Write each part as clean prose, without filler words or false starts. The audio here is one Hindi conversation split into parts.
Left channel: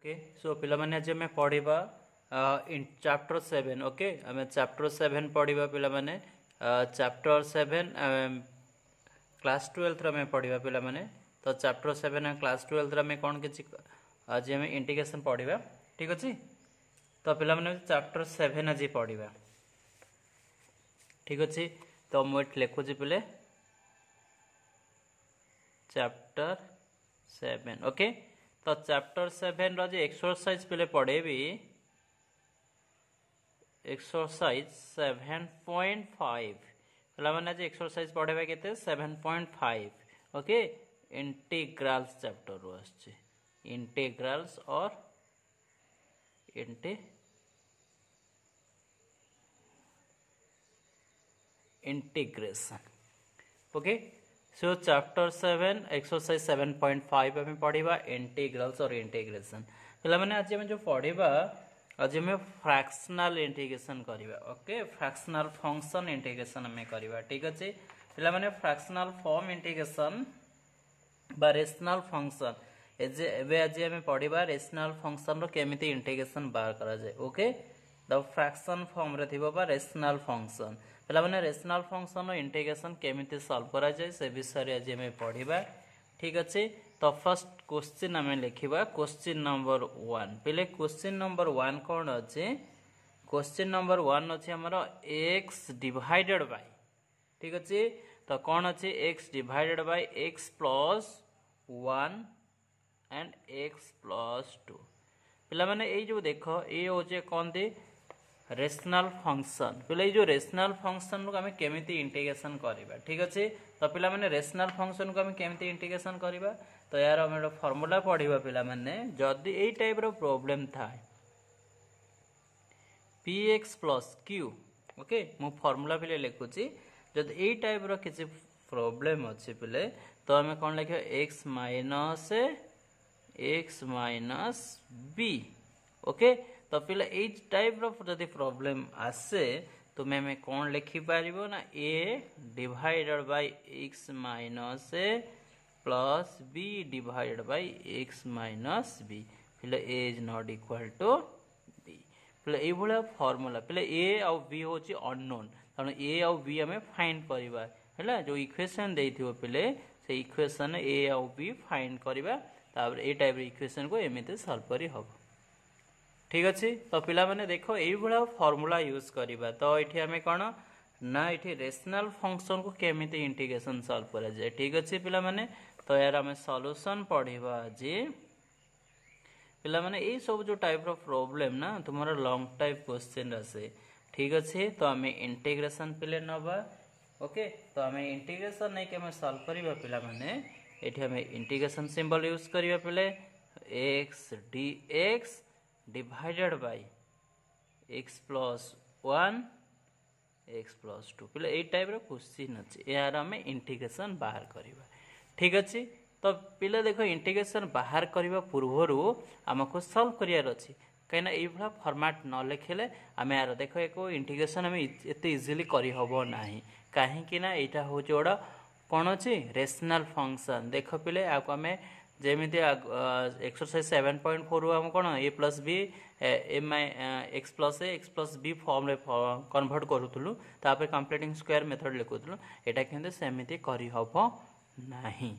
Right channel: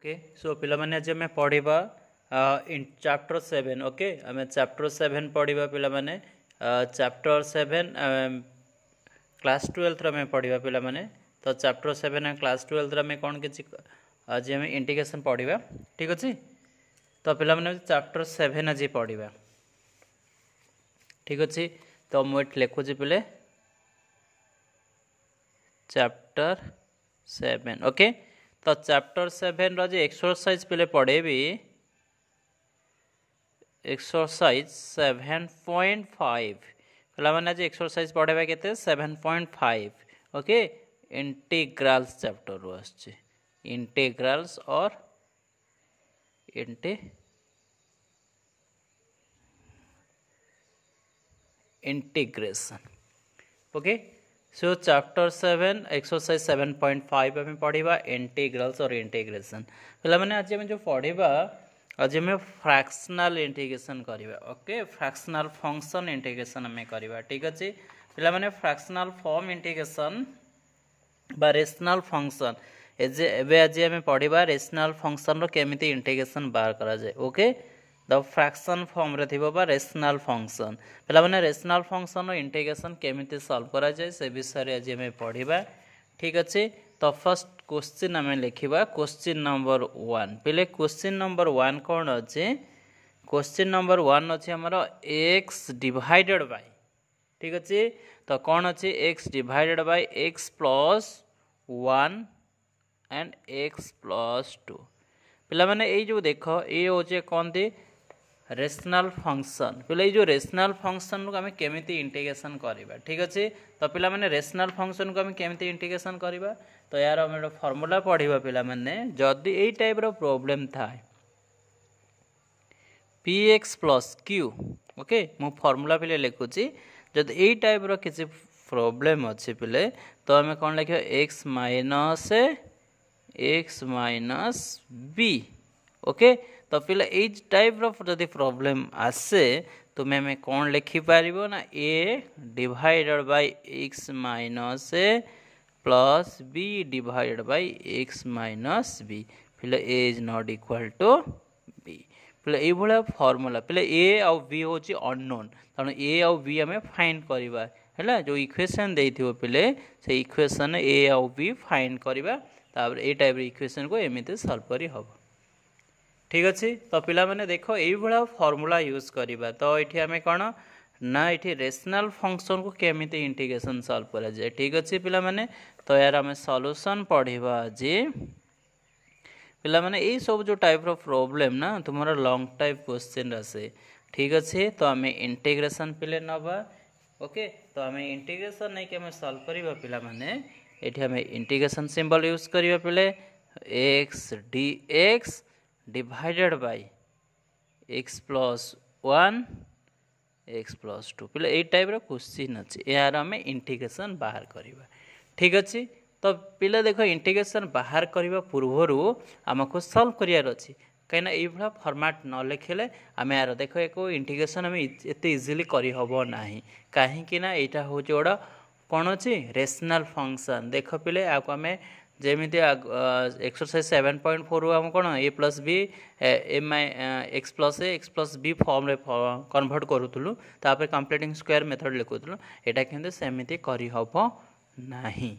ओके सो पिला माने आज हमें पढ़िबा इन चैप्टर 7 ओके हमें चैप्टर 7 पढ़िबा पिला माने चैप्टर 7 क्लास 12 रे हमें पढ़िबा पिला माने तो चैप्टर 7 क्लास 12 रे हमें कोन किछि आज हमें इंटीग्रेशन पढ़िबा ठीक अछि तो पिला माने चैप्टर 7 आज पढ़िबा ठीक अछि तो मु लिखु छी पिले चैप्टर 7 ओके तो चैप्टर 7 रो जे एक्सरसाइज पिले पढ़े भी एक्सरसाइज 7.5 पिला माने जे एक्सरसाइज पढ़ेबा केते 7.5 ओके इंटीग्रल्स चैप्टर रो आछे इंटीग्रल्स और integration okay so chapter 7 exercise 7.5 हमें पढ़िबा इंटीग्रल्स और इंटीग्रेशन पिला माने आज हम जो पढ़िबा आज हमें फ्रैक्शनल इंटीग्रेशन करिबा ओके फ्रैक्शनल फंक्शन इंटीग्रेशन हमें करिबा ठीक अछि पिला माने फ्रैक्शनल फॉर्म इंटीग्रेशन बा रेशनल फंक्शन एबे आज हमें पढ़िबा रेशनल फंक्शन रो केमिति इंटीग्रेशन बाहर करा जाय ओके द फ्रैक्शन फॉर्म रे थिबो बा रेशनल फंक्शन पहला माने रेशनल फंक्शन रो इंटीग्रेशन केमिति सॉल्व करा जाय से विषय रे आज हमें पढ़िबा ठीक अछि तो फर्स्ट क्वेश्चन हमें लिखिबा क्वेश्चन नंबर 1 पहले क्वेश्चन नंबर 1 कोन अछि क्वेश्चन नंबर 1 अछि हमरो x डिवाइडेड बाय ठीक अछि तो कोन अछि x divided by x plus 1 and x plus 2 पिला माने ए जो देखो ए होचे कोन दी रेशनल फंक्शन पहले जो रेशनल फंक्शन को हमें केमिति इंटीग्रेशन करिबा ठीक अछि तो पिला माने रेशनल फंक्शन को हमें केमिति इंटीग्रेशन करिबा तो यार हम फार्मूला पढ़िबा पिला माने जदी ए टाइप रो प्रॉब्लम थाए px + q ओके मु फार्मूला पिले लिखुची जदी ए टाइप रो किछि प्रॉब्लम अछि पिले तो हमें कोन लिखियो x माइनस b ओके तो पिला ए टाइप रो जदी प्रॉब्लम आसे तो मैं कौन लिखि पारिबो ना a divided by x minus a plus b divided by x minus b पिला a is not equal to b पिला ए भला फार्मूला पिला a और b होची अननोन तनो a और b हमें फाइंड करबा हैला जो इक्वेशन देथिबो पिले से इक्वेशन a और b फाइंड करबा तापर ए टाइप रो इक्वेशन को एमिते सॉल्व करी हबो ठीक अछि तो पिला माने देखो एई भला फार्मूला यूज करिबा तो एठी हमें कोन ना एठी रेशनल फंक्शन को केमिति इंटीग्रेशन सॉल्व करा जाय ठीक अछि पिला माने तो यार हमें सॉल्यूशन पढ़िबा जे पिला माने एई सब जो टाइप रो प्रॉब्लम ना तुम्हारा लॉन्ग टाइप क्वेश्चन रसे ठीक अछि तो हमें इंटीग्रेशन पिले नबा ओके तो हमें इंटीग्रेशन नै के हमें सॉल्व करिबा पिला माने एठी हमें इंटीग्रेशन सिंबल यूज करिबा पिले x dx divided by x plus 1 x plus 2 पिले ए टाइप रो क्वेश्चन अछि यार हमें इंटीग्रेशन बाहर करिबा ठीक अछि तो पिले देखो इंटीग्रेशन बाहर करिबा पूर्वरु हमको सॉल्व करियार अछि कहिना ए भला फॉर्मेट न लिखले हमें यार देखो एको इंटीग्रेशन हमें एते इजीली करि हबो नाही काहे कि ना एटा हो जोडा कोन अछि रेशनल फंक्शन देखो पिले आको हमें जेमिति एक्सरसाइज 7.4 हम कोन a + b x + a x + b form रे कन्वर्ट करूथुलु तापर कंप्लीटिंग स्क्वायर मेथड लिखुथुलु एटा किंतु सेमिति करि हबो नाही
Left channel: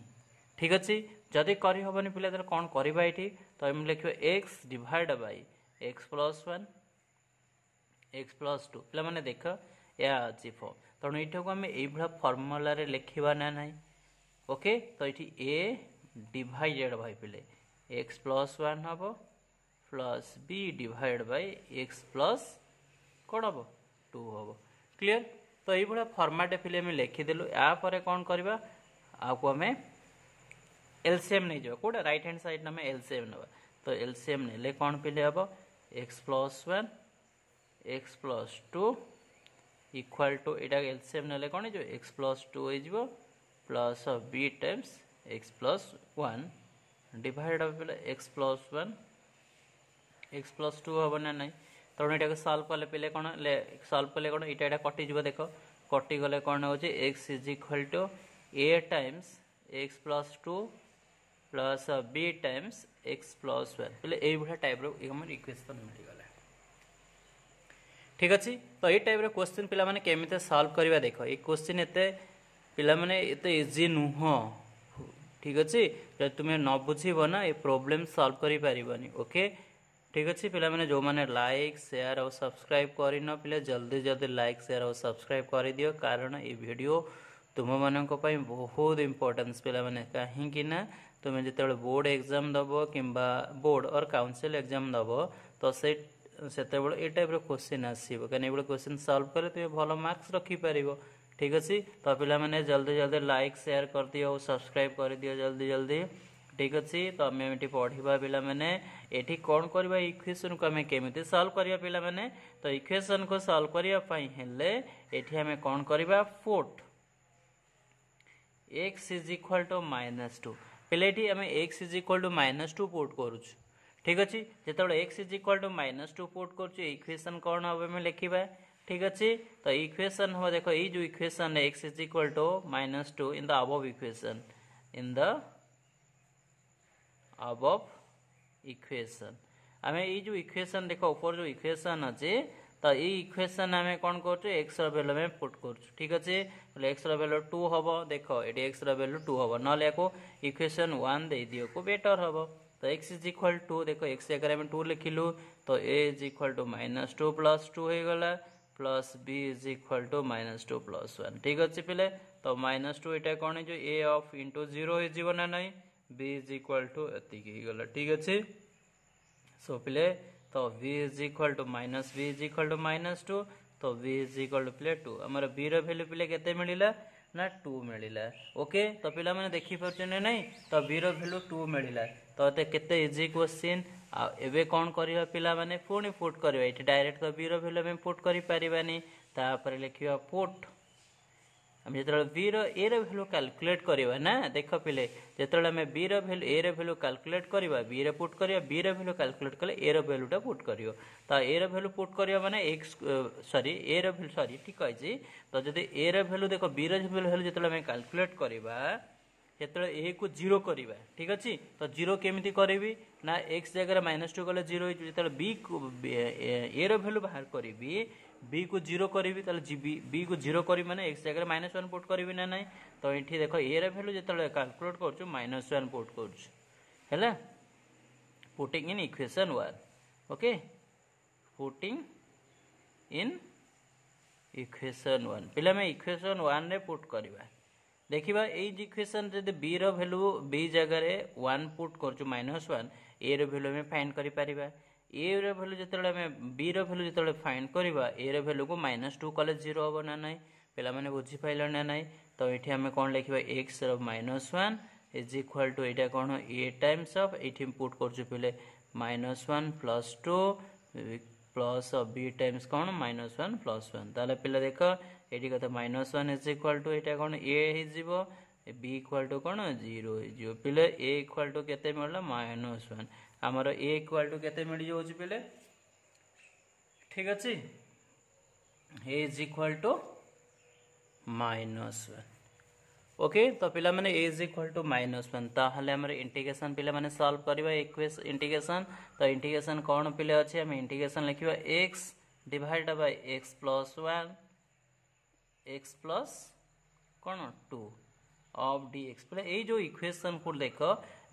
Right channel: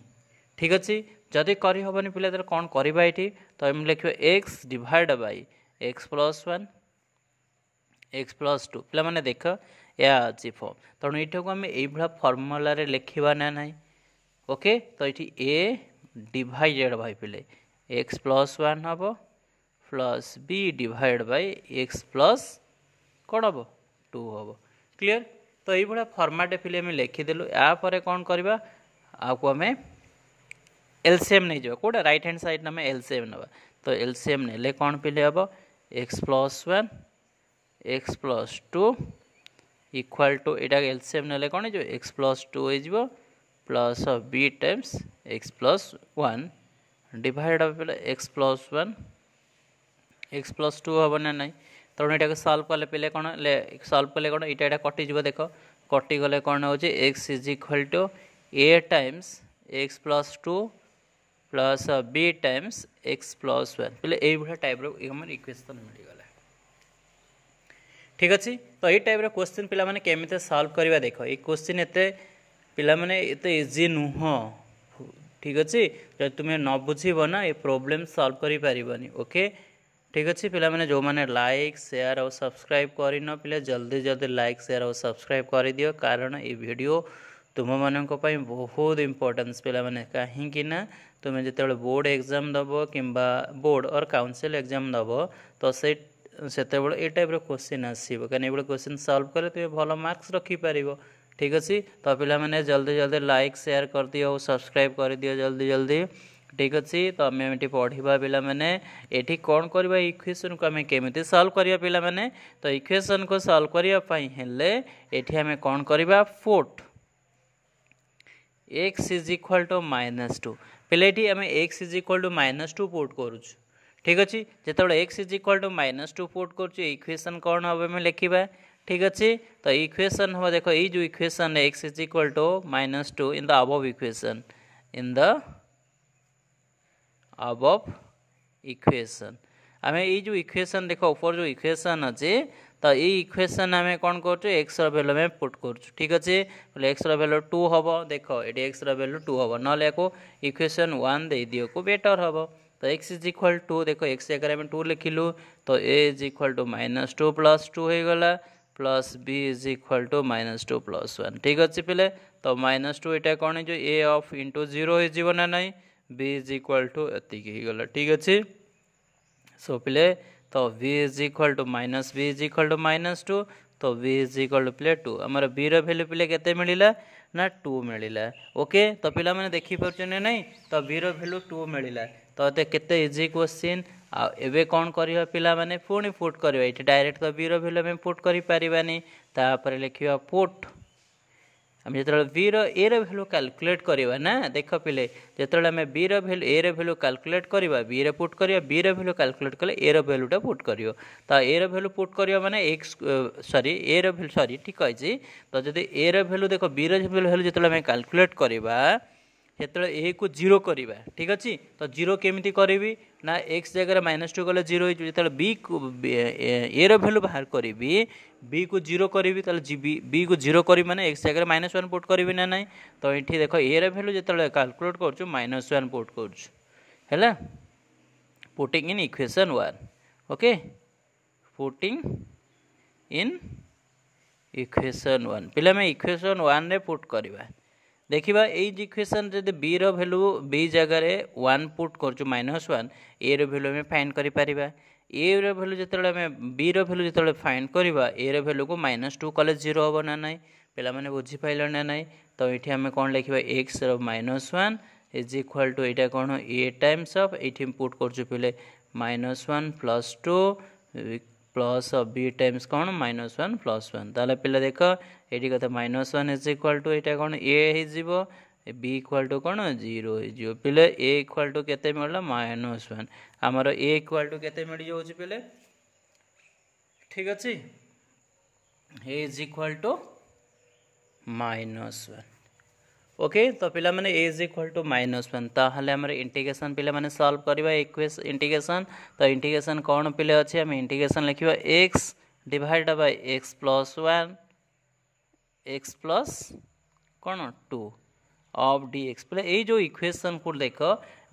ठीक अछि जदी करि हबनी पिले तर कोन करिबा एठी तो हम लिखियो x divide by x + 1 x + 2 पिला माने देखो या अछि फॉर्म तो एठो को हम एई भला फार्मूला रे लिखिबा ना नाही ओके तो एठी a डिवाइडेड बाय पिले x + 1 हबो plus b divide by x plus कोन हबो 2 हबो क्लियर तो एई भला फॉर्मेट पिले में लिखि देलु या परे कोन करबा आको हमें एलसीएम नै जो कोडा राइट हैंड साइड ना में एलसीएम नबा तो एलसीएम नेले कोन पिले हबो x + 1 x + 2 equal to Etah LCM नेले कोन जो x + 2 हो जिवो plus b times x + 1 divide by x + 1 x + 2 हबो ना नाही तो एटा के सॉल्व करले पिले कोन ले सॉल्व करले कोन एटा कटि जिवो देखो कटि गले कोन हो जे x = a times x + 2 plus b times x plus one पे ये टाइप इक्वेशन मिलगला ठीक अच्छे। तो ये टाइप क्वेश्चन पिला माने केमिते सॉल्व करवा देख ये क्वेश्चन एते पिला माने एते इजी नुह ठीक अच्छे। जब तुम्हें न बुझीब ना ये प्रोब्लेम सॉल्व करि परिबनी ओके ठीक अच्छे। पिला माने जो माने लाइक शेयर और सब्सक्राइब करन पिले जल्दी जल्दी लाइक शेयर और सब्सक्राइब कर दियो कारण ये वीडियो तुम मानक बहुत इंपोर्टेंस पिला माने कहीं ना तुम्हें जिते बोर्ड एग्जाम दब कि बोर्ड और काउंसिल एग्जाम दब तो से ये टाइप क्वेश्चन आसो कहीं ये क्वेश्चन सॉल्व करे तुम्हें भल मार्क्स रखिपर ठीक अच्छे। तो पिला माने जल्दी जल्दी लाइक शेयर कर दियो सब्सक्राइब कर दियो जल्दी जल्दी ठीक अच्छे। तो आम ये पढ़ा पिला माने ये कौन करवा इक्वेशन को आम केमी सॉल्व करवा पिला माने तो इक्वेशन को सॉल्व करने ये आम कौन करवा put x is equal to -2 पे आम x is equal to -2 put करूँ ठीक अच्छे। जो x is equal to -2 put कर इक्वेशन कौन हम आम लिखा ठीक अच्छे। तो इक्वेशन हम देख ये जो equation x is equal to -2 in the above equation in the above equation आम ये जो इक्वेशन देख ऊपर जो इक्वेशन अच्छे तो ये इक्वेशन आम कौन कर एक्स रैल्यू में पुट कर ठीक अच्छे। एक्स रैल्यू 2 हम देख ये एक्स रैल्यू 2 हम ना को इक्वेशन 1 दे दियो को बेटर हम तो x इज इक्वल टू देख x जगह आम 2 लिखिलु तो a is equal to -2 plus 2 हो गला plus b is equal to -2 plus 1 ठीक अच्छे पिले। तो -2 यहाँ कौन है जो a ऑफ इंटू 0 हो ना नहीं b इज इक्वल टू एतिक गला ठीक अच्छे। सो पिले तो v is equal to minus b is equal to -2 तो v इज इक्वल टू पिले 2 आमर b रैल्यू पिले केते मिलिला ना 2 मिलिला ओके। तो पिला माने देखि परछने नहीं तो b रैल्यू 2 मिलिला तो ये केते इजी क्वेश्चन आबे कौन करिया पिला माने पुणी पुट करिया ये डायरेक्ट तो b रैल्यू में पुट करि परिबानी तापर लिखिया पुट आम जो बी ए भैल्यू कैलकुलेट करवा ना देख पिले जो आम बी भैल्यू ए भैल्यू कैलकुलेट करवा बी रे पुट करवा बी भैल्यू कैलकुलेट कले ए भैल्यूटा पुट कर तो ए भैल्यू पुट करवा माने एक्स सॉरी ए भैल्यू सॉरी ठीक है। तो जब ए भैल्यू देख बी भैल्यू जो आम कैलकुलेट करवा जो ए को 0 करवा ठीक अच्छे। तो 0 केमी करी ना एक्स जगह -2 गले 0 जो बी ए भैल्यू बाहर करी बी को 0 करी बी को 0 करी माने एक्स जगह -1 पुट करी ना नहीं तो ये देख ए भैल्यू जो कैलकुलेट कर -1 पुट कर putting in equation 1 okay putting in equation 1 पिला में इक्वेशन 1 रे पुट करवा देखा ये इक्वेशन जब बी रैल्यू बी जगह 1 पुट कर -1 ए भैल्यू आम फाइंड कर ए भैल्यू जो आम बी भैल्यू जो फाइंड करवा ए भैल्यू को -2 कले 0 हम ना नहीं पे मैंने बुझीपारे ना नहीं तो ये आम कौन लिखा एक्स -1 इज इक्वल टू यहाँ कौन ए टाइम्स ऑफ ये पुट कर पे -1 प्लस 2 प्लस बी टाइम्स कौन -1 प्लस 1 ताले पिला देख ये कत -1 इज इक्वल टू यहाँ कौन ए हो बी इक्वल टू कौन 0 हो पिले ए इक्वल टू केते मिलला -1 आमर ए इक्वल टू केते मिल जाउछि पिले ठीक अच्छे ए इज इक्वल टू -1 ओके। तो पिला माने ए इज इक्वल टू -1 ताहले हमर इंटीग्रेशन पिला माने सॉल्व करबा इक्वेशन इंटीग्रेशन तो इंटीग्रेशन कौन पिले अछि हम इंटीग्रेशन लिखिबा x divide by x plus 1 x plus कौन 2 ऑफ dx पे ये जो इक्वेशन को देख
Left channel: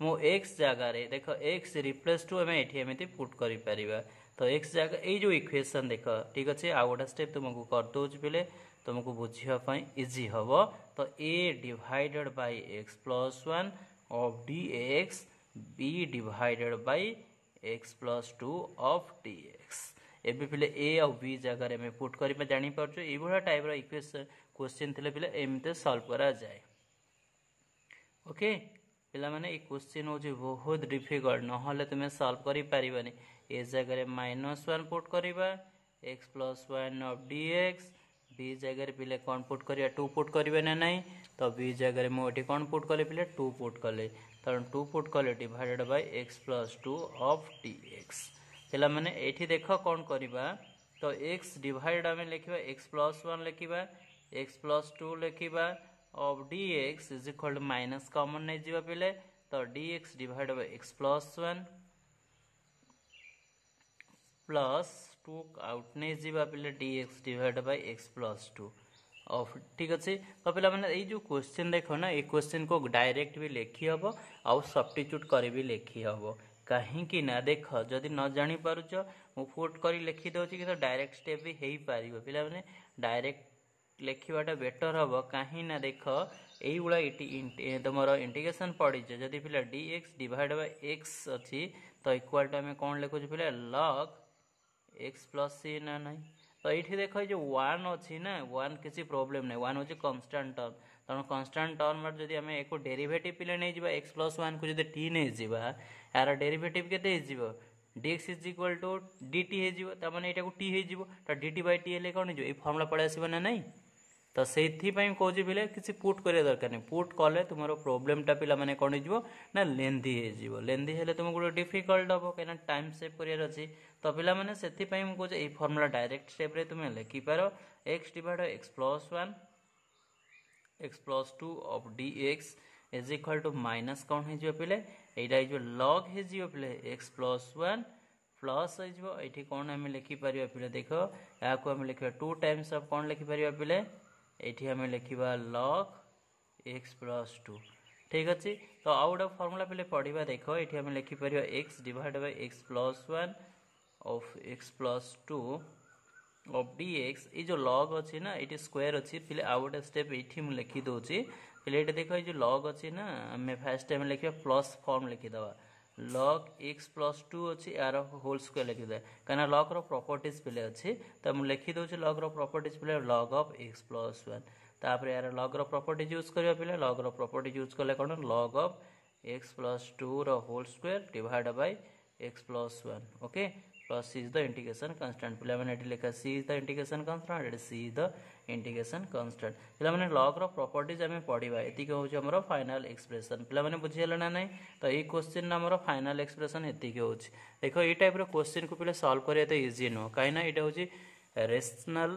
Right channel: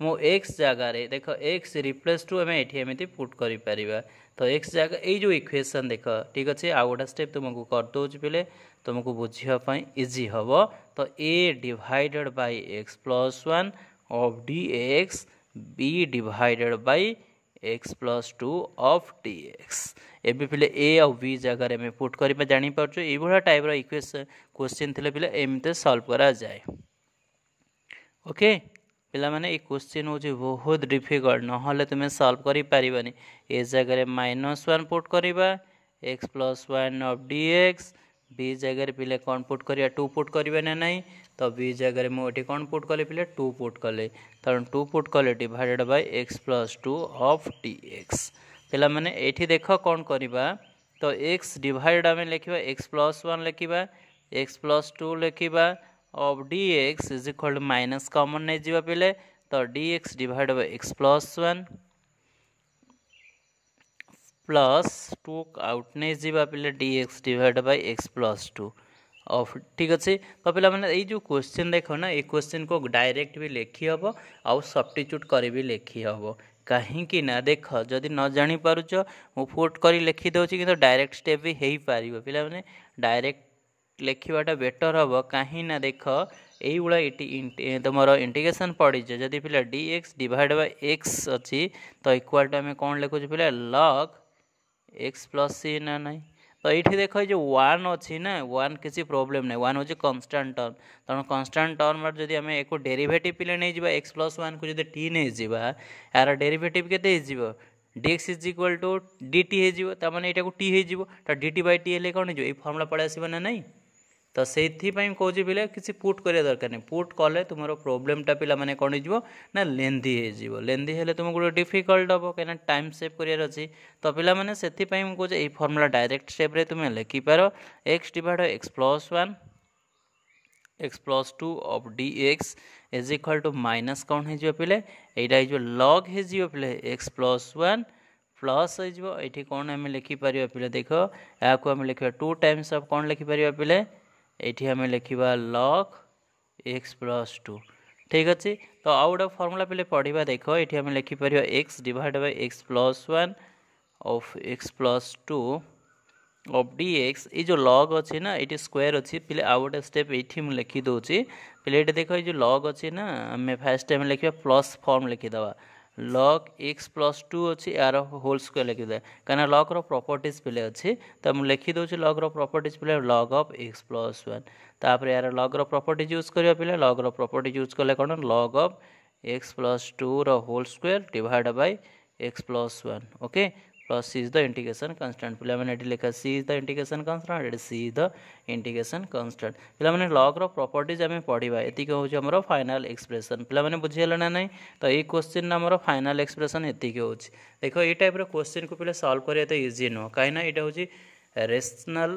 मो x जगह रे देख x रिप्लेस टू आम ये एमती पुट कर पारिबा तो x जगह ये जो इक्वेशन देख ठीक अच्छे आ गोटा स्टेप तुमको कर दौच पे तुमको बुझापी इजी हम तो a divided by x plus 1 of dx b divided by x plus 2 of dx एबे पिले ए और बी जगह में पुट करवा जापर ये टाइप इक्वेशन क्वेश्चन थे पिले एमती सॉल्व करा जाए ओके। पिला माने ये क्वेश्चन हूँ बहुत डिफिकल्ट ना तुम्हें सॉल्व करि परिबानी ए जगह -1 पुट करवा x plus 1 of dx b जगह पिले कौन पुट करिया 2 पुट करिवे ना नहीं तो बी जगह मुझे कौन पुट कले पिले 2 पुट कले कारण 2 पुट कले divided by x plus 2 of dx पिला माने एठी देख कौन करवा तो x डिवाइड आम लिखा x प्लस 1 लिखा x प्लस 2 लिखा of dx is equal to minus common नहीं जा पे तो dx divide by x plus 1 plus 2 out नहीं जावा पिले dx divide by x plus 2 of ठीक अच्छे। तो पिला मैंने ये जो क्वेश्चन देख ना ये क्वेश्चन को डायरेक्ट भी लिखी हम आउ सब्स्टिट्यूट कर भी लिखी हम कहीं ना देख जदि न जानी पारुच मु फुट कर लिखिदे कि डायरेक्ट स्टेप भी हो पार पिला मैंने डायरेक्ट लिखवाटा बेटर हम कहीं ना देख ये तुम इंटीग्रेशन पड़ी जदि पिला dx डिवाइड बाय x अच्छी तो इक्वाल टू आम कौन लिखुचे पिला log x प्लस सी ना नहीं। तो ये देख जो वन अच्छी ना वन किसी प्रोब्लेम नहीं वन हूँ कन्स्टाट टर्म तेणु कन्स्टाट टर्म जब आम एक डेरिवेटिव पिले नहीं जा एक्स प्लस वन को जो टी नहीं जावा यार डेरिवेटिव केते dx is equal to dt हो मैंने यहाँ टी हो dt बाय टी हेल्ले कौन हो फर्मुला पड़े आसो ना नहीं। तो से कौन पिले किसी पुट करिया दरकार नहीं पुट कले तुम प्रोब्लेमटा पिला माने कौन हो ना लेंदी हो लेंदी हेल्ले तुमको गोटे डिफिकल्ट हम कहीं टाइम सेव करार अच्छी। तो पिला माने से कहे ये फर्मुला डायरेक्ट स्टेप रे तुम लिखिपार x divide x plus 1 x plus 2 of dx is equal to minus कौन हो पिले यहाँ लॉग हो पिले x प्लस 1 प्लस हो कौन आम लिखिपर पिले देख या आम लिखा 2 टाइम्स ऑफ कौन लिखिपर पिले ये आम लिखा log x प्लस 2 ठीक अच्छे। तो आउ गोटे फर्मुला पिले पढ़ा देख ये आम लिखिपर x divide by x plus 1 of x plus 2 of dx ये जो log अच्छी ना ये स्क्वायर अच्छी पिले आउ गोटे स्टेप ये मुझे लिखी दूसरी पिले ये देख ये जो log अच्छी ना आम फास्ट टाइम लिखा प्लस फॉर्म लिखिदे log x प्लस 2 अच्छी यार होल स्क्वायर लिखिदे कहीं log रो प्रॉपर्टीज पिले अच्छी तो मुझे लिखिदे log रो प्रॉपर्टीज पिले log ऑफ x प्लस 1 तापर यार log रो प्रॉपर्टीज यूज करिया पिले log रो प्रॉपर्टीज यूज कले कौन log ऑफ x प्लस 2 रो whole square divide by x plus 1 okay plus C is the integration constant पिला मैंने लिखा C is the integration constant C is the integration constant पिला मैंने लॉग रो प्रॉपर्टीज आम पढ़ा ये हूँ आम फाइनाल एक्सप्रेशन पिला मैंने बुझीगला ना नहीं। तो ये क्वेश्चन आम फाइनाल एक्सप्रेशन ये हूँ देख ये टाइप क्वेश्चन को पिला सॉल्व करिया तो इजी नुह कहीं यहाँ हूँ रेशनल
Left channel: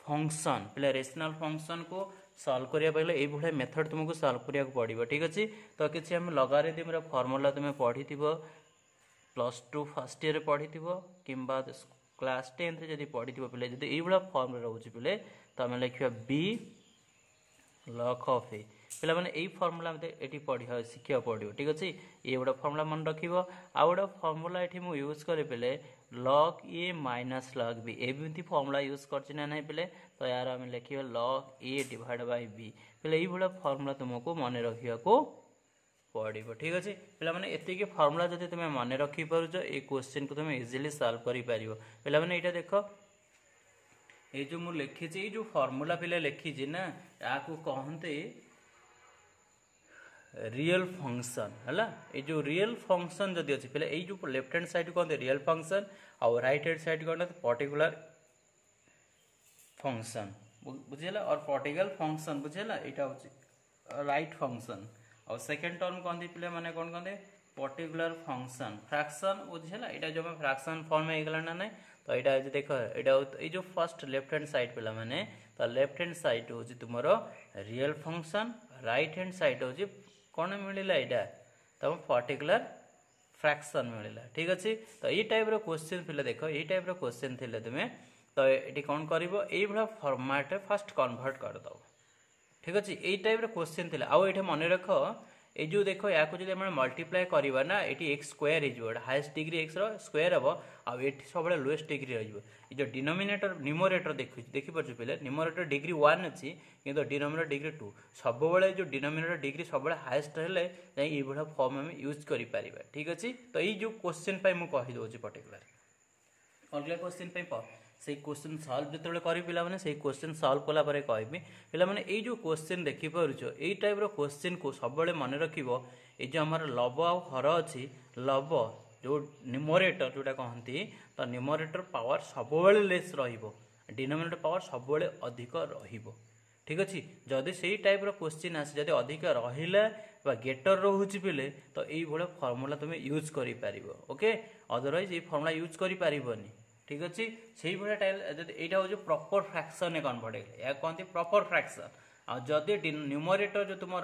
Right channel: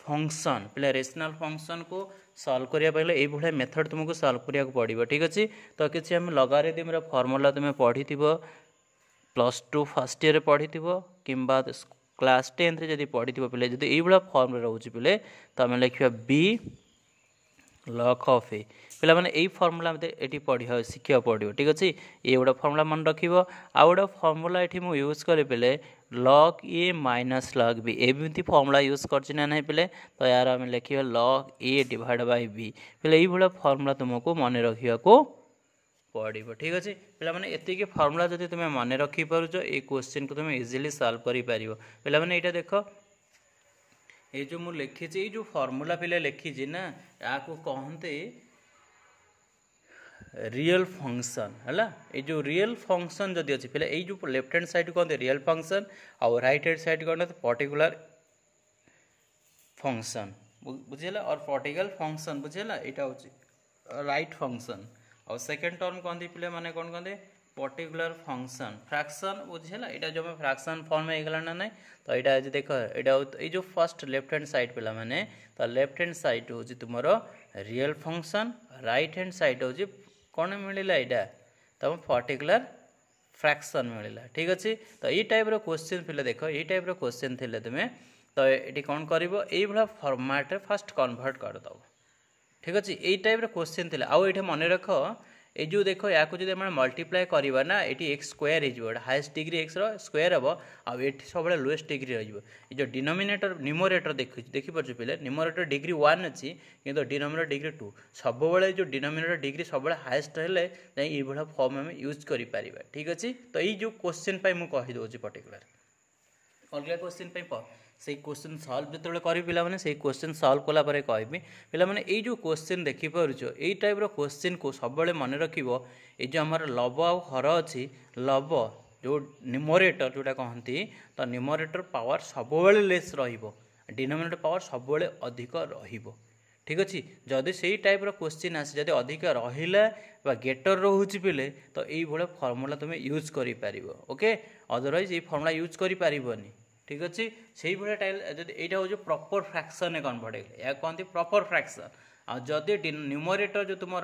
फंक्शन पिला रेशनल फंक्शन को सॉल्व करिया पहले ये भाई मेथड तुमको सॉल्व करिया पड़ो ठीक अच्छे। तो किसी आम लगारिथम फॉर्मूला तुम पढ़ी प्लस 2 फर्स्ट ईयर पढ़ी कि क्लास 10 जब पढ़ी पिले जब ये फर्म रोचे पिले तो आम लिखा बी लॉग ऑफ ए पिला माने यही फर्मुला ये पढ़ा शिखा पड़ो ठीक अच्छे। ये गोटे फर्मुला मन रख आउ गोटे फर्मुला ये मुझे यूज करी पिले log a minus log b एमती फर्मुला यूज करना नहीं पिले। तो यार आम लिखा log a divide by b पिले ये फर्मुला तुमको मन रखा पड़ो ठीक अच्छे। पिला माने एतिकी फर्मुला जब तुम मन रखी पारुच ये क्वेश्चन को तुम इजिली सॉल्व कर पार पिला माने यहाँ देख ये जो मुझे लिखी जो फर्मुला पिला लिखी ना या कहते रियल फंक्शन है ये जो रियल फंक्शन जदि अच्छी पिला ये जो लेफ्ट हैंड साइड कहते रियल फंक्शन और राइट हैंड साइड कहते पर्टिकुलर फंक्शन बुझेगा और पर्टिकुलर फंक्शन बुझेगा यहाँ हूँ राइट फंक्शन और सेकेंड टर्म कहते पिले माने कौन कहते पर्टिकुलर फंक्शन फ्रैक्शन बुझेगा यहाँ जो फ्रैक्शन फॉर्म होगा ना नहीं। तो यहाँ देख ये जो फर्स्ट लेफ्ट हैंड साइड पिला माने तो लेफ्ट हैंड साइड हूँ तुम real function right hand side हूँ कौन मिलला यहाँ तुम पर्टिकुलर फ्रैक्शन मिलला ठीक अच्छे। तो ये टाइप क्वेश्चन पिले देख ये टाइप क्वेश्चन थे तुम्हें तो ये कौन कर फॉर्मेट फास्ट कन्वर्ट करदे ठीक अच्छे। ये टाइप क्वेश्चन थे आउ ये मन रख ये जो देख या जब मल्टीप्लाई करवा ना ये एक्स स्क्वायर हो हाईएस्ट डिग्री एक्स स्क्वायर हम आउ ये सब लोएस्ट डिग्री रही जो डिनोमिनेटर न्यूमरेटर देखिपुर पिले न्यूमरेटर डिग्री 1 अच्छी कि डिनोमिनेटर डिग्री 2 सब जो डिनोमिनेटर डिग्री सब हाईएस्ट हेल्ले ये फॉर्म आम यूज कर ठीक अच्छे। तो ये जो क्वेश्चन मुझे कहीदे पर्टिकुलर अलग क्वेश्चन से क्वेश्चन सॉल्व जो करी पिला माने से क्वेश्चन सॉल्व कला परे कहबी पिला माने ये जो क्वेश्चन देखि पारुछ ये टाइप रो क्वेश्चन को सब मन रखिबो ये जो हमर लब आ हर अच्छी लब जो न्यूमरेटर जोटा कहती तो न्यूमरेटर पावर सब लेस रहिबो डिनोमिनेटर पावर सब अधिक रहिबो ठीक अच्छे। जदि से टाइप रो क्वेश्चन आसे जदि अधिक रहिला बा गेटर रोचे पिले तो ये फर्मुला तुम यूज करि पारिबो ओके अदरवाइज ये फर्मुला यूज करि पारिबोनी ठीक अच्छे। से भाया टाइल यहाँ हूँ प्रॉपर फ्रैक्शन कन्वर्ट या कहते प्रॉपर फ्रैक्शन जदि न्यूमरेटर जो तुम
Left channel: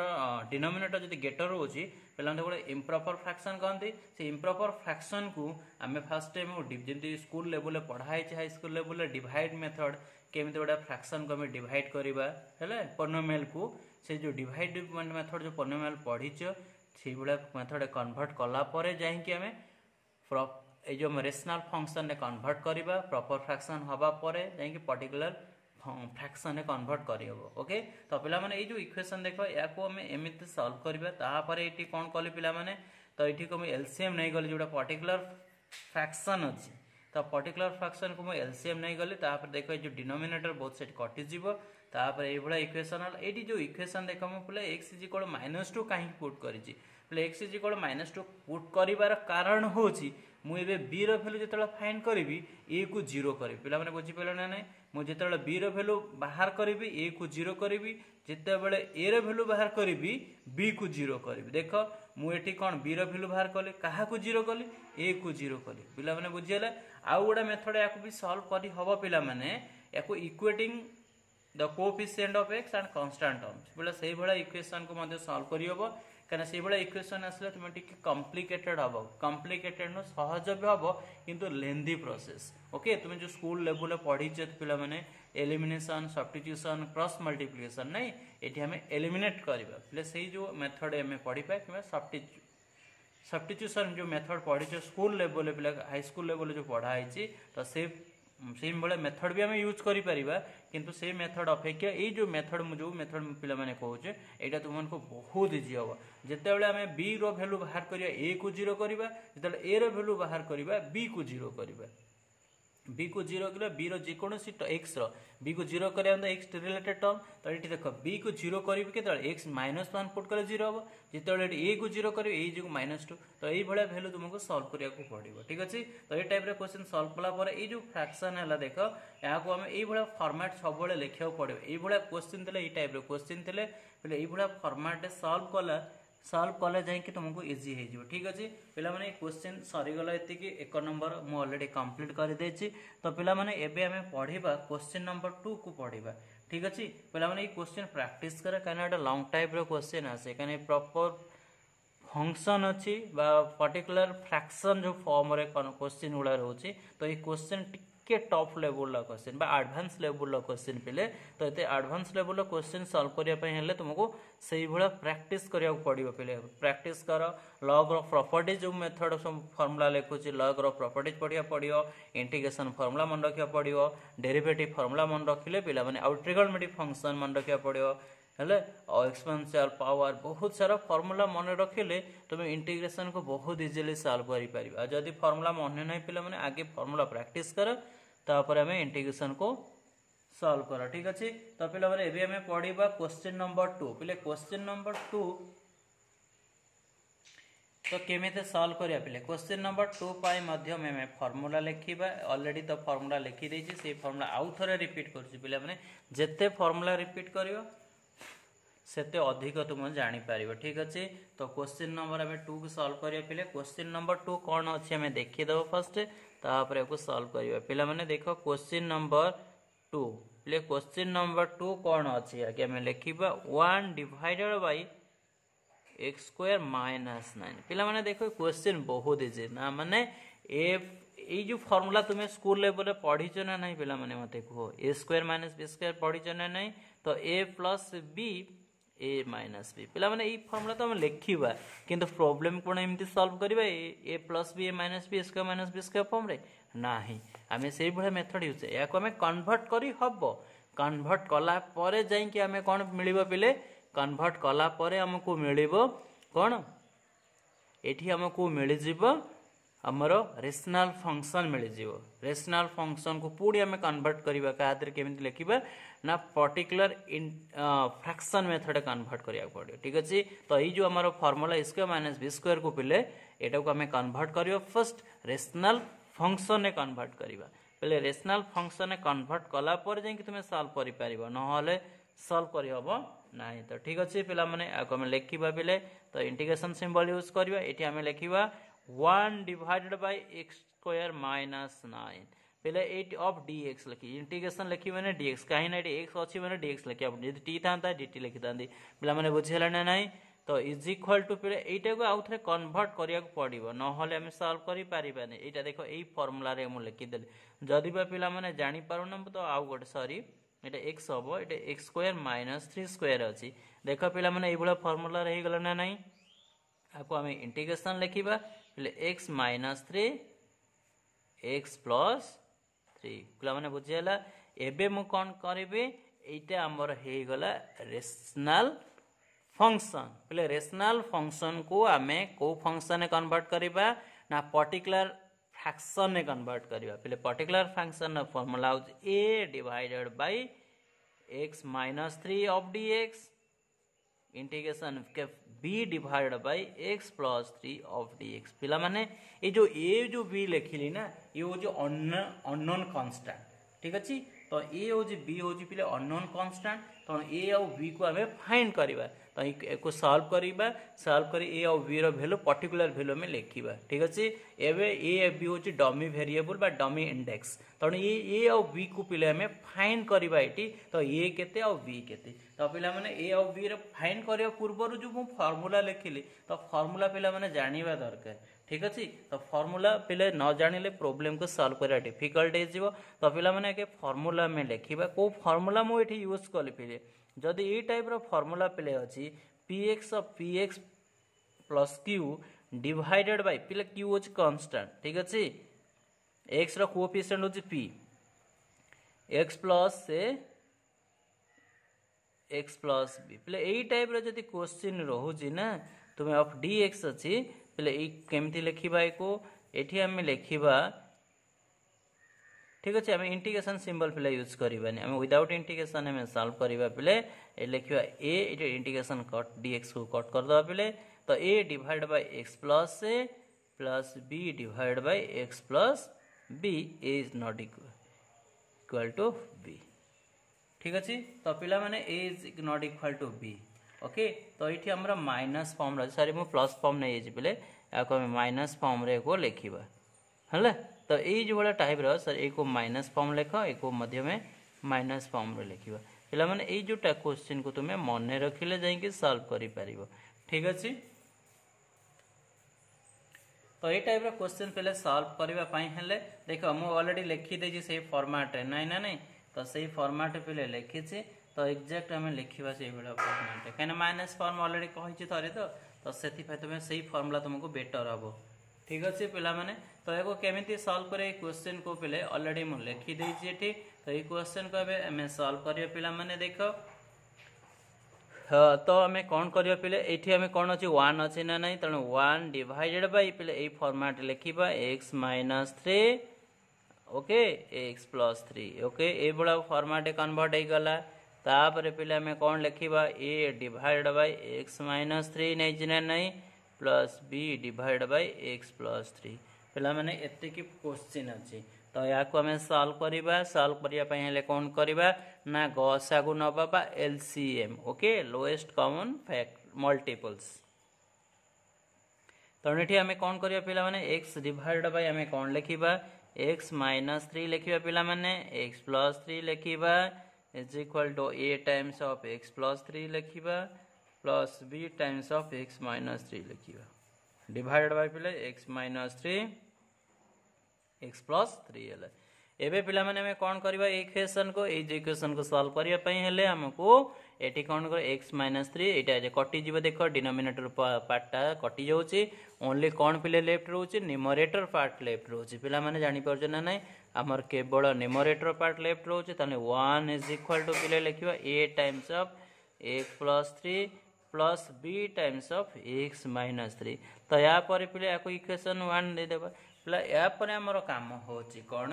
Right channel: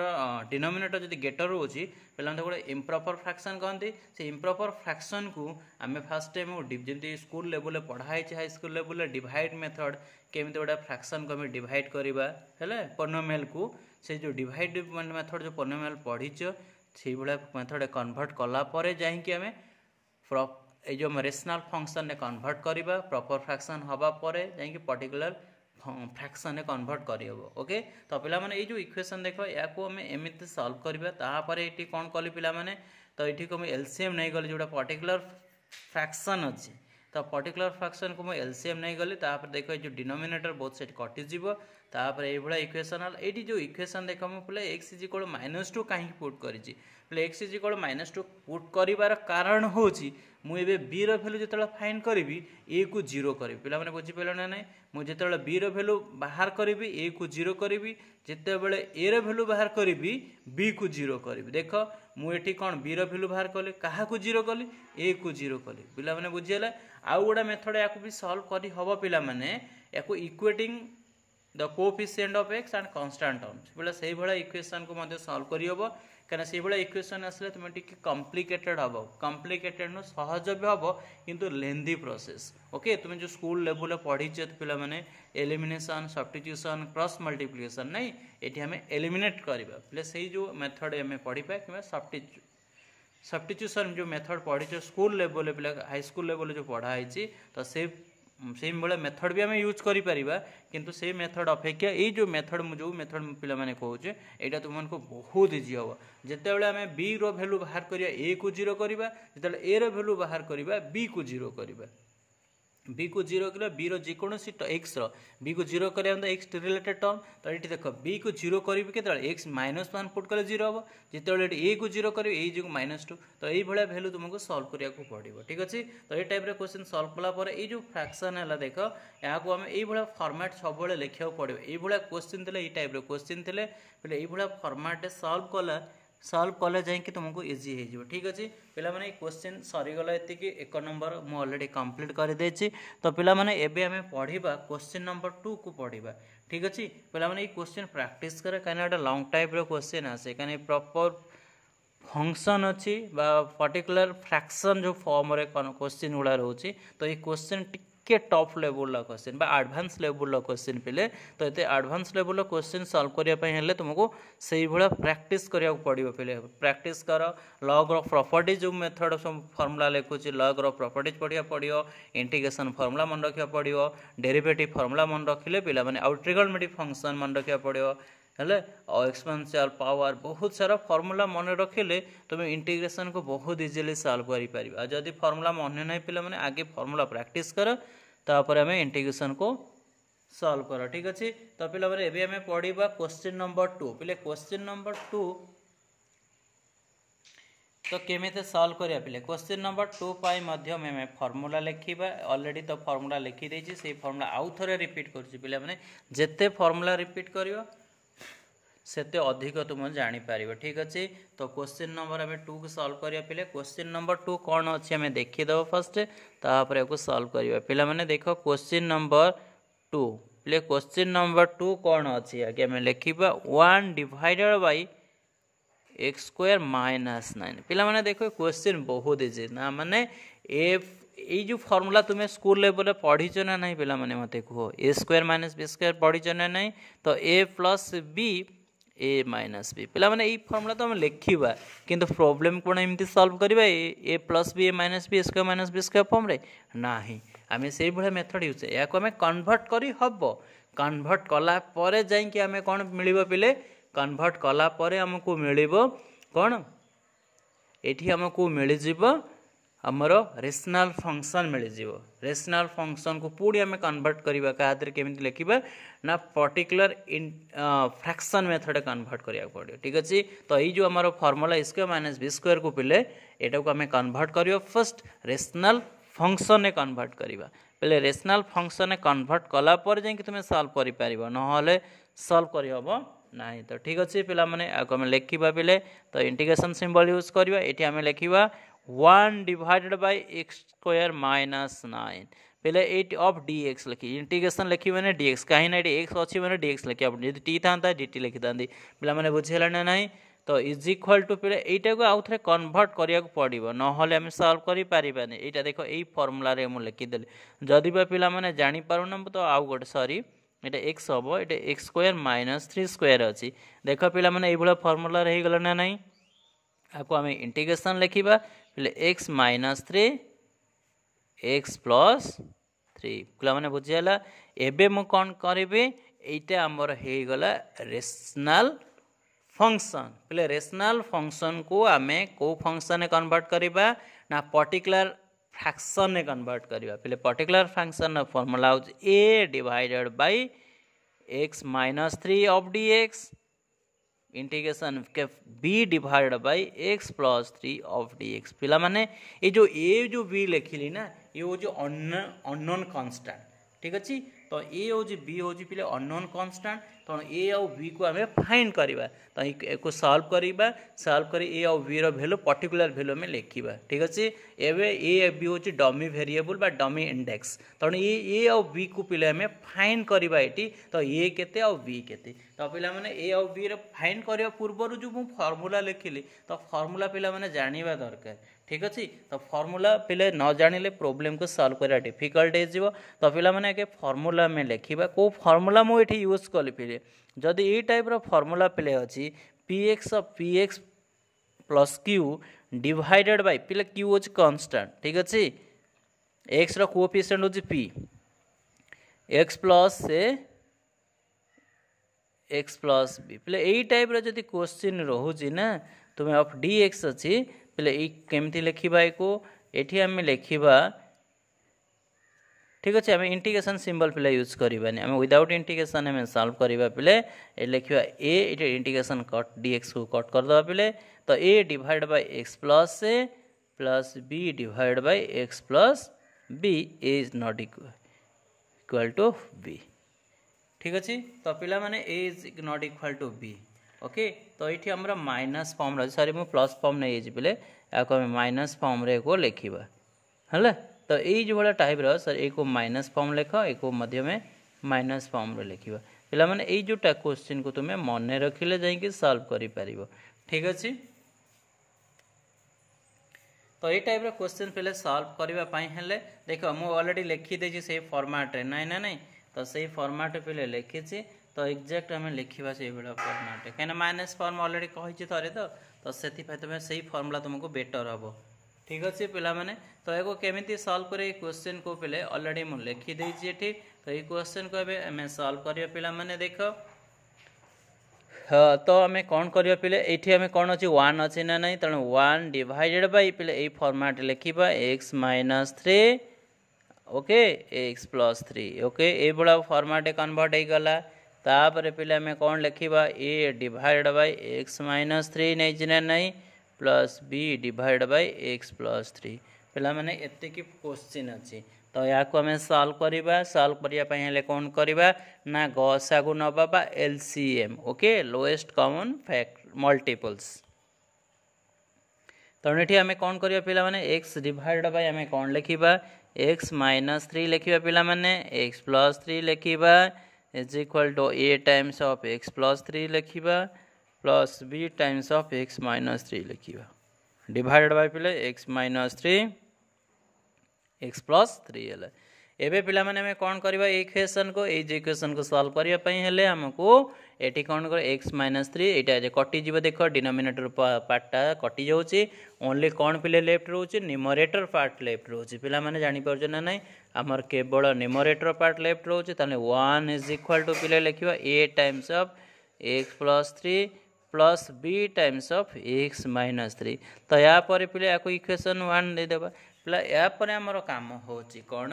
डिनोमिनेटर जब गेटर रोचे पे गोटे इम्प्रॉपर फ्रैक्शन कहते से इम्प्रॉपर फ्रैक्शन को आम फास्ट टाइम जमी स्कूल लेवल पढ़ाई high school level divide method केमी गोटे फ्रैक्शन को डिवाइड करवा है पोलिनोमियल को से जो डिवाइड मेथड जो पोलिनोमियल पढ़ीच से मेथड कन्वर्ट कलापर जामें जो रेशनल फंक्शन कन्वर्ट करवा प्रॉपर फ्रैक्शन हवा पर जाकि पर्टिकुलर फ्रैक्शन कन्वर्ट करहब ओके। तो पे जो इक्वेशन देख या एमती सॉल्व करवा तापर ये कौन कली पे तो ये को एलसीएम नहीं गली जोटा पर्टिकुलर फ्रैक्शन अच्छी तो पर्टिकुलर फ्रैक्शन को मुझे एलसीएम नहीं गली तापर देख जो डिनोमिनेटर बहुत सेट कटिज तापर ये इक्वेशन ये जो इक्वेशन देख मुझे एक्स इज इक्वल -2 कहीं पुट करी एक्स इज इक्वल -2 पुट कर कारण हूँ मुझे बी रैल्यू जो फाइंड करी ए को 0 करी पे बुझीपारे ना ना मुझे बी रैल्यू बाहर करी ए को 0 करी जितेबाला ए रैल्यू बाहर करी बी को 0 करी देख मुझे कौन बी रैल्यू बाहर कली क्या 0 कली ए को 0 कली पे बुझीगला आउ गोटे मेथड या सल्व कर हम पे equating the coefficient of x and constant terms बोले से भाया इक्वेशन को सल्व करहब कहीं से भाया इक्वेशन आसले तुम टी कम्प्लिकेटेड हम कम्प्लिकेटेड नु सहज भी हम किंतु लेंदी प्रोसेस ओके। तुम जो स्कूल लेवल पढ़ी पे मैंने एलिमिनेशन सब्स्टिट्यूशन क्रॉस मल्टीप्लिकेशन नहीं ये आम एलिमिनेट करवा पे से जो मेथड आम पढ़ा कि सब्स्टिट्यूशन जो मेथड पढ़ी स्कूल लेवल पे हाई स्कूल लेवल जो पढ़ाई तो से भाया मेथड भी आम यूज करा किंतु से मेथड अपेक्षा ये जो मेथड जो मेथड पे कहे यहाँ तुमको बहुत इजी हम जितेबाला आम बी रैल्यू बाहर करिया ए को 0 करवा जिते ए रैल्यू बाहर करिया बी को 0 करवा बी को 0 कर बी रोसी एक्स बी को 0 कर एक्स रिलेटेड टर्म तो ये देख बी को 0 करी के एक्स -1 पुट कले 0 हम जिते ए को 0 कर जो -2 तो ये भैल्यू तुमको सल्व करने पड़ो ठीक अच्छे। तो ये टाइप क्वेश्चन सल्व कलापर ये जो फ्रैक्शन है देख यहाँ को आम ये फॉर्मेट सब लिखा पड़ो ये क्वेश्चन थे ये टाइप क्वेश्चन थे ये फॉर्मेट सल्व कले जाकि तुमको इजी हो ठीक अच्छे पे क्वेश्चन सरीगला ये 1 नंबर मुझे ऑलरेडी कंप्लीट कर देछि। तो पे आम पढ़ा क्वेश्चन नंबर 2 को पढ़ा ठीक अच्छे पे क्वेश्चन प्रैक्टिस करे कहीं गोटे लॉन्ग टाइप क्वेश्चन आसे कहीं प्रॉपर फंक्शन अच्छी पर्टिकुलर फ्रैक्शन जो फॉर्म रे क्वेश्चन गुड़ा रोचे तो ये क्वेश्चन टिके top level question advance level question पे तो ये एडवांस लेवल क्वेश्चन सॉल्व करने तुमको से भाया प्रैक्टिस करा पड़ो पे प्रैक्टिस कर लॉग ऑफ प्रॉपर्टीज जो मेथड सब फॉर्मूला लिखुची लॉग ऑफ प्रॉपर्टीज पढ़ा पड़ो इंटीग्रेशन फॉर्मूला मन रखा पड़ो डेरिवेटिव फॉर्मूला मन रखिले पे आउ ट्रिगोनोमेट्रिक फंक्शन मन रखा पड़ो हेले और एक्सपोनेंशियल पावर बहुत सारा फॉर्मूला मन रखिले तुम इंटीग्रेशन को बहुत इजीली सॉल्व कर पार जदि फॉर्मूला मन नहीं पे आगे फॉर्मूला प्रैक्टिस कर तापर आम इंटीग्रेशन को सॉल्व कर ठीक अच्छे। तो पे आम पढ़ा क्वेश्चन नंबर 2 पे क्वेश्चन नंबर 2 तो केमी सॉल्व करिया पे क्वेश्चन नंबर 2 आम फॉर्मूला लिखा ऑलरेडी तो फॉर्मूला लिखी देछि से फॉर्मूला आउ थे रिपीट कर पे जिते फॉर्मूला रिपीट कर सेते अधिक तुम जापर ठीक अच्छे। तो क्वेश्चन नंबर आम 2 को सॉल्व करिया पे क्वेश्चन नंबर 2 कौन अच्छे आम देखीदेव फर्स्ट तापर को सॉल्व करिया पे मैंने देख क्वेश्चन नंबर 2 पे क्वेश्चन नंबर 2 कौन अच्छे आगे आम लिखा 1 डिवाइडेड बाय एक्स स्क्वायर -9 पे देख क्वेश्चन बहुत इजी ना माने ये जो फॉर्मूला तुम्हें स्कूल लेवल पढ़ीच ना नहीं पे मत कह ए स्क्वायर -b स्क्वायर पढ़ीच ना नहीं तो a plus b a minus b पे ये फॉर्मूला तो हम लिखा किंतु प्रॉब्लम कौन एमती सॉल्व करवा A plus B A minus B square minus B square form रे ना ही आम से भाया मेथड यूज या आम कन्वर्ट कर हम कन्वर्ट कला जाकि आम कौन मिल पे कन्वर्ट कला आमको मिल कौन ये आमको मिल आमर रेशनल फंक्शन मिल रेशनल फंक्शन को पूरी आम कन्वर्ट करवा क्या केमी लिखा ना पर्टिकुलर फ्रैक्शन मेथड कन्वर्ट करा पड़ो ठीक अच्छे। तो ये जो आम formula square minus B square को पिले यहाँ को आम कन्वर्ट कर फर्स्ट रेशनल फंक्शन कन्वर्ट करवा पे रेशनल फंक्शन कन्वर्ट कलापर जा तुम सॉल्व कर ना सॉल्व करहब ना तो ठीक अच्छे पे आम लिखा पे तो इंटीग्रेशन सिंबल यूज करवा ये आम लिखा 1 डिवाइडेड बाय एक्स स्क्वायर -9 पहले एट ऑफ डी एक्स लिखी इंटीग्रेशन लिखी मैंने डी एक्स कहीं ना एक्स अच्छी मैंने डी एक्स लिखा जी टी था डी टी लिखी था पे मैंने बुझीगला ना ना तो इज इक्वाल टू पे यहीटा को आउ थे कन्वर्ट करा पड़ो ना आम सल्व करें यहाँ देख यही फर्मुला मुझे लिखिदेली जदि पे मैंने जापारूना तो आउ गोटे सॉरी ये एक्स हम ये एक्स स्क्वायर माइनस 3 स्क्वायर अच्छी देख पे मैंने ये फर्मुला हो ना ना आपको आम इंटीग्रेशन लिखा पे एक्स माइनस 3 एक्स प्लस 3 पे मैंने बुझीगला एबे मु कौन करी यहाँ आमर हो गला रेशनल फंक्शन पे रेशनल फंक्शन को आम को फंक्शन कन्वर्ट करवा ना पर्टिकुलर फ्रैक्शन ने कन्वर्ट करवा पे पर्टिकुलर फ्रैक्शन फॉर्मूला हो A divided by x minus 3 of D X integration के B divided by x plus 3 of D X पिला माने ये जो बी लिखिली ना ये हूँ अननोन कांस्टेंट ठीक अच्छे तो ए हूँ बी हूँ पे अननोन कांस्टेंट तो ए आउ बी को आम फाइंड करवा तो एक सॉल्व करवा सॉल्व कर ए आउ बी वैल्यू पर्टिकुलर वैल्यू में लिखा ठीक अच्छे एवं ए बी हूँ डमी वेरिएबल बा डमी इंडेक्स तेणु ए आउ बी को पे आम फाइंड करवा ये तो ए केते आउ बी केते तो पे मैंने ए आउ बी फाइंड करने पूर्व जो मुझे फर्मूला लिखिली तो फर्मूला पे मैंने जानवा दरकार ठीक अच्छे तो फर्मूला पे न जानिले प्रोब्लेम को सॉल्व करा डिफिकल्ट हो तो पे मैंने आगे फर्मूला में लिखा कौ फर्मूला मुझे यूज कली पे जदि ये टाइप फर्मूला पे अच्छी P x plus Q divided by पे क्यू हूँ कांस्टेंट ठीक अच्छे एक्स कोएफिशिएंट हूँ पी एक्स प्लस बी पे यही टाइप जदि क्वेश्चन रोचे ना तुम्हें ऑफ डी एक्स अच्छी पे केमती लिखा ये आम लिखा ठीक अच्छे आम इंटीग्रेशन सिंबल पे यूज करवानी आम विदाउट इंटीग्रेशन आम सॉल्व करवा पे लिखा A integration cut D X को कट करदे पे तो A divide by x plus B divide by x plus B is not equal to B ठीक अच्छे तो पे मैंने A is not equal to B okay तो ये आम माइनस फॉर्म रही सॉरी मुझे प्लस फॉर्म नहीं पे आपको माइनस फॉर्म रे को लिखा है तो ये जो भाया टाइप सर एक माइनस फॉर्म लिख एक में माइनस फॉर्म लिखा पे मैंने ये जोटा क्वेश्चन को तुम्हें मन रखिले जाइए सॉल्व कर ठीक अच्छे तो ये टाइप क्वेश्चन पे सॉल्व करने देख मुझे ऑलरेडी लिखिदे से फॉर्मेट ना ना नहीं तो सही फॉर्मेट पे लिखी तो एक्जाक्ट आम लिखा से फॉर्मेट कहीं माइनस फॉर्म ऑलरेडी कही थे तो से तुम्हें सही फॉर्मूला तुमको बेटर हम ठीक अच्छे पे मैंने तो ये केमी सॉल्व करे क्वेश्चन को पे ऑलरेडी मुझे लिखिदे तो ये क्वेश्चन को आम सॉल्व करिया पे मैंने देख हाँ तो आम कौन करिया पे ये आम कौन अच्छे 1 अच्छे ना नहीं तेणु 1 डिवाइडेड बाय पे ये फॉर्मेट लिखा x minus 3 okay x plus 3 okay ये बड़ा फॉर्मेट कन्वर्ट हो गला तापर पे आम कौन लिखा a divide by x minus 3 नहीं ना नहीं plus B divide by x plus 3 पे मैंने एति क्वेश्चन अच्छी तो या आम सॉल्व करवा सॉल्व करने कौन करवा ना गसा को नवा LCM okay lowest common fact multiples तेणु ये आम कौन करवा पे मैंने एक्स डिवाइड बाय आम कौन लिखा एक्स माइनस 3 लिखा पे मैंने एक्स प्लस 3 लिखा is equal to a times of x plus 3 लिखा plus B times of x minus 3 लिखा डिवाइडेड बाय पे एक्स माइनस 3 एक्स प्लस 3 है एवं पे मैंने कौन करवा इक्वेशन को इक्वेशन को सॉल्व करने आमको ये कौन कर एक्स माइनस 3 यहाँ कटिज देख डिनोमिनेटर पार्टा कटि जाऊँगी ओनली कौन पे लेफ्ट रोचे न्यूमरेटर पार्ट लेफ्ट रोचे पे मैंने जापर ना ना आमर केवल न्यूमरेटर पार्ट लेफ्ट रोचे 1 इज इक्वल टू पे लिखा A times of x plus 3 plus B times of x minus 3 तो या पे आपको इक्वेशन 1 देदेबा पे यापर आमर काम हो कौन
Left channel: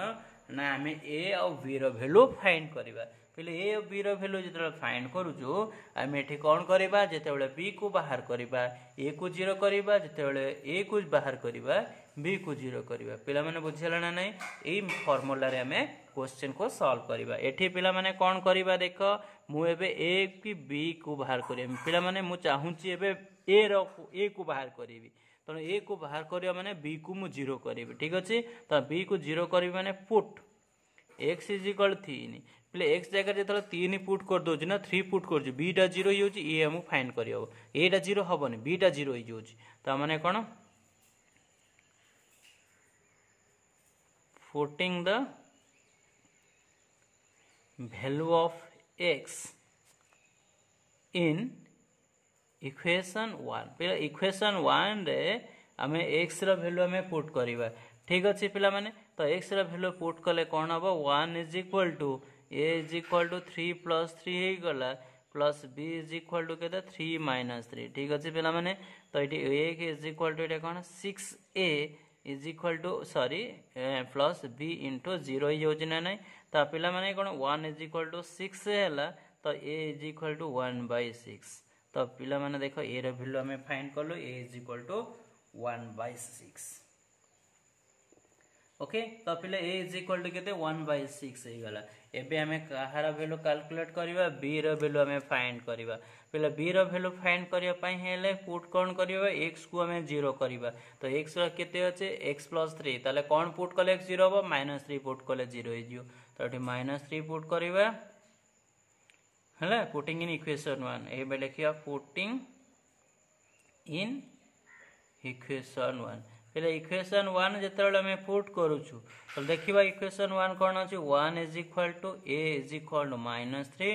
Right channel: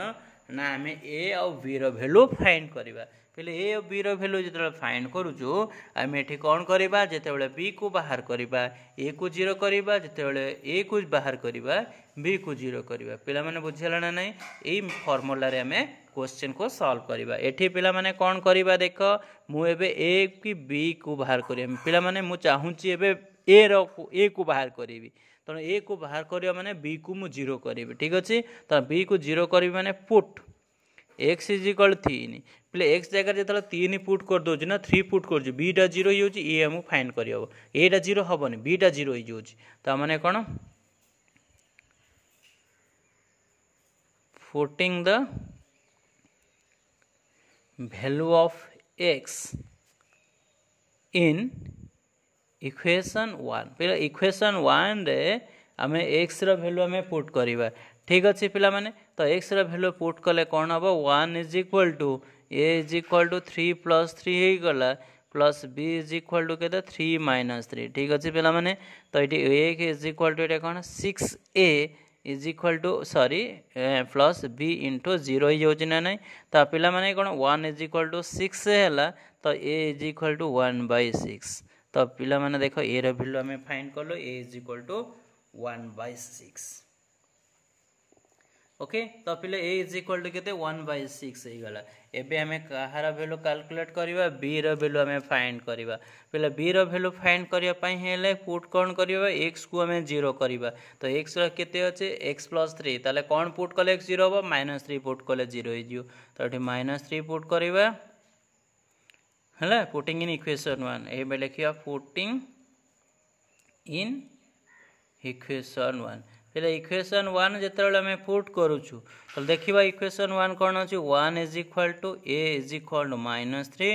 ना आम ए आउ बी वैल्यू फाइंड करवा पे ए और बी वैल्यू जो फाइंड करूँ आम ये कौन करवा जिते बी को बाहर करवा ए को 0 करवा जिते ए को बाहर करवा बी को 0 करवा पे मैंने बुझीगला ना ना यही फर्मूला आम क्वेश्चन को सॉल्व करवा ये पे मैंने कौन करवा देख मुझे ए कि बी को बाहर कर पे मैंने मुझे चाहूँगी ए को बाहर करी तेणु ए को बाहर करवा माने बी को मु 0 करी ठीक अच्छे तो बी को 0 करी माने पुट एक्स इज इक्वल 3 पे एक्स जगह जो 3 पुट कर दो ना 3 पुट कर बीटा 0 हो ये आमको फाइन कर एटा 0 हेनी बीटा 0 हो मैंने कौन putting the value of x in equation 1 पे equation 1 रे आम x रो वैल्यू आम पुट करवा ठीक अच्छे पिला माने तो x रो वैल्यू पुट कले कौन हम 1 is equal to a is equal to 3 plus 3 हो गला plus b is equal to के 3 माइनस 3 ठीक अच्छे पिला माने तो ये a इज इक्वल टू कौन 6a is equal to sorry plus b into 0 हो ना नहीं तो पिला माने कौन 1 इज इक्वल टू 6 है तो a इज इक्वल टू 1/6 तो पिला माने देखो a रो वैल्यू हमें फाइंड कर लो a is equal to 1/6 okay तो पिला a इज इक्वल टू केते 1/6 हो गला एबे हमें कहार वैल्यू कैलकुलेट करबा b रो वैल्यू हमें फाइंड करबा पिला b रो वैल्यू फाइंड करिया पई हेले पुट कोन करबा x को हमें 0 करबा तो x रो केते अछि x + 3 ताले कोन पुट कले x 0 हो -3 पुट कले 0 हो जियो तो एठी -3 पुट करबा हला पुटिंग इन इक्वेशन 1 एबे लिखिया पुटिंग इन इक्वेशन 1 पहले इक्वेशन 1 जिते हमें पुट करुचु तो देखा इक्वेशन 1 कौन अच्छी 1 is equal to a is equal to -3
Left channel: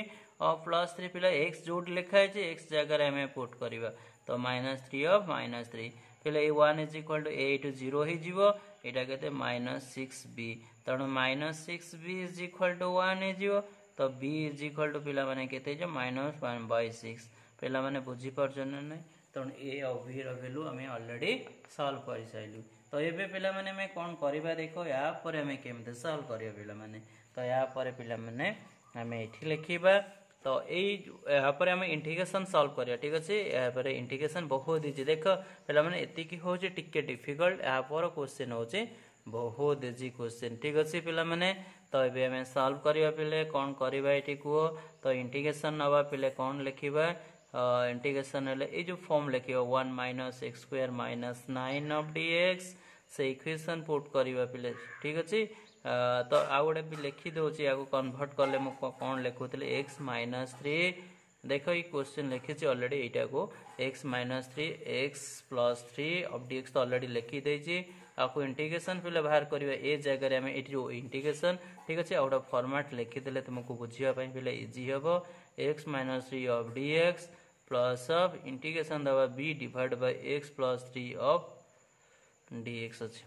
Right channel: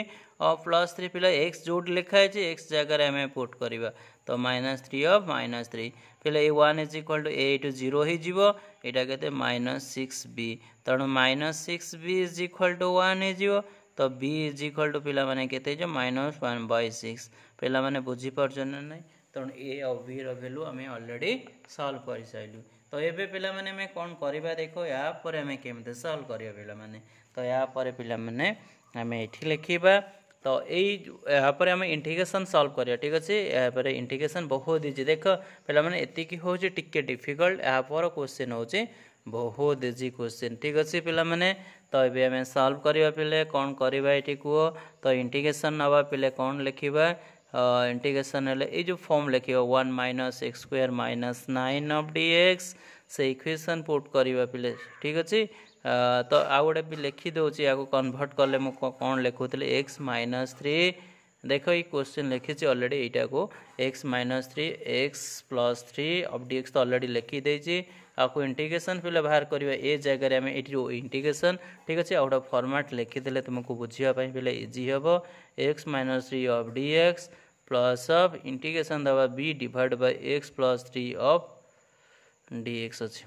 और +3 पहले x जो लिखा है x जगह हमें पुट करवा तो -3 ऑफ -3 पहले ये 1 is equal to a to 0 हो यहाँ के -6b तेणु -6b इज इक्वल टू 1 हो तो b इज इक्वल टू पिला माने केते जो -1/6 पिला माने बुझी परछन नै तेणु ए और बी वैल्यू आम ऑलरेडी सॉल्व कर सारू तो ये पिला माने में कौन करवा देखो या पर आम केमते सॉल्व करिया पिला माने तो या पर पिला माने आम एठी लिखिबा तो यहाँ पर आम इंटीग्रेशन सॉल्व करिया ठीक अच्छे यहाँ पर इंटीग्रेशन बहुत इजी देख पिला माने एतिकी होचे टिके डिफिकल्ट यहाँ पर क्वेश्चन होचे बहुत इजी क्वेश्चन ठीक अच्छे पिला माने तो ये आम सॉल्व करिया पिले कौन करवा एठी को तो इंटीग्रेशन नवा पिले कौन लिखिबा इंटीग्रेशन ये जो फॉर्म लिखे 1 - x² - 9 ऑफ dx से इक्वेशन पुट करवा पिले ठीक अच्छे तो आउ गोटे भी लिखी दूसरी या कन्वर्ट कले मुझे कौन लिखुली x -3 देख ये क्वेश्चन लिखी ऑलरेडी यहाँ को x -3 x + 3 ऑफ dx तो ऑलरेडी लिखी देती आपको इंटीग्रेशन पे बाहर करवा ए जगह आम ये इंटीग्रेशन ठीक अच्छे गोटे फॉर्मेट लिखीदे तुमको बुझापी पे इजी हम x -3 of dx plus of integration दबा b divide by x + 3 of dx अच्छे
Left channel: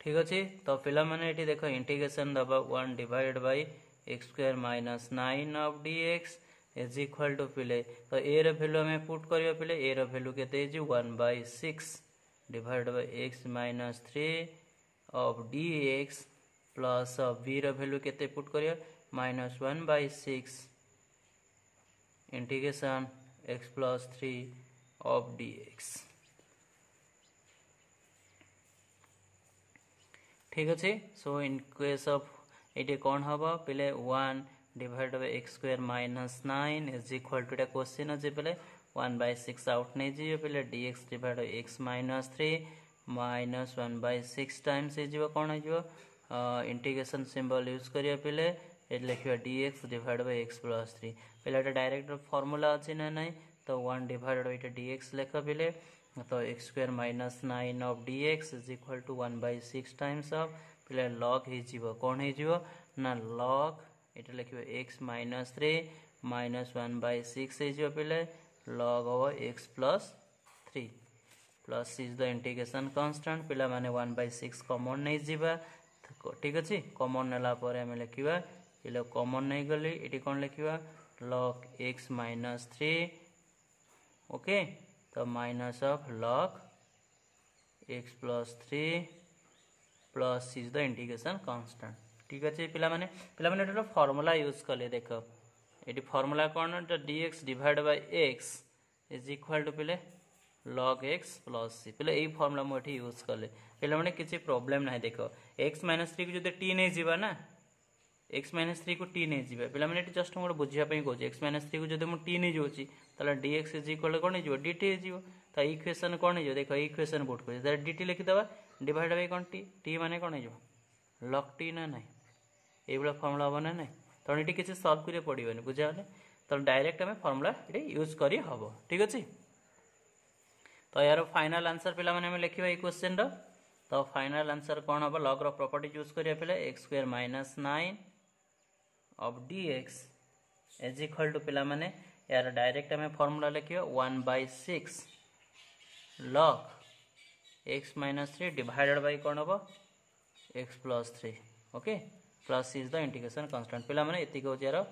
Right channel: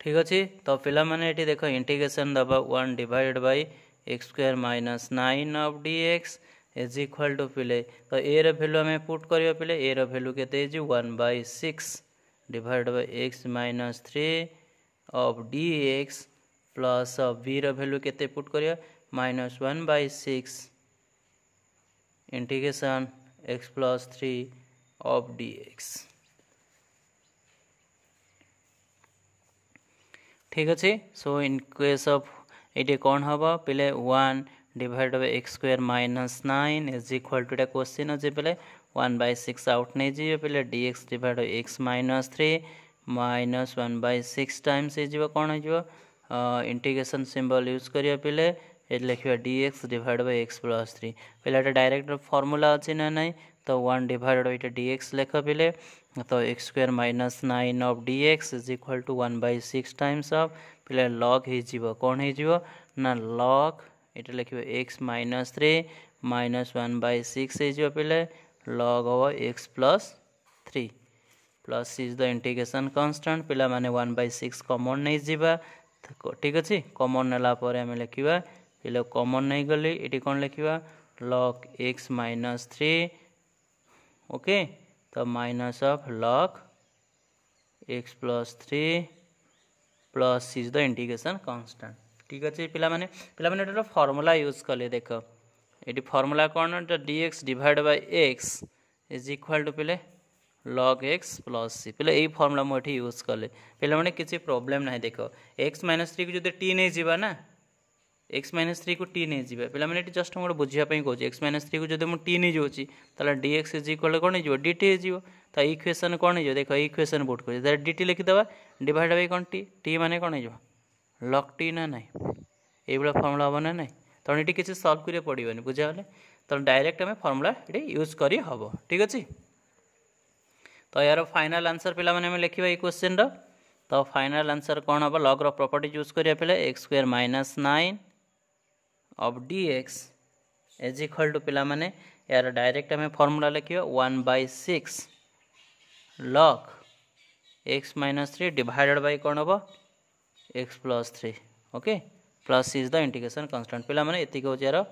ठीक अच्छे तो पिला माने ये देख इंटीग्रेशन दबा 1 divide by x² - 9 of dx is equal to पिले तो ए रो वैल्यू हमें पुट करवा पिले ए रो वैल्यू केते 1/6 divide by x -3 of dx plus of b रो वैल्यू केते पुट करिया -1/6 इंटीग्रेशन x + 3 ऑफ dx ठीक अच्छे सो इन केस ऑफ ये कौन हम पे 1 divide by x² - 9 is equal to question अच्छे पे 1/6 आउट नहीं जी पे dx divide by x -3 -1/6 times हो कौन हो इंटीग्रेशन सिंबल यूज करिया पे ये लिखा dx डिवाइड बाय x + 3 पे डायरेक्ट फॉर्मूला अच्छी ना नहीं तो 1 डिवाइड बाय dx लिख पे तो x² - 9 of dx is equal to 1/6 times of पे लॉग हो कौन हो ना लॉग ये लिखे x -3 -1/6 हो पे लॉग हम x + 3 plus is the integration constant पिला माने 1/6 कॉमन नहीं जीवा ठीक अच्छे कॉमन नेला पर आम लिखा पे कॉमन नहीं गली ये कौन लिखा log x -3 ओके तो minus of log x + 3 plus is the integration constant ठीक अच्छे पिला माने फॉर्मूला यूज कले देख ये फॉर्मूला कौन dx divide by x is equal to पे log x + c पे यही फॉर्मूला मुझे यूज कले पे मैंने किसी प्रोब्लेम ना देख x -3 को जो t नहीं जीवा ना x -3 को t नहीं जीवा पे मैंने जस्ट मोटे बुझापी कहे x -3 को जो मुझे t नहीं जाऊँगी तो dx इज इक्वल कौन हो dt हो तो इक्वेशन कौन हो देख इक्वेशन पुट कर dt लिखिदे डिवाइड बाय कौन t माने कौन हो लॉग टी ना ना ये फर्मूला हम ना ना तेणु ये किसी सल्व करिया पड़ोनी बुझागले तेणु डायरेक्ट आम फर्मूला ये यूज कर हम ठीक अच्छे। तो यार फाइनाल आंसर पे आम लिखा ये क्वेश्चन तो फाइनाल आंसर कौन हम लॉग प्रॉपर्टी यूज करिया पे x square minus 9 of D x is equal to पिला माने यार डायरेक्ट आम फर्मूला लिखा 1/6 log x minus 3 divided by कौन हम x plus 3 okay plus is the integration constant पे ये हूँ यार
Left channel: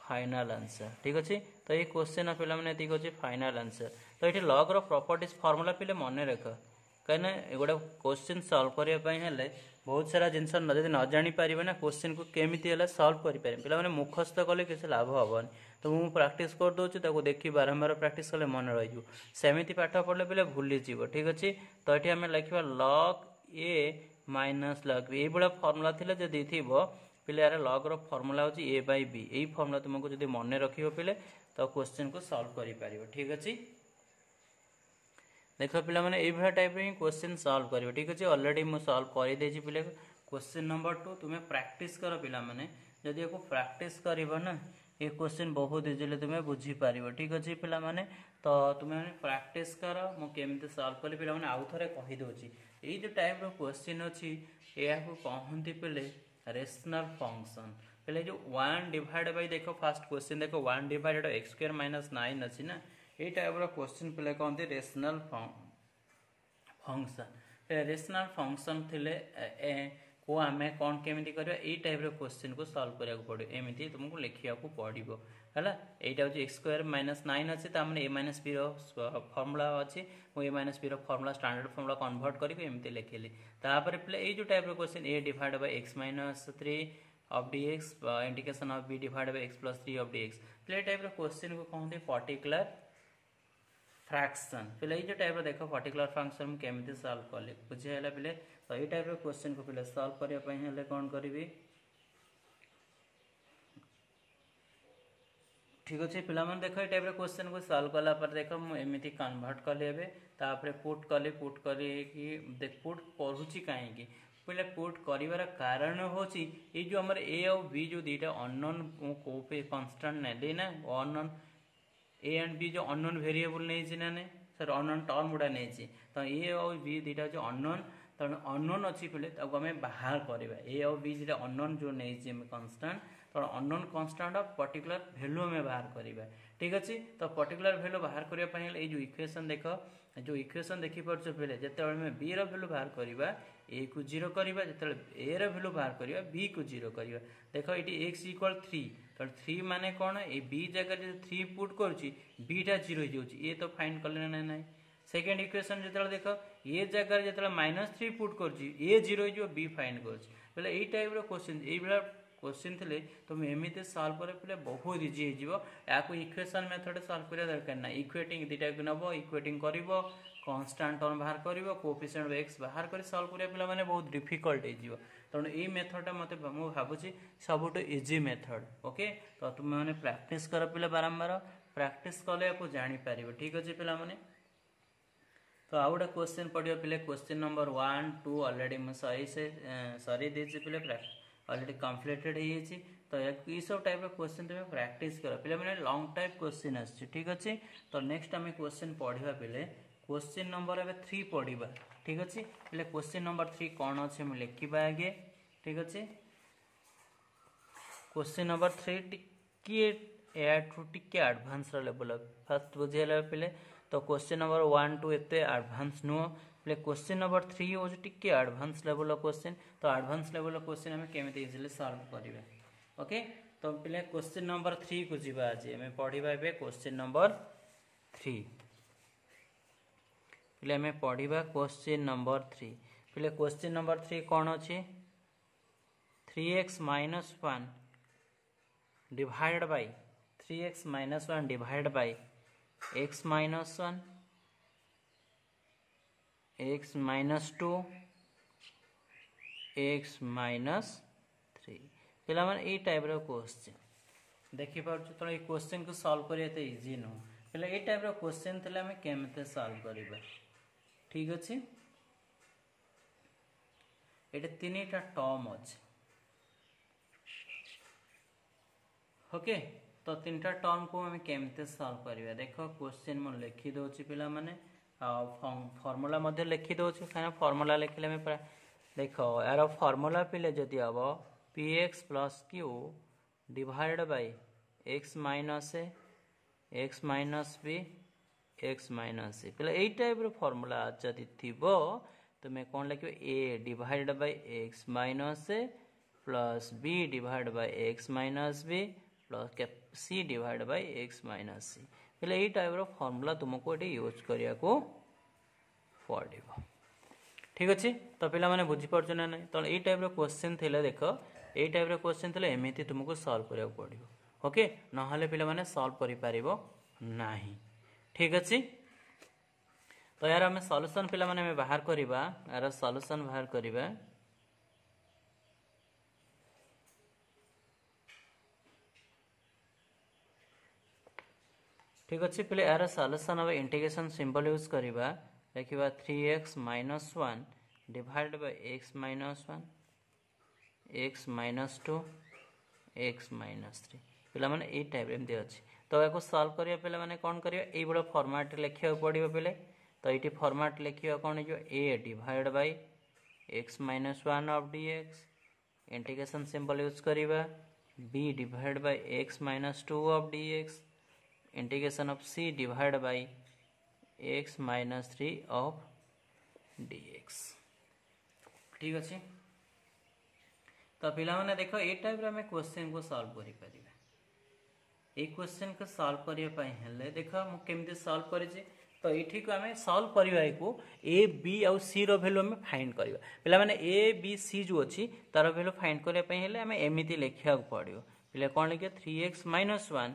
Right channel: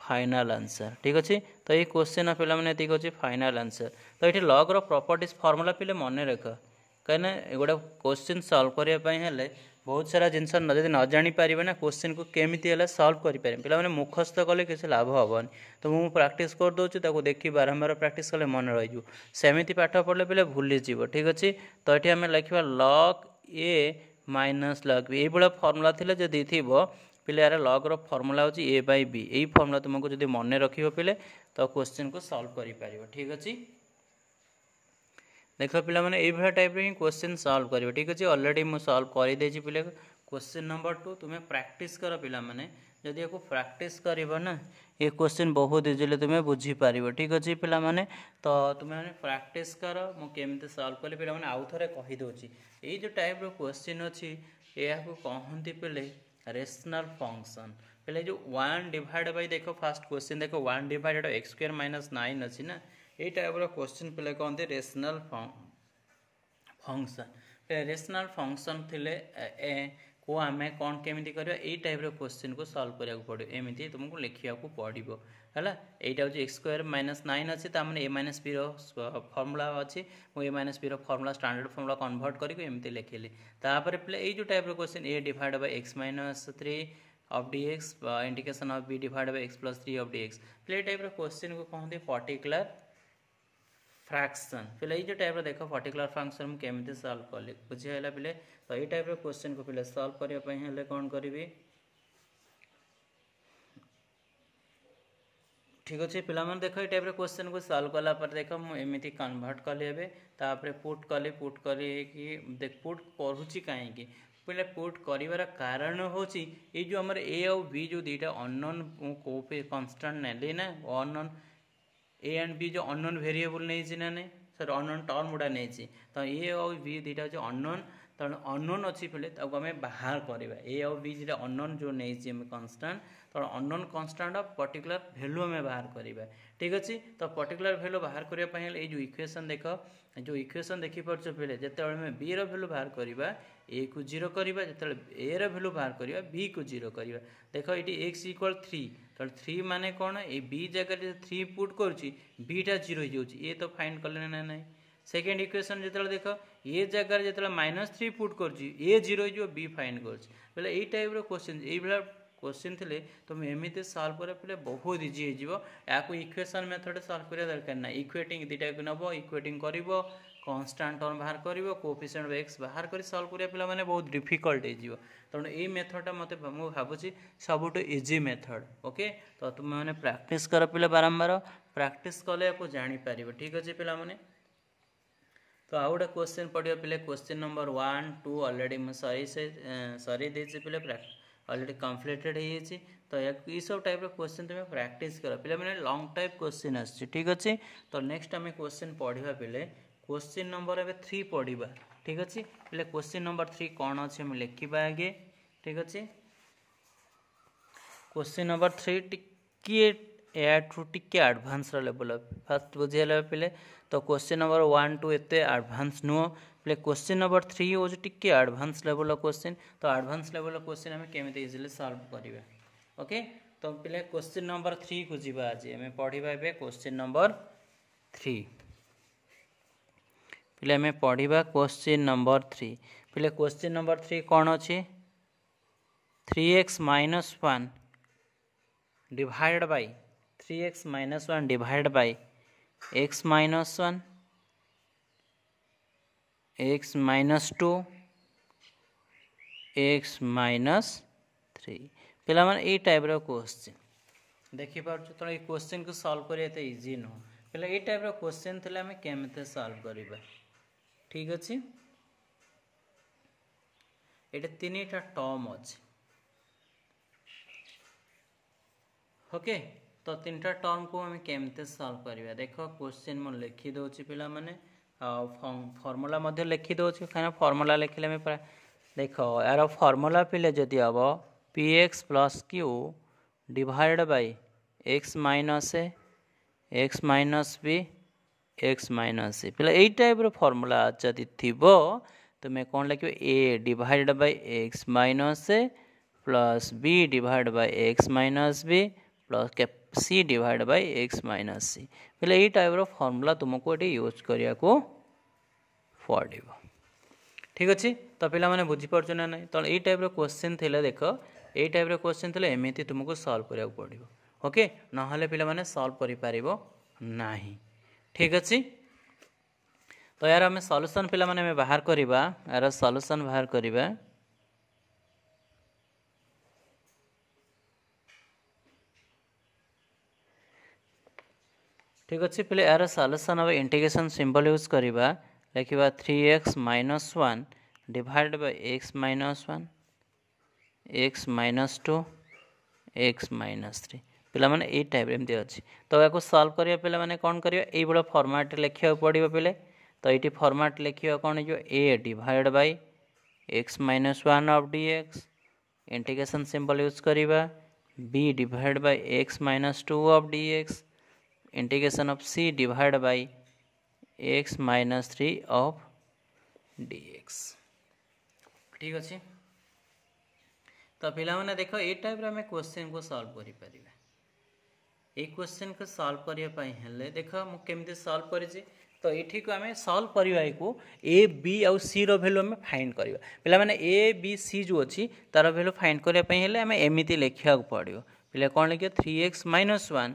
फाइनाल आंसर ठीक अच्छे। तो ये क्वेश्चन पे ये हूँ फाइनाल आंसर। तो ये लॉग प्रॉपर्टीज फॉर्मूला पे मन रख कहीं गोटे क्वेश्चन सॉल्व करने बहुत सारा जिनस जब न जापर ना क्वेश्चन को केमी सॉल्व करें पे मुखस्त कले किसी लाभ हेनी तो मुझे प्रैक्टिस करदे देखी बारंबार प्रैक्टिस कले मन रही सेमती पाठ पढ़ले पे भूलीज ठीक अच्छे। तो ये आम लिखा log a minus log B ये फर्मूला थी जदि थी पे यार लॉग फर्मूला हूँ ए बाय बी यही फर्मूला तुमको जब मन रख पे तो क्वेश्चन को सॉल्व कर ठीक अच्छे। देख पे ये टाइप ही क्वेश्चन सॉल्व कर ठीक अच्छे ऑलरेडी मुझे सॉल्व कर दे पे क्वेश्चन नंबर 2 तुम्हें प्रैक्टिस कर पे जदि या प्रैक्टिस कर ना ये क्वेश्चन बहुत इजिली तुम्हें बुझीपार ठीक अच्छे पे तो तुम्हें प्रैक्टिस कर मुझे सॉल्व कली पे आउ थे कहीदे ये जो टाइप क्वेश्चन अच्छी या कहते पे रेशनल फंक्शन पे जो 1 डिवाइड बाय देख फास्ट क्वेश्चन देख 1 डिवाइडेड एक्स स्क्वायर माइनस 9 अच्छी ना ये टाइप क्वेश्चन पे कहते रेशनल फंक्शन रेशनल फंक्शन थे को आम कौन केमी कर टाइप क्वेश्चन को सॉल्व करा पड़ो एमती तुमको लिखा पड़ो है यहाँ हूँ एक्स स्क्वायर माइनस 9 अच्छे ए माइनस बी फर्मूला अच्छी A minus B formula standard formula convert करके लिखिली तापर पे ये जो type question A divide by x minus 3 of D X integration of B divide by x plus 3 of D X पे टाइप क्वेश्चन को कहते पर्टिकुलर फ्रैक्शन पे ये टाइप देख पर्टिकुलर फ्रैक्शन मुझे केमी सॉल्व कली बुझीगला पे तो ये टाइप क्वेश्चन को पे सॉल्व करने कौन करी ठीक अच्छे पे देख ये टाइप क्वेश्चन को सॉल्व कला देख मुझे कन्वर्ट कली तापर पुट कली पुट करुच्ची कहीं पे पुट कर कारण हूँ ये जो आम ए और बी जो दुईटा अननोन कन्स्टांट नेली ना अननोन ए एंड बी जो अननोन वेरिएबल नहीं ना नहीं सर अननोन टर्म गुड़ा नहीं तो ए और बी दुईटा जो अननोन तेणु अननोन अच्छी पे आम बाहर करवा ए और बी जो अननोन जो नहीं कन्स्टांट तेणु unknown constant of particular value आम बाहर करवा ठीक अच्छे। तो पर्टिकुलर वैल्यू बाहर करने ये जो इक्वेशन देख जो इक्वेशन देखिपुर पे जिते बी रैल्यू बाहर करवा ए को 0 करवा जो ए रैल्यू बाहर करवा बी को 0 करवा देख ये एक्स इक्वल 3 तो 3 माने कौन ये बी जगह 3 पुट करुच्ची बीटा 0 हो ये तो फाइंड कले ना ना सेकेंड इक्वेशन जो देख ये जगह जो -3 पुट कर 0 हो बी फाइंड कर ये टाइप क्वेश्चन ये क्वेश्चन थे तुम एमती सॉल्व कर पे बहुत इजी हो इक्वेशन मेथड सॉल्व करा दरकार ना इक्वेटिंग दुटा को नब इक्वेटिंग कर कन्स्टांट टर्म बाहर कर कोएफिशिएंट ऑफ एक्स बाहर कर सॉल्व करा पे बहुत डिफिकल्ट हो तेणु ये मेथडटा मत मुझे सबुठ इजी मेथड ओके। तो तुम मैंने प्रैक्टिस कर पे बारंबार प्रैक्टिस कले आपको जापर ठीक अच्छे पे तो आउ गोटे क्वेश्चन पढ़ियो पे क्वेश्चन नंबर 1 2 ऑलरेडी मुझे सरी देती पे ऑलरेडी कम्प्लीटेड हो तो ये सब टाइप क्वेश्चन तुम्हें प्रैक्टिस कर पे मैंने लॉन्ग टाइप क्वेश्चन आसी ठीक अच्छे। तो नेक्स्ट आम क्वेश्चन पढ़ा पे क्वेश्चन नंबर ए 3 पढ़ा ठीक अच्छे पे क्वेश्चन नंबर 3 कौन अच्छे लिखा आगे ठीक अच्छे। क्वेश्चन नंबर 3 टिके एठू टिके एडवांस लेवल फास्ट बुझीगला पे तो क्वेश्चन नंबर 1 2 एत एडवांस नुह पे क्वेश्चन नंबर 3 हूँ टिके एडवांस लेवल क्वेश्चन तो एडवांस लेवल क्वेश्चन आम केमी इजिली सॉल्व करवा ओके। तो पे क्वेश्चन नंबर 3 को जी आज आम पढ़ा क्वेश्चन नंबर 3 पे आम पढ़ा क्वेश्चन नंबर 3 पे क्वेश्चन नंबर 3 कौन अच्छी 3x minus 1 divide bye 3x minus 1 divide by x minus 1 x minus 2 x minus 3 पे ये टाइप क्वेश्चन देखिपुर तो ये क्वेश्चन को सॉल्व करते इजी नुह पे ये टाइप क्वेश्चन थे आम केमी सॉल्व करवा ठीक अच्छे। ये तीन टा टर्म अच्छे ओके तो तीन टा टर्म को हमें केमते सॉल्व करिया देखो क्वेश्चन मु लिखि दोछि पिला माने फार्मूला मध्ये लिखि दोछि काना फार्मूला लिखिले में देखो यार फार्मूला पिले जदि अब px plus q divide by x minus a x minus b x minus c पिला एई टाइप रो फार्मूला जदि थिबो तुमे कोन लिखिबे a divide by x minus a plus b divide by x minus b plus c divide by x minus c पहले ये टाइप रो फार्मूला तुमको ये यूज करिया को पड़ो ठीक अच्छे तो पिला माने बुझी पारछ ना नहीं तो ये टाइप रो क्वेश्चन थिले देखो ये टाइप रो क्वेश्चन थिले एमिति तुमको सॉल्व करिया को पड़ो ओके ना हले पिला माने सॉल्व करि पारिबो नाही ठीक अच्छे तो यार हमें सॉल्यूशन पिला माने में बाहर करिबा यार सॉल्यूशन बाहर करिबा ठीक अच्छे पहले यार सॉल्यूशन अब इंटीग्रेशन सिंबल यूज करिबा लिखिबा 3x minus 1 divide by x minus 1 x minus 2 x minus 3 पिला माने ए टाइप एमती अछि तो याको सॉल्व करिया पिला माने कोन करिया ए बडा फॉर्मेट लिखिया पड़िबो पिले तो एटी फॉर्मेट लिखिया कोन जो a divide by x minus 1 of dx integration symbol use करिबा b divide by x minus 2 of dx integration of c divide by x minus 3 of dx ठीक अच्छे तो पिला माने देखो ए टाइप रे हमें क्वेश्चन को सॉल्व करि परिबा ए क्वेश्चन को सॉल्व करिया पई हेले देखो मु केमते सॉल्व करि छी तो एठी को हमें सॉल्व करिवा को a b और c रो वैल्यू हमें फाइंड करिवा पिला माने a b c जो अछि तार वैल्यू फाइंड करिया पई हेले हमें एमिति लेखिया को पड़ियो पिला कोन लिखियो 3x माइनस 1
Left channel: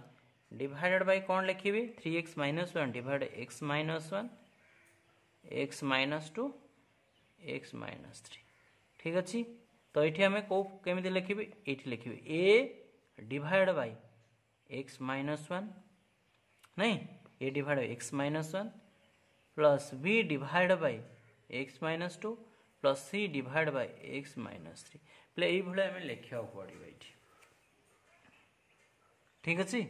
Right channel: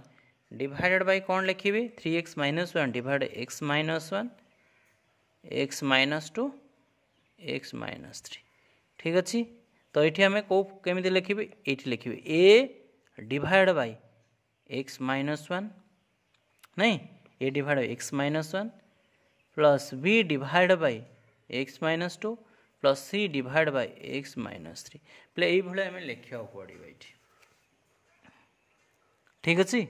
डिवाइडेड बाय कौन लिखिबे 3x minus 1 divide x minus 1 x minus 2 x minus 3 ठीक अच्छी तो ये हमें को केमिति लिखिबे एठी लिखिबे a divide by x minus 1 नहीं a divide by x minus 1 plus b divide by x minus 2 plus c divide by x minus 3 प्ले एई भले हमें लिखिया पड़िबो एठी ठीक अच्छी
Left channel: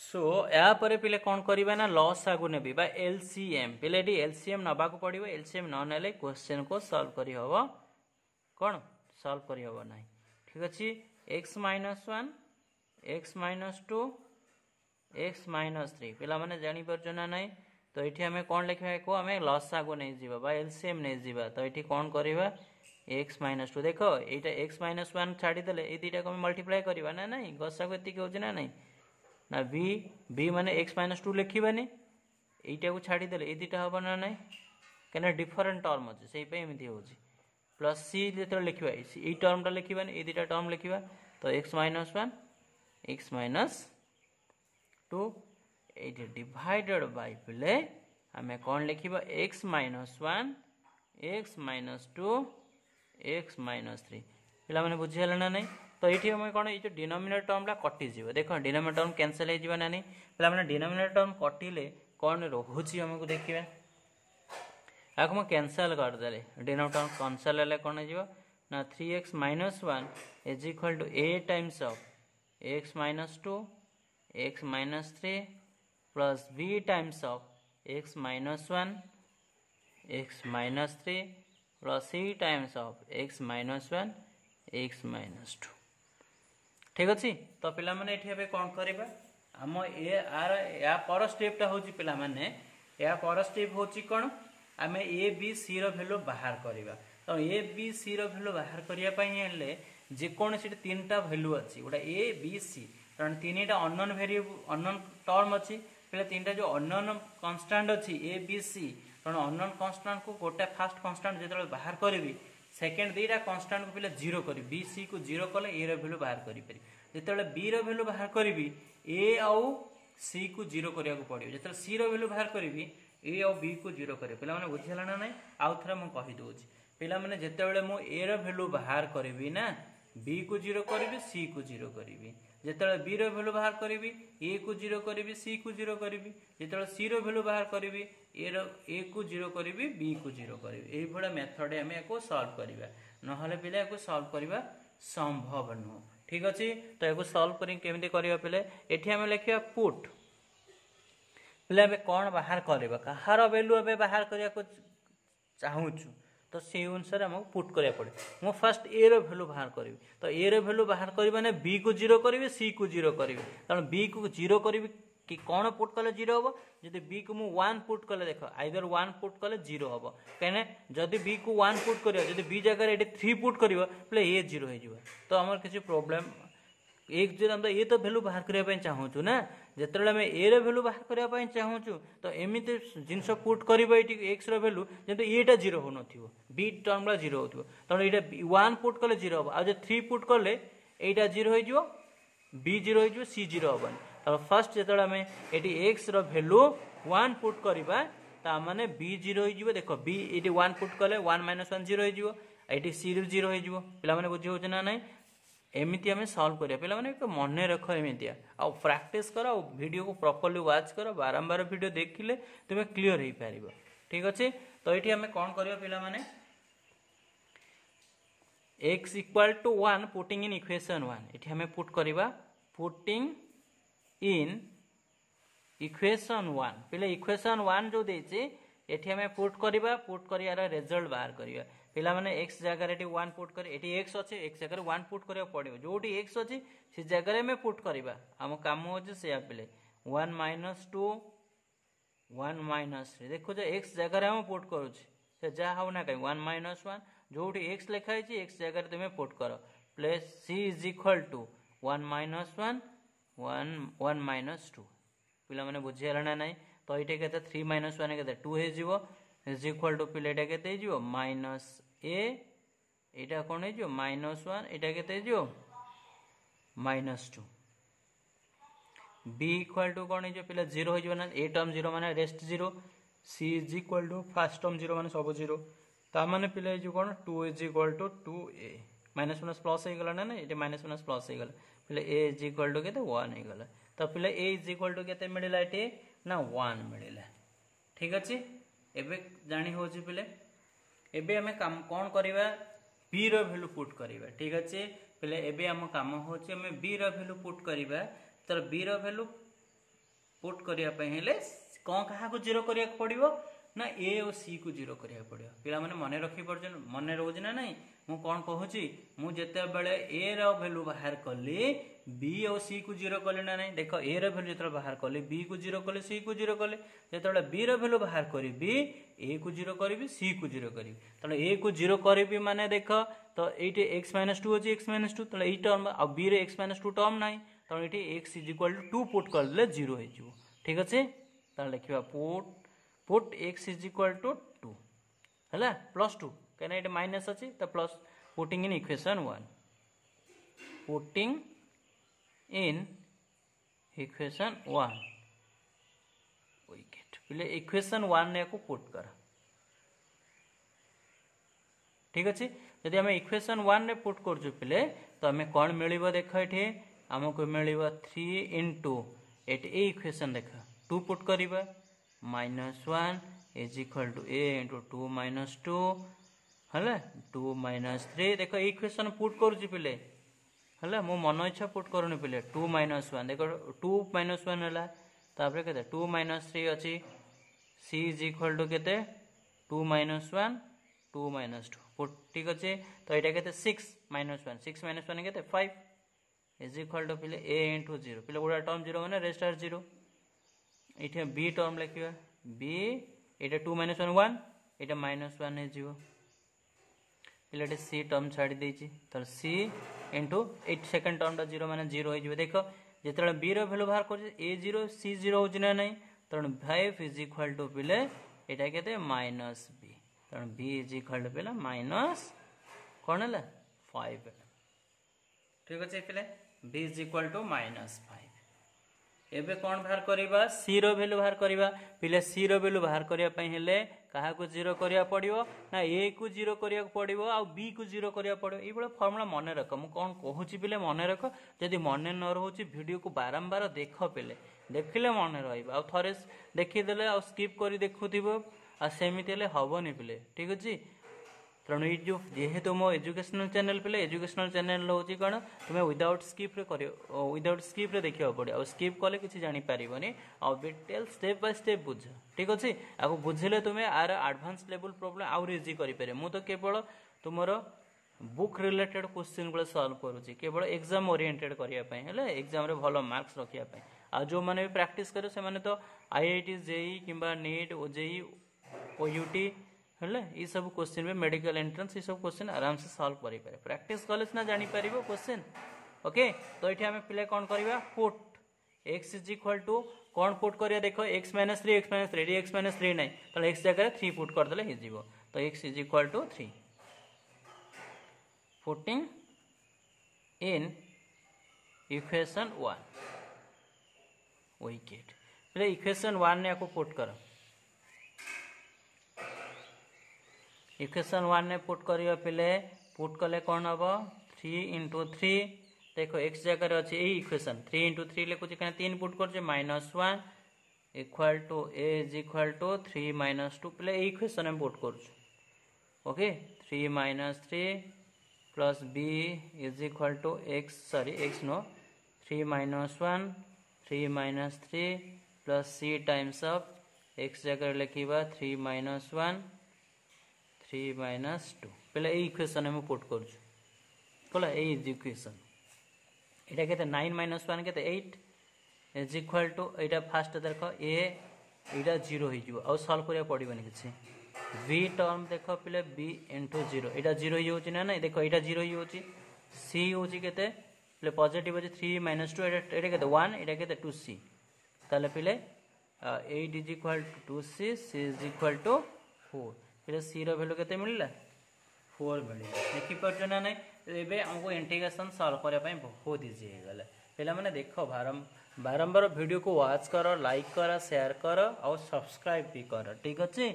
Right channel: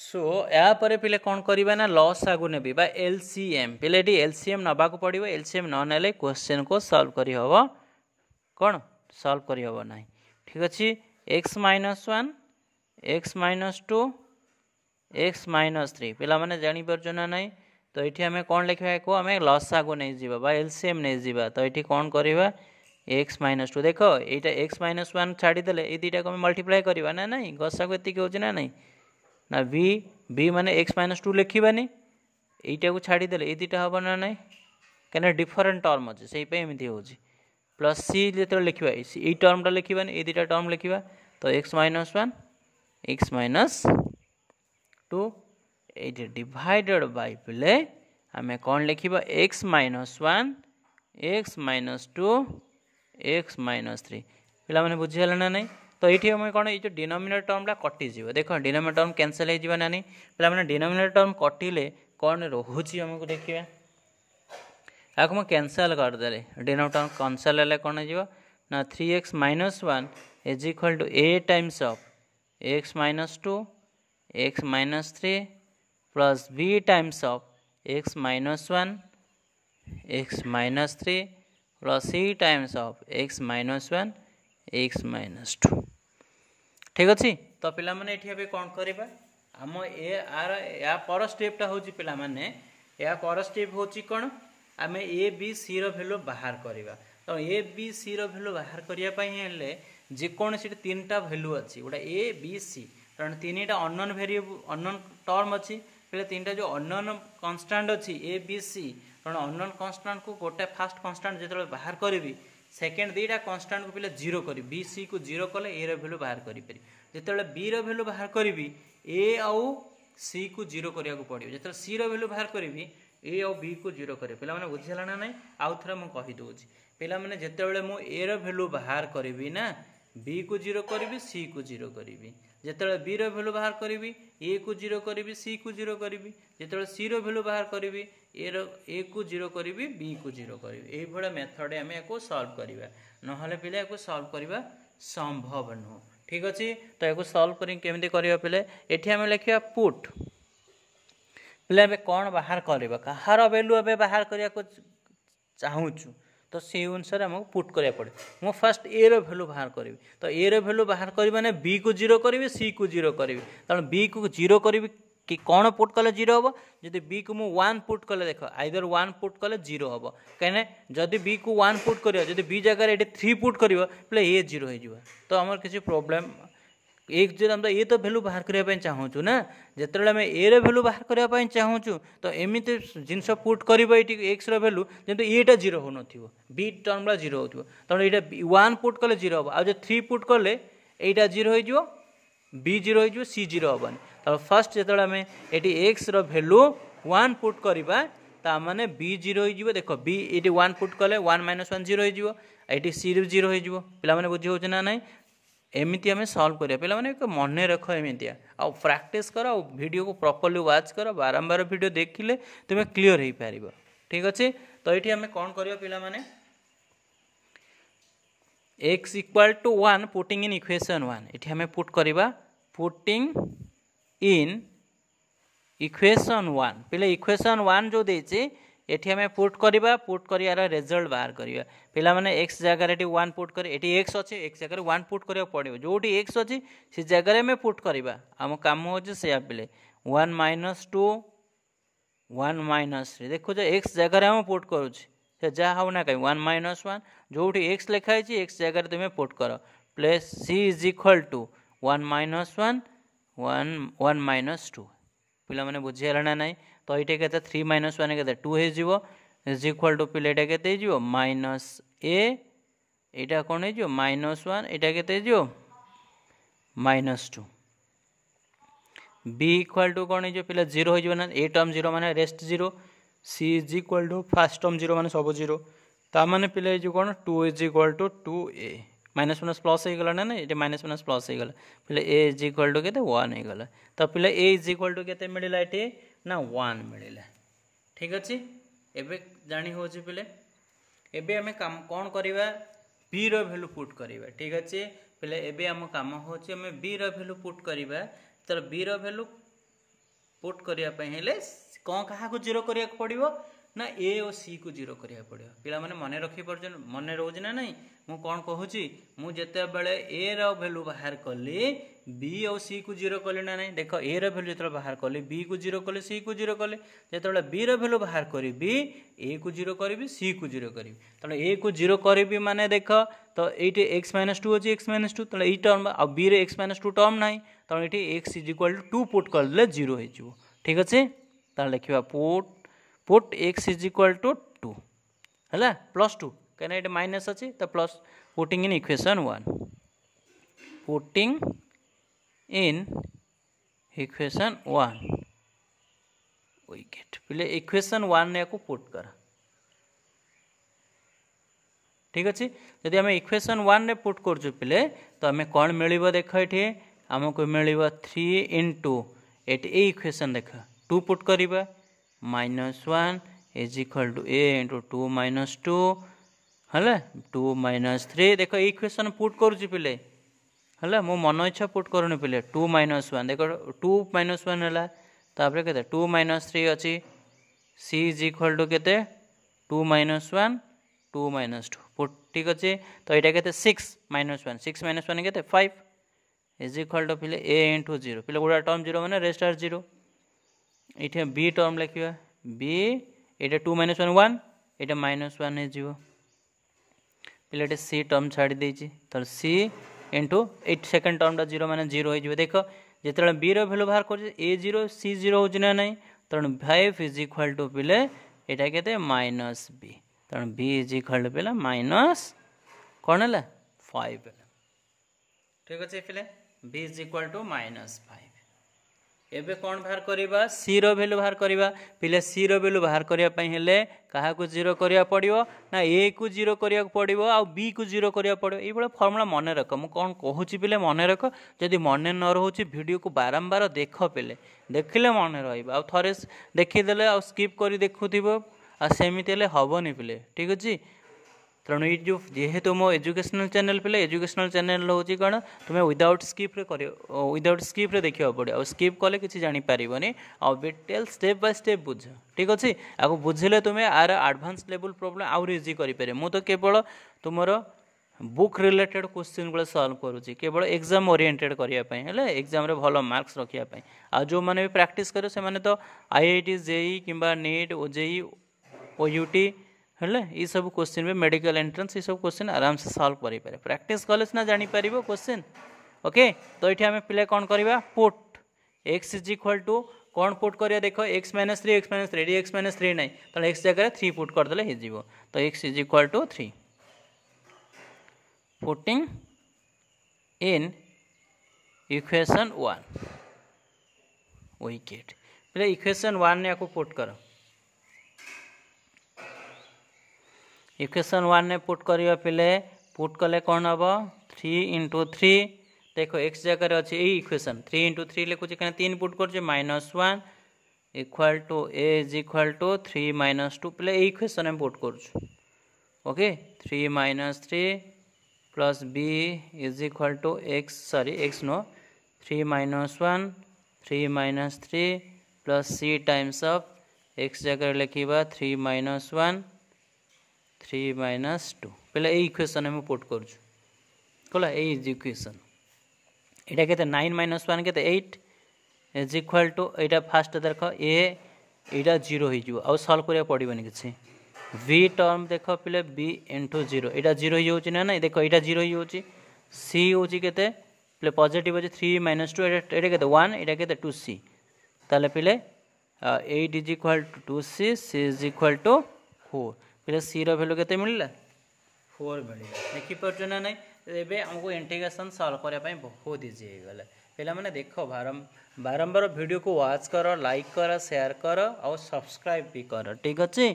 सो या पर पिले कौन करिबा ना लॉस आगु नेबी बा एलसीएम पिले डी एलसीएम नबा को पड़िबो एलसीएम न नेले क्वेश्चन को सॉल्व करि हबो कोन सॉल्व करि हबो नाही ठीक अछि x minus 1 x minus 2 x minus 3 पिला माने जानि परछ ना नाही तो एठी हमें कौन लिखबा को हमें लॉस आगु नै जीवा बा एलसीएम नै जीवा तो एठी कौन करिबा x माइनस 2 देखो एटा x माइनस 1 छाडी देले ए दुटा को मल्टीप्लाई करिबा ना नाही गसा को एति के होछ ना नाही ना b माने x माइनस 2 लिखिबानी एटा को छाडी देले ए दुटा हबो ना नाही कने डिफरेंट टर्म अछि सेही पे एमिति होछि प्लस c जेते लिखिबा ए टर्मटा लिखिबानी ए दुटा टर्म लिखिबा तो x minus 1 x minus 2 Etah divided by पिले हमें कौन लिखिबा x minus 1 x minus 2 x minus 3 पिला माने बुझियला ना नहीं तो ये हमें कौन ये डिनोमिनेटर टर्मटा कटिज देखो डिनोमिनेटर टर्म कैंसल हो ना नहीं पे मैंने डिनोमिनेटर टर्म कटिले कौन रोचे आमको देखिए या मुझे कैंसल करदे डिनोमिनेटर टर्म कैंसल है कौन हो ना 3x minus 1 is equal to a times of x minus 2 x minus 3 plus b times of x minus 1 x minus 3 plus c times of x minus 1 x minus 2 ठीक अच्छे तो पिला माने एठी हबे कोन करबा हम ए आर या पर स्टेपटा होची पिला माने या पर स्टेप होची कोन हमें ए बी सी रो वैल्यू बाहर करबा तो ए बी सी रो वैल्यू बाहर करिया पई हेले जे कोन से तीनटा वैल्यू अछि ओडा ए बी सी कारण तीनटा अननोन वेरिएबल अननोन टर्म अछि पहले तीनटा जो अननोन कांस्टेंट अछि ए बी सी कारण अननोन कांस्टेंट को गोटे फास्ट कांस्टेंट जेतले बाहर करबी सेकेंड दुईटा कांस्टेंट को पहले जीरो करी बी सी को जीरो कले ए रो वैल्यू बाहर करि परि जेतले बी रो वैल्यू बाहर करी ए आउ सी को जीरो करिया को पड़ियो जेतले सी रो वैल्यू बाहर करी ए आउ बी को जीरो करे पिला माने बुझिला ना नहीं आउ थरा मु कहि दोछि पिला माने जेतेबेले मु ए रो वैल्यू बाहर करबी ना बी को 0 करी सी को 0 करी जिते बी रैल्यू बाहर करी ए को 0 करी सी को 0 करी जिते सी रैल्यू बाहर करी ए को 0 करी बी को 0 करी ये मेथड आम या सॉल्व करवा ना पिले या सॉल्व करवा संभव नुह ठीक अच्छे तो या सॉल्व करमी करवा पिले ये आम लिखा पुट पिले कौन बाहर करवा कहार वैल्यू ए बाहर करने को चाहूँ तो से अनुसार आमको पुट करा पड़े मु फास्ट ए रैल्यू बाहर करी तो ए रैल्यू बाहर करी माने बी को 0 करी सी को 0 करी तेणु बी को 0 करी कि कौन पुट कले 0 हम जदि बी को मु 1 पुट कले देख आइदर 1 पुट कले 0 हम कहीं जदि बी को 1 पुट कर जदि बी जगह ये 3 पुट कर ए 0 हो तो आम किसी प्रोब्लेम एक जो हम ये तो वैल्यू बाहर करने चाहूँ ना जिते आम ए रैल्यू बाहर करने चाहूँ तो एमती जिनस पुट कर एक्स रैल्यू जब एटा 0 हो बी टर्म 0 हो तेणु ये 1 पुट कले 0 हम आज 3 पुट कले यहाँ 0 हो बी 0 हो सी 0 हेनी तो फास्ट जो आम ये एक्स रैल्यू 1 पुट करवा ताने बी 0 हो देख बी ये 1 पुट कले 1 - 1 0 हो सी 0 हो पे बुझी हो ना ना एमती आम सॉल्व करिया पिला माने मन रख एमती आ प्रैक्टिस कर वीडियो को प्रॉपर्ली वॉच कर बारंबार वीडियो देखिले तुम्हें क्लियर हो पार ठीक अच्छे तो ये आम कौन करिया पिला माने x = 1 पुटिंग इन इक्वेशन 1 ये आम पुट करवा पुटिंग इन इक्वेशन 1 पिले इक्वेशन 1 जो देचे ये आम पुट करवा पुट कर रिजल्ट बाहर करवा पिला माने x जगह 1 पुट कर ये x अच्छे x जगह 1 पुट करा पड़ो जो x अच्छी से जगह में पुट करवा आम कम हो पिले 1 - 2 1 - 3 देखो x जगह हम पुट करुचे जहाँ हो ना कहीं 1 - 1 जो x लिखाई x जगह तुम्हें पुट कर प्लस c = 1 - 1 - 2 पिला माने बुझीगला ना नहीं तो ये के 3 - 1 के 2 हो इज इक्वल टू पिले ये के माइनस ए यहाँ कौन हो -1 यहाँ के -2 बी इक्वल टू कौन हो पिला 0 हो ना ए टर्म 0 माने rest 0 c is equal to first term 0 माने सब 0 ता माने पिला कौन 2 is equal to 2a -1 plus हो गला ना ये -1 प्लस हो गला पिला a इज इक्वल टू के 1 हो गला तो पिला a इज इक्वल टू के मिलला ये ना 1 मिलला ठीक अच्छे एबे जानी हो पिले एबे आम काम कौन करवा बी रैल्यू पुट करवा ठीक अच्छे पिले एबे आम काम हो बी रैल्यू पुट करवा तर बी रैल्यू पुट करने कौन क्या 0 करा पड़ो ना ए और सी को 0 करा पड़ो पिला माने मन रखी पार मन रोज ना नहीं मु कौन कहूँ मुझे बेले ए रैल्यू बाहर कली बी और सी को 0 कले ना नहीं देख ए रैल्यू जो बाहर कली बी को 0 कले सी को 0 कले जो बी रैल्यू बाहर करी ए को 0 करी सी को 0 करी तेना ए को 0 करी माने देख तो ये x - 2 अच्छी x - 2 तेना टर्म आ बी रे x - 2 टर्म ना तेणु ये x = 2 पुट कर 0 हो ठीक अच्छे तो लिखा पुट x = 2 है +2 कहीं ये माइनस अच्छी तो plus putting in equation 1 putting in equation 1 wicket पिले इक्वेशन 1 ने को पुट कर ठीक अच्छे जदि आम इक्वेशन 1 ने पुट कर पिले तो आम कौन मिल देख ये आमको मिल 3 * ये इक्वेशन देख 2 पुट करवा -1 इज इक्वल टू a * 2 - 2 है 2 - 3 देख इक्वेशन पुट करुच्ची पिले है मो मन इच्छा पुट करूनी पिले 2 - 1 देख 2 - 1 है तापर के 2 - 3 अच्छी c इज इक्वल टू के 2 - 1 2 - 2 पुट ठीक अच्छे तो यहाँ के 6 - 1 6 - 1 के 5 इज इक्वल टू पिले a * 0 पिले गोटा टर्म 0 मैंने रेस्ट आर 0 ये बी टर्म लिखा बी ये 2 - 1 1 ये -1 हो पिले सी टर्म छाड़ी देती तो सी इंटू 8 सेकेंड टर्म 0 माने 0 हो देख जिते बी रैल्यू बाहर कर ए 0 सी 0 हो ना नहीं तेणु 5 इज इक्वल टू पिले यहाँ के -b तेणु b इज इक्वल टू पिले माइनस कौन है 5 ठीक अच्छे पिले b इज इक्वल टू -5 एबे कौन बाहर करवा सी रो वैल्यू बाहर करवा पिले सी रो वैल्यू बाहर करने हेले क्या जीरो करा पड़ो ना ए को जीरो करा पड़ो आ बी को जीरो करा पड़ो ये फर्मुला मन रख मुझे कौन कहूँ पिले मन रख जदि मन न रोचे वीडियो को बारंबार देख पिले देखिले मन रहा थे देखीदे आ स्किप कर देखुव आमती हेनी पिले ठीक अच्छे तेणु ये जो जेहेतु मो एजुकेशनल चैनल पिले एजुकेशनल चैनल हूँ कौन तुम्हें विदाउट स्किप कर विदाउट स्किप देखा पड़ो आ स्किप कले कि जानीपारनी आ डिटेल स्टेप बाय स्टेप बुझ ठीक अच्छे आपको बुझे तुम्हें आर एडवांस लेवल प्रॉब्लम आउरी इजी करें मुझे तो केवल तुम बुक रिलेटेड क्वेश्चन गुलो सॉल्व करुँची केवल एग्जाम ओरिएंटेड करने एग्जाम रे भल मार्क्स रखापी आ जो मैंने भी प्रैक्टिस करे से तो आईआईटी जेई किंबा नीट ओजेई ओयूटी हेले ये सब क्वेश्चन में मेडिकल एंट्रेंस ये सब क्वेश्चन आराम से सॉल्व करें प्रैक्टिस कले सीना जानीपर क्वेश्चन ओके तो ये आम पे कौन करवा put x is equal to कौन पुट करिया देख x minus three x minus three ना तो एक्स जगह 3 पुट करदे हो तो x is equal to 3 putting in equation 1 विकेट पे इक्वेशन 1 ने आपको पुट कर इक्वेशन 1 ने पुट करिया पिले पुट कले कौन हम 3 इंटू 3 देखो एक्स जगह अच्छे यही इक्वेशन 3 इंटू 3 लिखुचे क्या 3 पुट कर -1 equal to a is equal to 3 minus 2 पे इक्वेशन में पुट कर okay 3 minus 3 plus B is equal to x sorry x no 3 minus 1 3 minus 3 plus c times of x जगह लिखा 3 माइनस 1 3 माइनस 2 पे इक्वेशन में पुट कर इक्वेशन यहाँ के 9 माइनस 1 के 8 इज इक्वाल टू यहाँ फास्ट देख ए यहाँ 0 हो आउ सल्व करा पड़ोनी किसी v टर्म देख पे b इंटू 0 यहाँ 0 ही ना ना देख यहाँ 0 ही सी हूँ के पॉजिटिव अच्छे 3 माइनस 2 यहाँ के 1 यहाँ के 2 सी ताले पे 8 is equal to 2 c c is equal to 4 पे सी रैल्यू के मिलला 4 मिले देखिपार ना ना एबे हमको इंटीग्रेशन सॉल्व करने बहुत इजी हो गला पे मैंने देख बारंबार वीडियो को वॉच कर लाइक कर शेयर कर और सब्सक्राइब भी कर ठीक अच्छे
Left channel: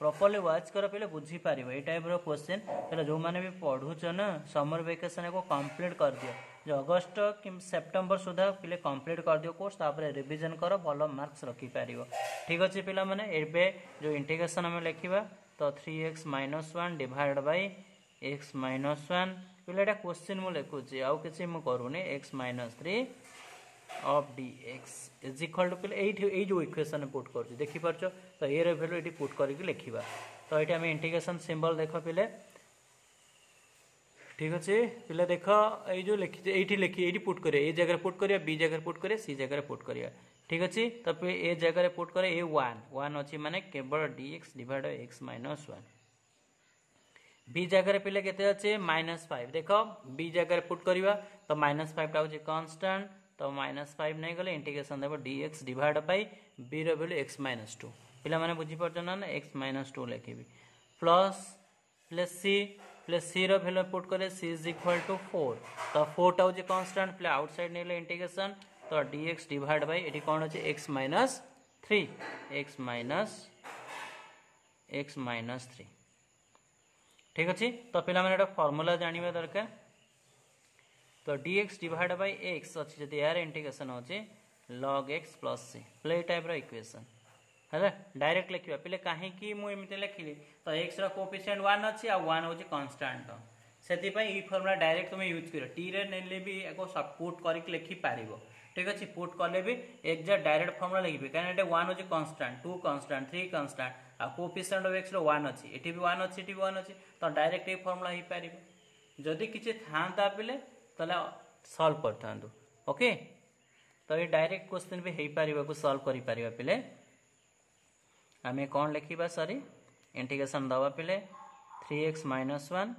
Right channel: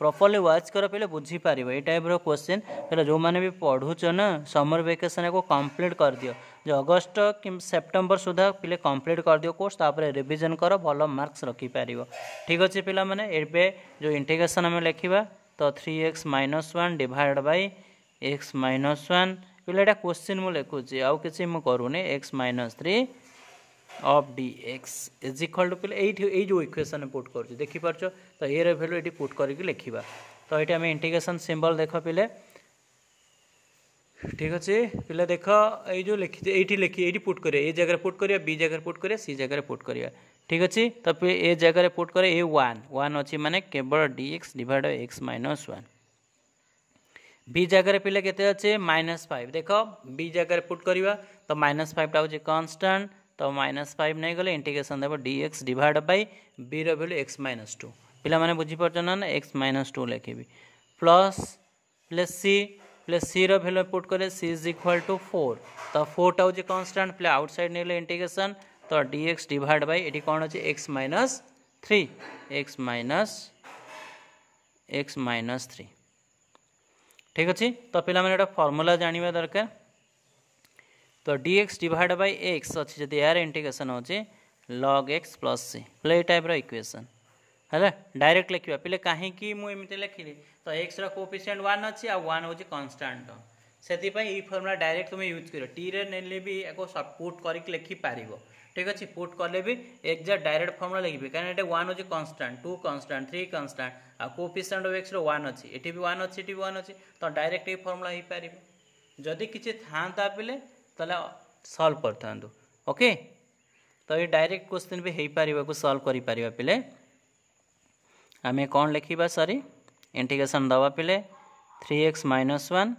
प्रॉपर्ली वॉच कर पे बुझीपार ये टाइप क्वेश्चन पे जो मैंने भी पढ़ुच ना समर वेकेशन को कंप्लीट कर दियो जो अगस्त कि सेप्टेम्बर सुधा पे कंप्लीट कर दियो कोर्स तापर रिवीजन कर भल मार्क्स रखिपार ठीक अच्छे पे मैंने जो इंटीग्रेशन आम लिखा तो 3x minus 1 divide by x minus 1 पे क्वेश्चन मुझे लिखुची आउ कि करूनी x minus 3 of dx is equal to पे ये जो इक्वेशन पुट कर देखिपार तो ये वैल्यू ये पुट करके लिखा तो ये आम इंटीग्रेशन सिंबल देख पे ठीक अच्छे पे देख ये जो लिखी ये लिखी ये पुट करिए ए जगह पुट करिए बी जगह पुट करिए सी जगह पुट करिए ठीक अच्छे तो पे ए जगह पुट करे ए 1 अच्छी माने केवल dx डिवाइड x माइनस 1 बी जगह पे केते अच्छे -5 देख बी जगह पुट करवा तो -5 टा कांस्टेंट तो -5 नहीं गले इंटीग्रेशन देव dx डिवाइड बाय बी रैल्यू x माइनस 2 पे मैंने बुझीपार ना x माइनस 2 लिखी प्लस सी रैल्यू पुट करे सी इज इक्वल टू 4 तो 4 टा हूँ कांस्टेंट पे आउटसाइड नहीं इंटीग्रेशन तो dx डिवाइड बाय ये कौन अच्छे x माइनस 3 ठीक अच्छे तो पे मैंने फॉर्मूला जानवा दरकार तो dx डिवाइड बाय x अच्छे जब यार इंटीग्रेशन हो log x plus C play type equation है डायरेक्ट लिखा पे कहीं मुझे लिखिली तो x कोएफिशिएंट 1 अच्छी आ 1 हूँ कांस्टेंट से फर्मुला डायरेक्ट तुम यूज कर टी रे ने भी पुट करके लिखिपार ठीक अच्छे पुट कले भी एक्जाक्ट डायरेक्ट फर्मुला लिखे कहीं 1 हूँ कांस्टेंट 2 कांस्टेंट 3 कांस्टेंट आ कोएफिशिएंट ऑफ x 1 अच्छी ये भी 1 अच्छी 1 अच्छी तो डायरेक्ट ये फर्मुला हो पार जदि किसी था पे ताला सॉल्व करता ओके तो ये डायरेक्ट क्वेश्चन भी हो पार सॉल्व कर पार पे आम कौन लिखा सॉरी इंटीग्रेशन दवा पे 3x minus 1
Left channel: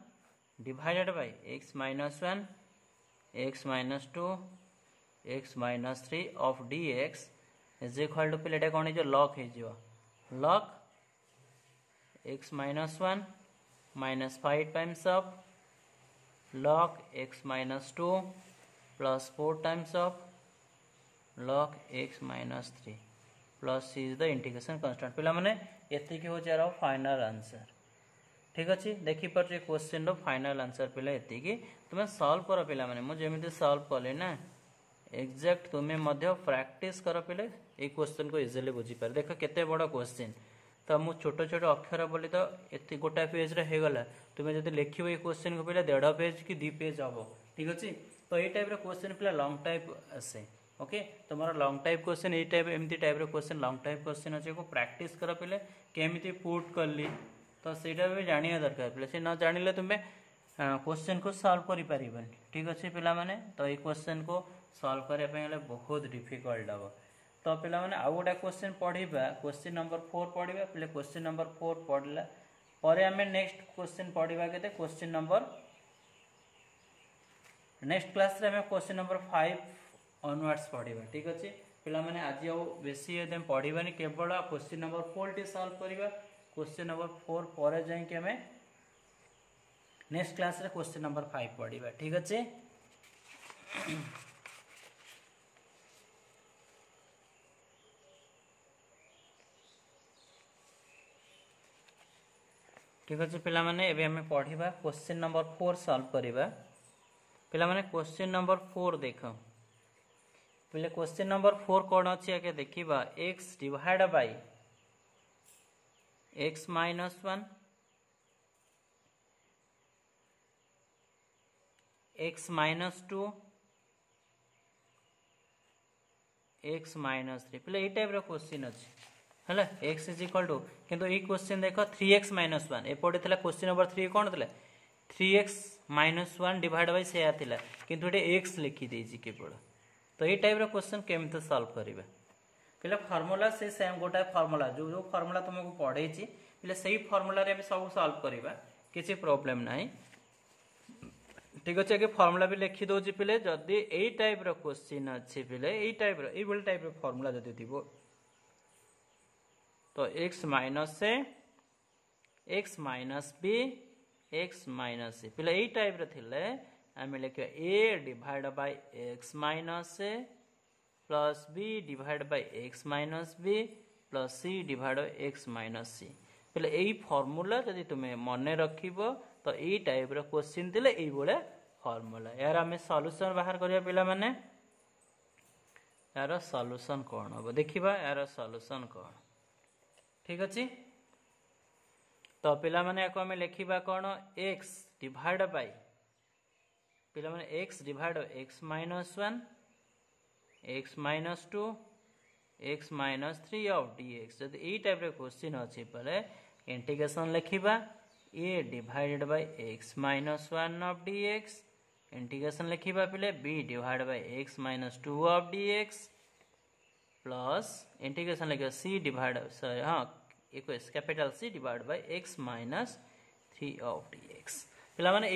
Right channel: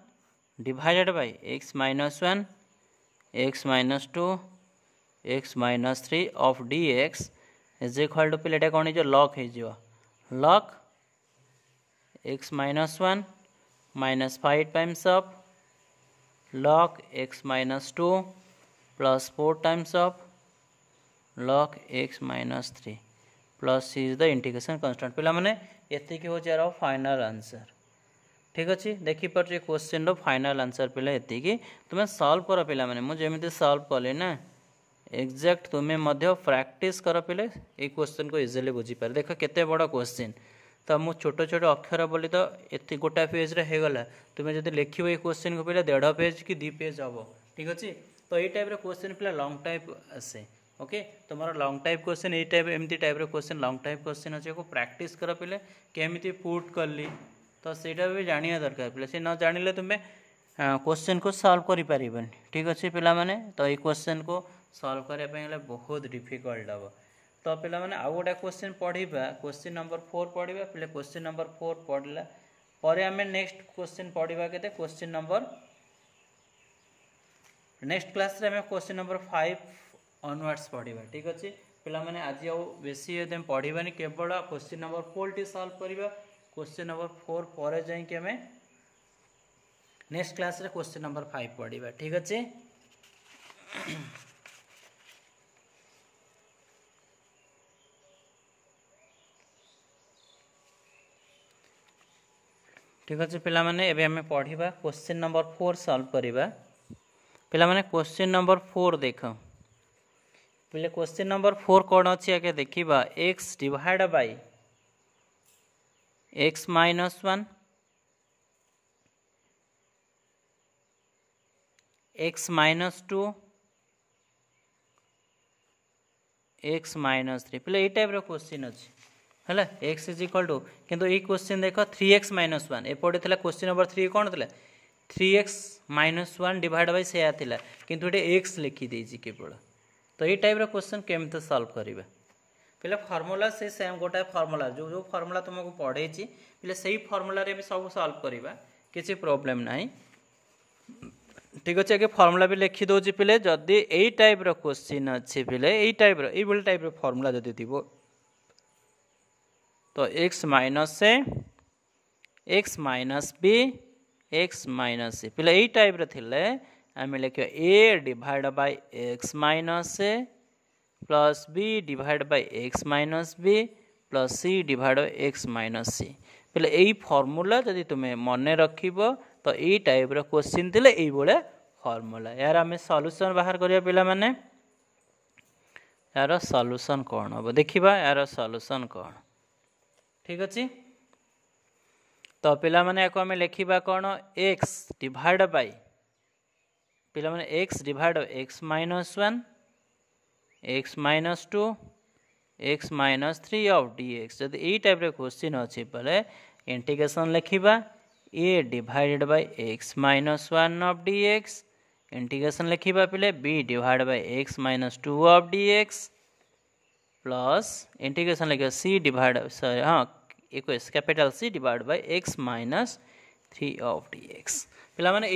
divided by x minus 1 x minus 2 x minus 3 of dx is equal to पे कौन हो लॉग हो log x minus 1 minus 5 times of log x minus 2 plus 4 times of log x minus 3 plus c is the integration constant पिला माने एतिकी हो जारा फाइनल आंसर ठीक अच्छे देखिपारे क्वेश्चन रो फाइनल आंसर पिला एतिकी तुम्हें सॉल्व कर पिला माने मु जेमिति सॉल्व कले ना एग्जैक्ट तुम्हें मध्य प्रैक्टिस कर पिले ए क्वेश्चन को इजिली बुझी पारे देख केते बड़ा क्वेश्चन तो मु छोट छोट अक्षर बोली तो एति गोटा पेज रे हेगला तुम्हें जदि लिखिबो ए क्वेश्चन को पिला 1.5 पेज कि 2 पेज हबो ठीक अच्छे तो ये टाइप रे क्वेश्चन पिला लॉन्ग टाइप आसे ओके तुम्हारा लॉन्ग टाइप क्वेश्चन ये टाइप एमती टाइप रे क्वेश्चन लॉन्ग टाइप क्वेश्चन अच्छे को प्रैक्टिस कर पिले केमिति पुट करली तो सेटा भी जानिया दरकार पिले से न जानिले तुम्हें क्वेश्चन को सॉल्व करि परिबन ठीक अच्छे पिला माने तो ये क्वेश्चन को सॉल्व करने पे बहुत डिफिकल्ट हम तो पिला माने आउ गोटे क्वेश्चन पढ़ा क्वेश्चन नंबर 4 पढ़ा पे क्वेश्चन नंबर 4 पढ़ला पर आम नेक्स्ट क्वेश्चन पढ़ा के क्वेश्चन नंबर नेक्स्ट क्लास रे आम क्वेश्चन नंबर 5 ऑनवर्ड्स पढ़ा ठीक अच्छे पिला माने आज आउ बेसी पढ़ानी केवल क्वेश्चन नंबर 4 टी सॉल्व करबा क्वेश्चन नंबर 4 पर जाई आम नेक्स्ट क्लास रे क्वेश्चन नंबर 5 पढ़ा ठीक अच्छे ठीक अच्छे पिला माने एबे हमें पढ़िबा क्वेश्चन नंबर 4 सॉल्व करिबा पिला माने क्वेश्चन नंबर 4 देख पिले क्वेश्चन नंबर 4 कोन अछि आके देखिबा x divide by x minus 1 x minus 2 x minus 3 पिले ए टाइप रो क्वेश्चन अछि है एक्स इज इक्वल टू किंतु ये क्वेश्चन देख 3x माइनस 1 एपटे था क्वेश्चन नंबर 3 कौन था 3x माइनस 1 डिवाइड बाय से आला किंतु ये एक्स लिखिदे केवल तो ये टाइप क्वेश्चन केमती सॉल्व करेंगे पे फर्मूला से सेम गोटाए फर्मूला जो जो फर्मूला तुमको पढ़े पे से फर्मूला सब सॉल्व करवा किसी प्रॉब्लम ना ठीक अच्छे आगे फर्मूला भी लिखी दौर पे जदि यही टाइप क्वेश्चन अच्छे पे यही टाइप फर्मूला जदि थी तो x माइनस से x minus B x minus C पे यही टाइप रे आम लिखा a divide by x minus से plus b divide by x minus B plus c divide by x minus C पे यही फर्मूला जदि तुम्हें मन रख तो यही टाइप क्वेश्चन थे ये फर्मूला यार आम सॉल्यूशन बाहर करिया पिला माने यार सॉल्यूशन कौन हम देखा यार सॉल्यूशन कौन ठीक अच्छे तो पिला माने को हमें लिखा कौन x डिवाइड बाय पिला माने x divide by x minus 1 x minus 2 x minus 3 of dx जब यही टाइप क्वेश्चन अच्छी पे इंटीग्रेशन लिखा a divided by x minus 1 of dx integration लिखा पे b divide by x minus 2 of dx plus integration लिखा c डिवाइड हाँ एक capital C divide by x minus 3 of dx पिला माने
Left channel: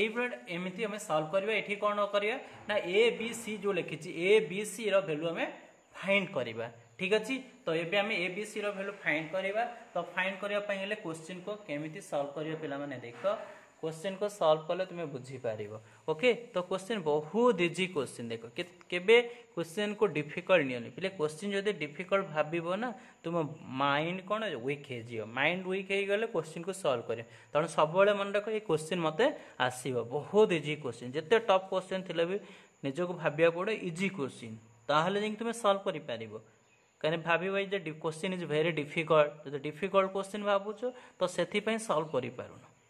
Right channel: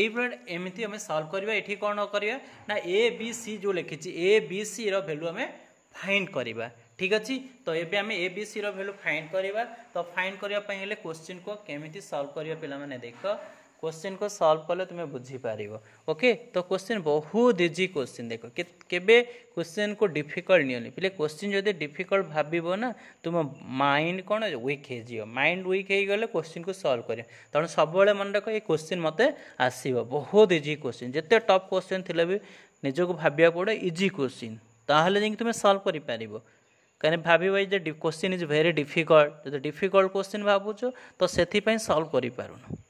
एमती हमें सॉल्व करबा एठी कोन करबा ना a b c जो लिखी a b c रो वैल्यू हमें फाइंड करबा ठीक अच्छे तो ये आम a b c रो वैल्यू फाइंड करबा तो फाइंड करबा पई हेले क्वेश्चन को केमिति सॉल्व करबा पिला माने देखो क्वेश्चन को सॉल्व कले तुम्हें बुझी पारिबो ओके तो क्वेश्चन बहुत इजी क्वेश्चन देखो केबे क्वेश्चन को डिफिकल्ट नहीं पे क्वेश्चन जदि डिफिकल्ट भाव ना तुम माइंड कौन वीक हो माइंड वीक हो गले क्वेश्चन को सॉल्व कर तेणु सब मन रख ये क्वेश्चन मत आसो बहुत इजी क्वेश्चन जिते टफ क्वेश्चन थे भी निजक भाविया पड़े इजी क्वेश्चन ताहले जाके तुम सॉल्व कर पारिबो कहीं भाव क्वेश्चन इज वेरी डिफिकल्ट जो डिफिकल्ट क्वेश्चन भावुच तो से सॉल्व कर पारुन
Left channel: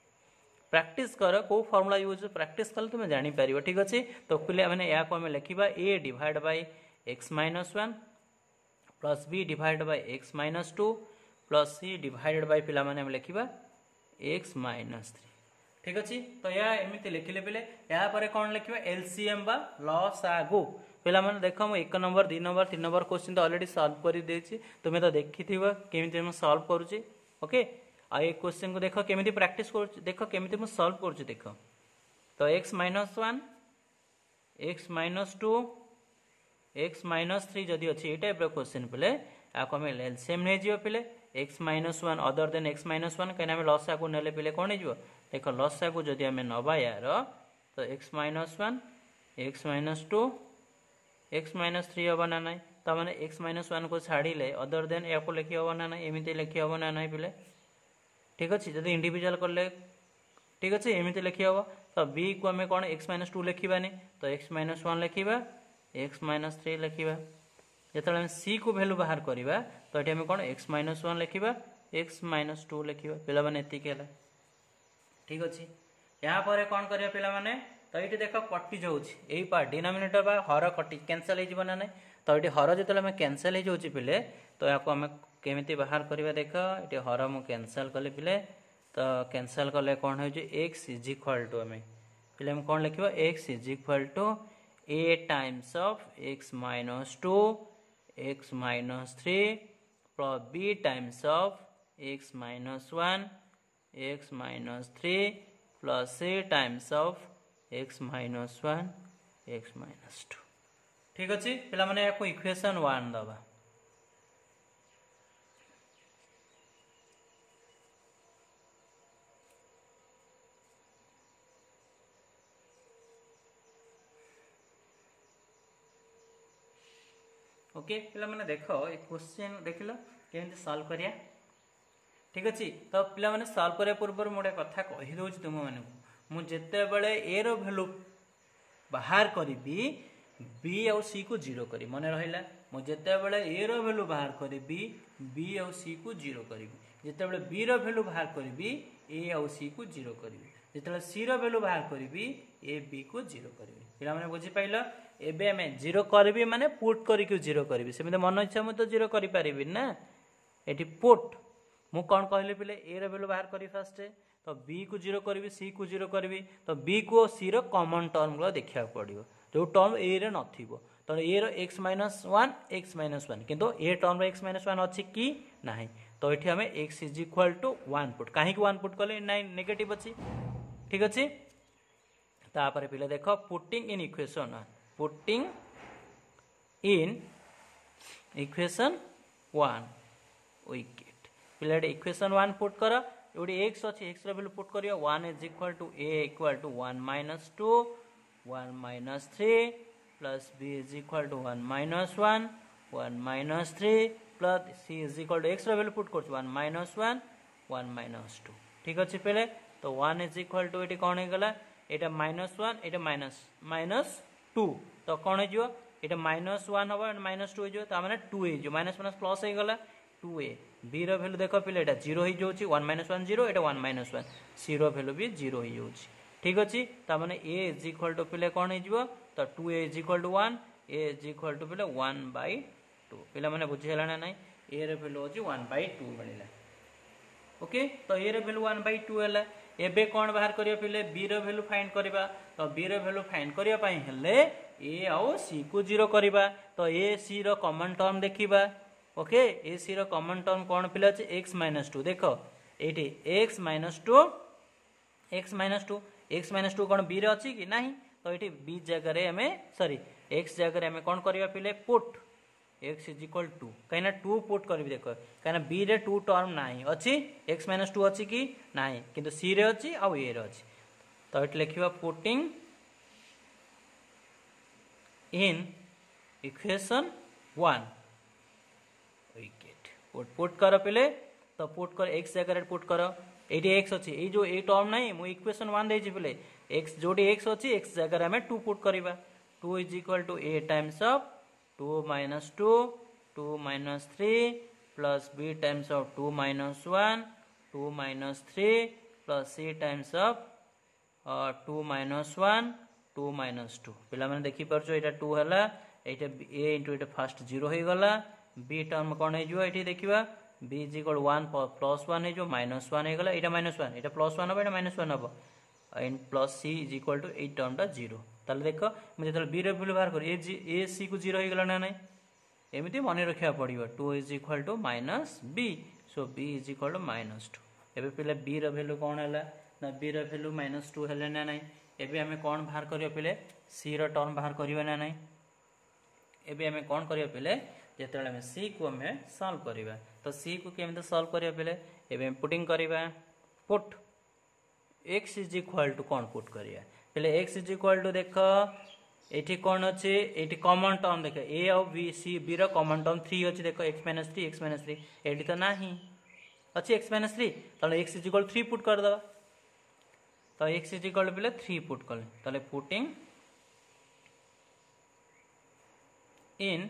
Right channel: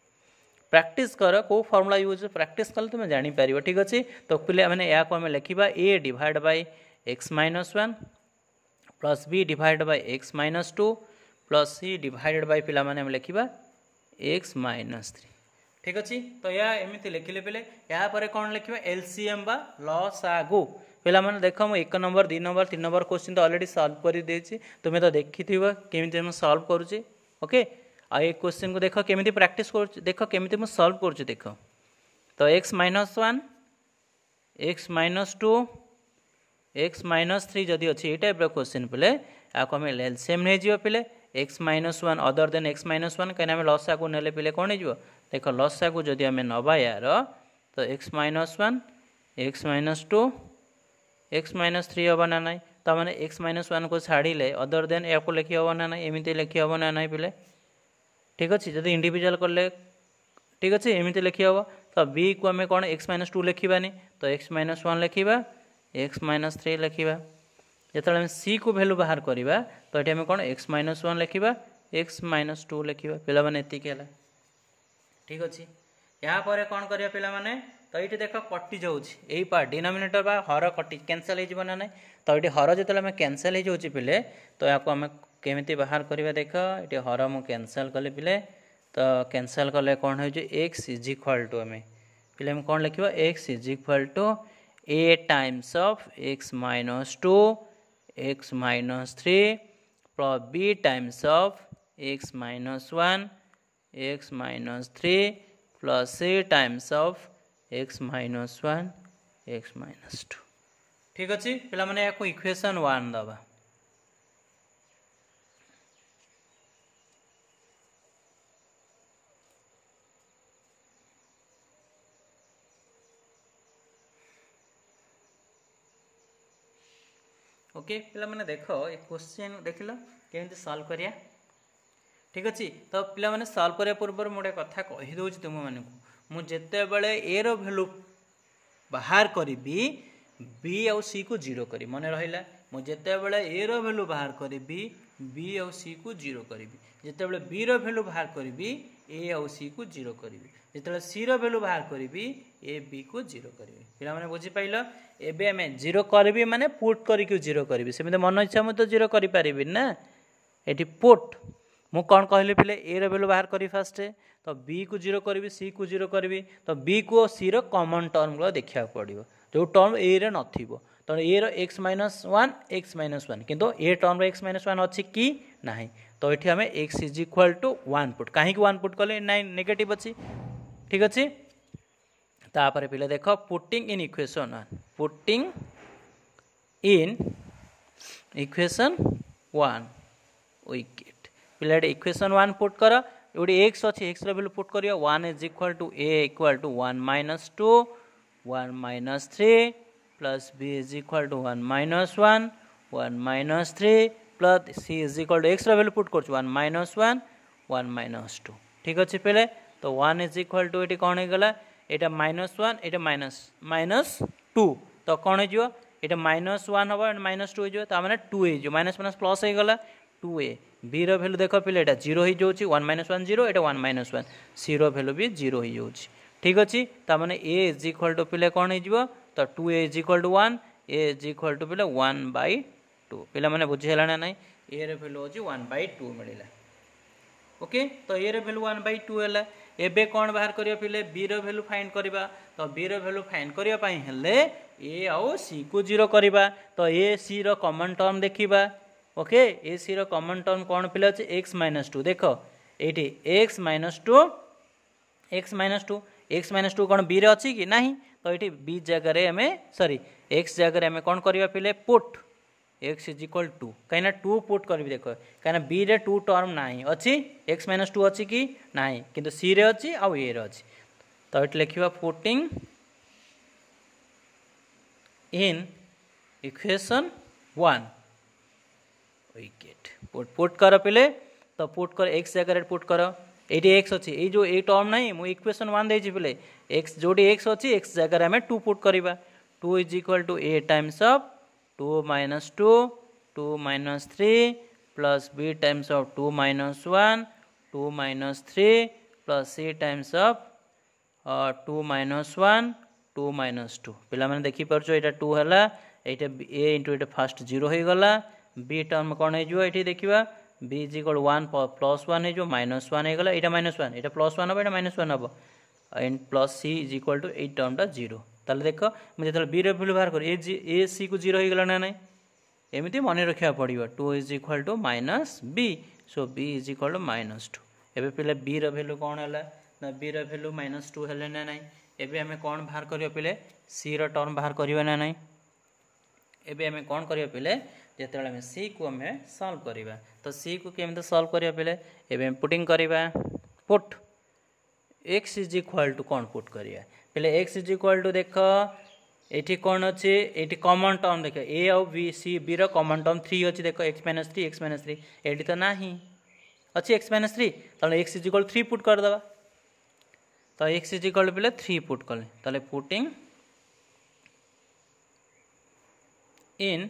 प्रैक्टिस कर को फॉर्मूला यूज प्रैक्टिस कल तुम जापर ठीक अच्छे तो पे मैंने या आम लिखा a divide by x minus 1 plus b divide by x minus 2 plus c divided by पिला माने हम लिखा x माइनस 3 ठीक अच्छे तो या एमती लिखिले पे या पर कौन लिखा एलसीएम बा लसागु पिला माने देख मुझे 1 नंबर 2 नंबर 3 नंबर क्वेश्चन तो ऑलरेडी सॉल्व कर देछि तुम्हें तो देखि केमी सॉल्व करुच्ची ओके आ ये क्वेश्चन को देख केमी प्रैक्टिस कर देख केमी सॉल्व कर देख तो x minus 1 x minus 2 x minus 3 जदि अच्छी ये टाइप क्वेश्चन पे आपको हमें एलसीएम नहीं जीव पे x minus 1 other than x minus 1 कहीं लसा को नेले पे कौन हो देख लसा को जदि आम नवा यार तो x minus 1 x minus 2 x minus 3 हवा ना ना ताने एक्स माइनस वन को छाड़िले अदर देन या लिखी हम ना ना एमती लिखी हम ना ना पे ठीक अच्छे जब इंडिविजुअल कले ठीक अच्छे एमती लिखी हम तो बी को आम कौन एक्स माइनस टू लिखानी तो एक्स माइनस वन लिखा एक्स माइनस थ्री लिखा जो सी को भैल्यू बाहर करवा तो ये कौन एक्स माइनस वन लिखा एक्स माइनस टू लिखा पे एतिक है ठीक अच्छे यापर कौन करा पे तो ये देख कटि जाऊँगी पार्ट डिनोमिनेटर बा हर कटि कैनसल हो ना ना तो ये हर जो आम कैनसल हो पे तो या आम केमी बाहर करवा देख ये हर मु कैनसल कले पे तो कैनसल कले कौन हो एक्स इज इक्वल टू आम पे कौन लिखा x is equal to a times of x minus two x minus three plus B times of x minus one x minus three plus c times of x minus one x minus two ठीक अच्छे पे इक्वेशन वन दबा ओके पे मैंने देख ये क्वेश्चन देख लो केमी सॉल्व करिया ठीक अच्छे तो पे मैंने सॉल्व करने पूर्व मुझे कथा कहीदे तुम मानू मुझे ए रो भैल्यू बाहर करी बी आउ सी को जीरो करी मन रहा मुझे ए रो भैल्यू बाहर करी बी आउ सी को जीरो करी जिते बी रो भैल्यू बाहर करी ए आउ सी को जीरो करी जिते सी रो भैल्यू बाहर करी ए बी को जीरो करी पे मैंने बुझीपाल एबे आम जीरो करी माने पुट करके जीरो करी सेमती मन इच्छा मुझे जीरो करी ना ये पुट मु कौन कहली पे ए रो भैल्यू बाहर करी फास्ट तो बी को जीरो करी सी को जीरो करी तो बी को सी रो कॉमन टर्म गुलो देखा पड़ो जो टर्म ए रे नथिबो तो ए रो एक्स माइनस वन किंतु a term x minus one अच्छी कि ना तो ये आम x is equal to one put कहीं वन पुट कले ना नेगेटिव अच्छी ठीक अच्छे तापर पे देख putting in equation one putting in equation one we get पे इक्वेशन वन पुट कर ये एक्स अच्छी एक्स वैल्यू पुट कर one is equal to a equal to one minus to one minus three plus B is equal to one minus three plus C is equal to x value put कर वन माइनस टू ठीक अच्छे पे तो वन इज इक्वल टू ये कौन होगा यहाँ माइनस वन ये माइनस टू तो कौन हो माइनस वन हम माइनस टू हो मैंने टू हो माइनस माइनस प्लस हो गला टू ए बी रो भैल्यू देख पे यहाँ जीरो हो जाऊँगी वन माइनस वन जीरो ये वन माइनस वन सी रो भैल्यू भी जीरो हो जाऊँगी ठीक अच्छे ताने ए इज इक्वल टू पे कौन हो तो two a is equal to one a is equal to पे वन बै टू पे मैंने बुझीगला ना ना ए रो भैल्यू हूँ वन बै टू मिलला ओके तो ए रो भैल्यू वन बै टू है एबे कौन बाहर करिया पिले बी रो वैल्यू फाइंड करबा तो बी रो वैल्यू फाइंड करिया पई हेले ए आउ सी को जीरो करबा तो ए सी रो कॉमन टर्म देखिबा ओके ए सी रो कॉमन टर्म कौन पिले अछि x माइनस टू देख एठी x माइनस टू कौन बी रे अछि कि नाही तो ये बी जगह आम सॉरी एक्स जगह आम कौन करवा पे put x is equal to कहीं टू पुट करी देख कहीं बी रे टू टर्म ना अच्छी एक्स माइनस टू अच्छी कि ना कि सी रे अच्छी आउ ए रे अच्छी तो ये लिखा putting in equation one wicket put कर पे तो पुट कर एक्स जगह पुट कर ये एक्स अच्छी ये जो ये टर्म ना मुझे इक्वेशन वन दे पे एक्स जो एक्स अच्छी एक्स जगह आम टू पुट करवा to is equal to a times of to minus three plus B times of to minus three plus c times of to minus to पिला मैंने देखिपार यहाँ टू है ये ए इंटू ये फास्ट जीरो हो गला बी टर्म कौन हो देखा B is equal one plus one हो माइनस वन हो गला यहाँ माइनस वन यहाँ प्लस वन हम यहाँ माइनस वन हम and plus C is equal to ये टर्मटा जीरो ताले देख मुझे बी रैल्यू बाहर कर ए सी को जीरो हो गला ना ना एमती मन रखा पड़ो two is equal to minus b so b is equal to minus two एवं पे बी रैल्यू कौन है ना बी रैल्यू माइनस टू है ना ना एवं आम कौन बाहर करिया पे सी रो टर्म बाहर करवा ना ना एवं आम कौन करिया पे जिते आम सी को आम सॉल्व करवा तो सी को केमती सॉल्व करिया पे एवं पुटिंग करवा put x is equal to कौन पुट करिया पे एक्स इज इक्वल टू देख एठी कौन अच्छे एठी कॉमन टर्म देख ए आउ बी सी बी रो कॉमन टर्म 3 अच्छे देख x माइनस 3 एठी तो नाही अच्छे x माइनस 3 ताले x इज इक्वल 3 पुट कर दबा तो x is equal pay 3 put कर ताले putting in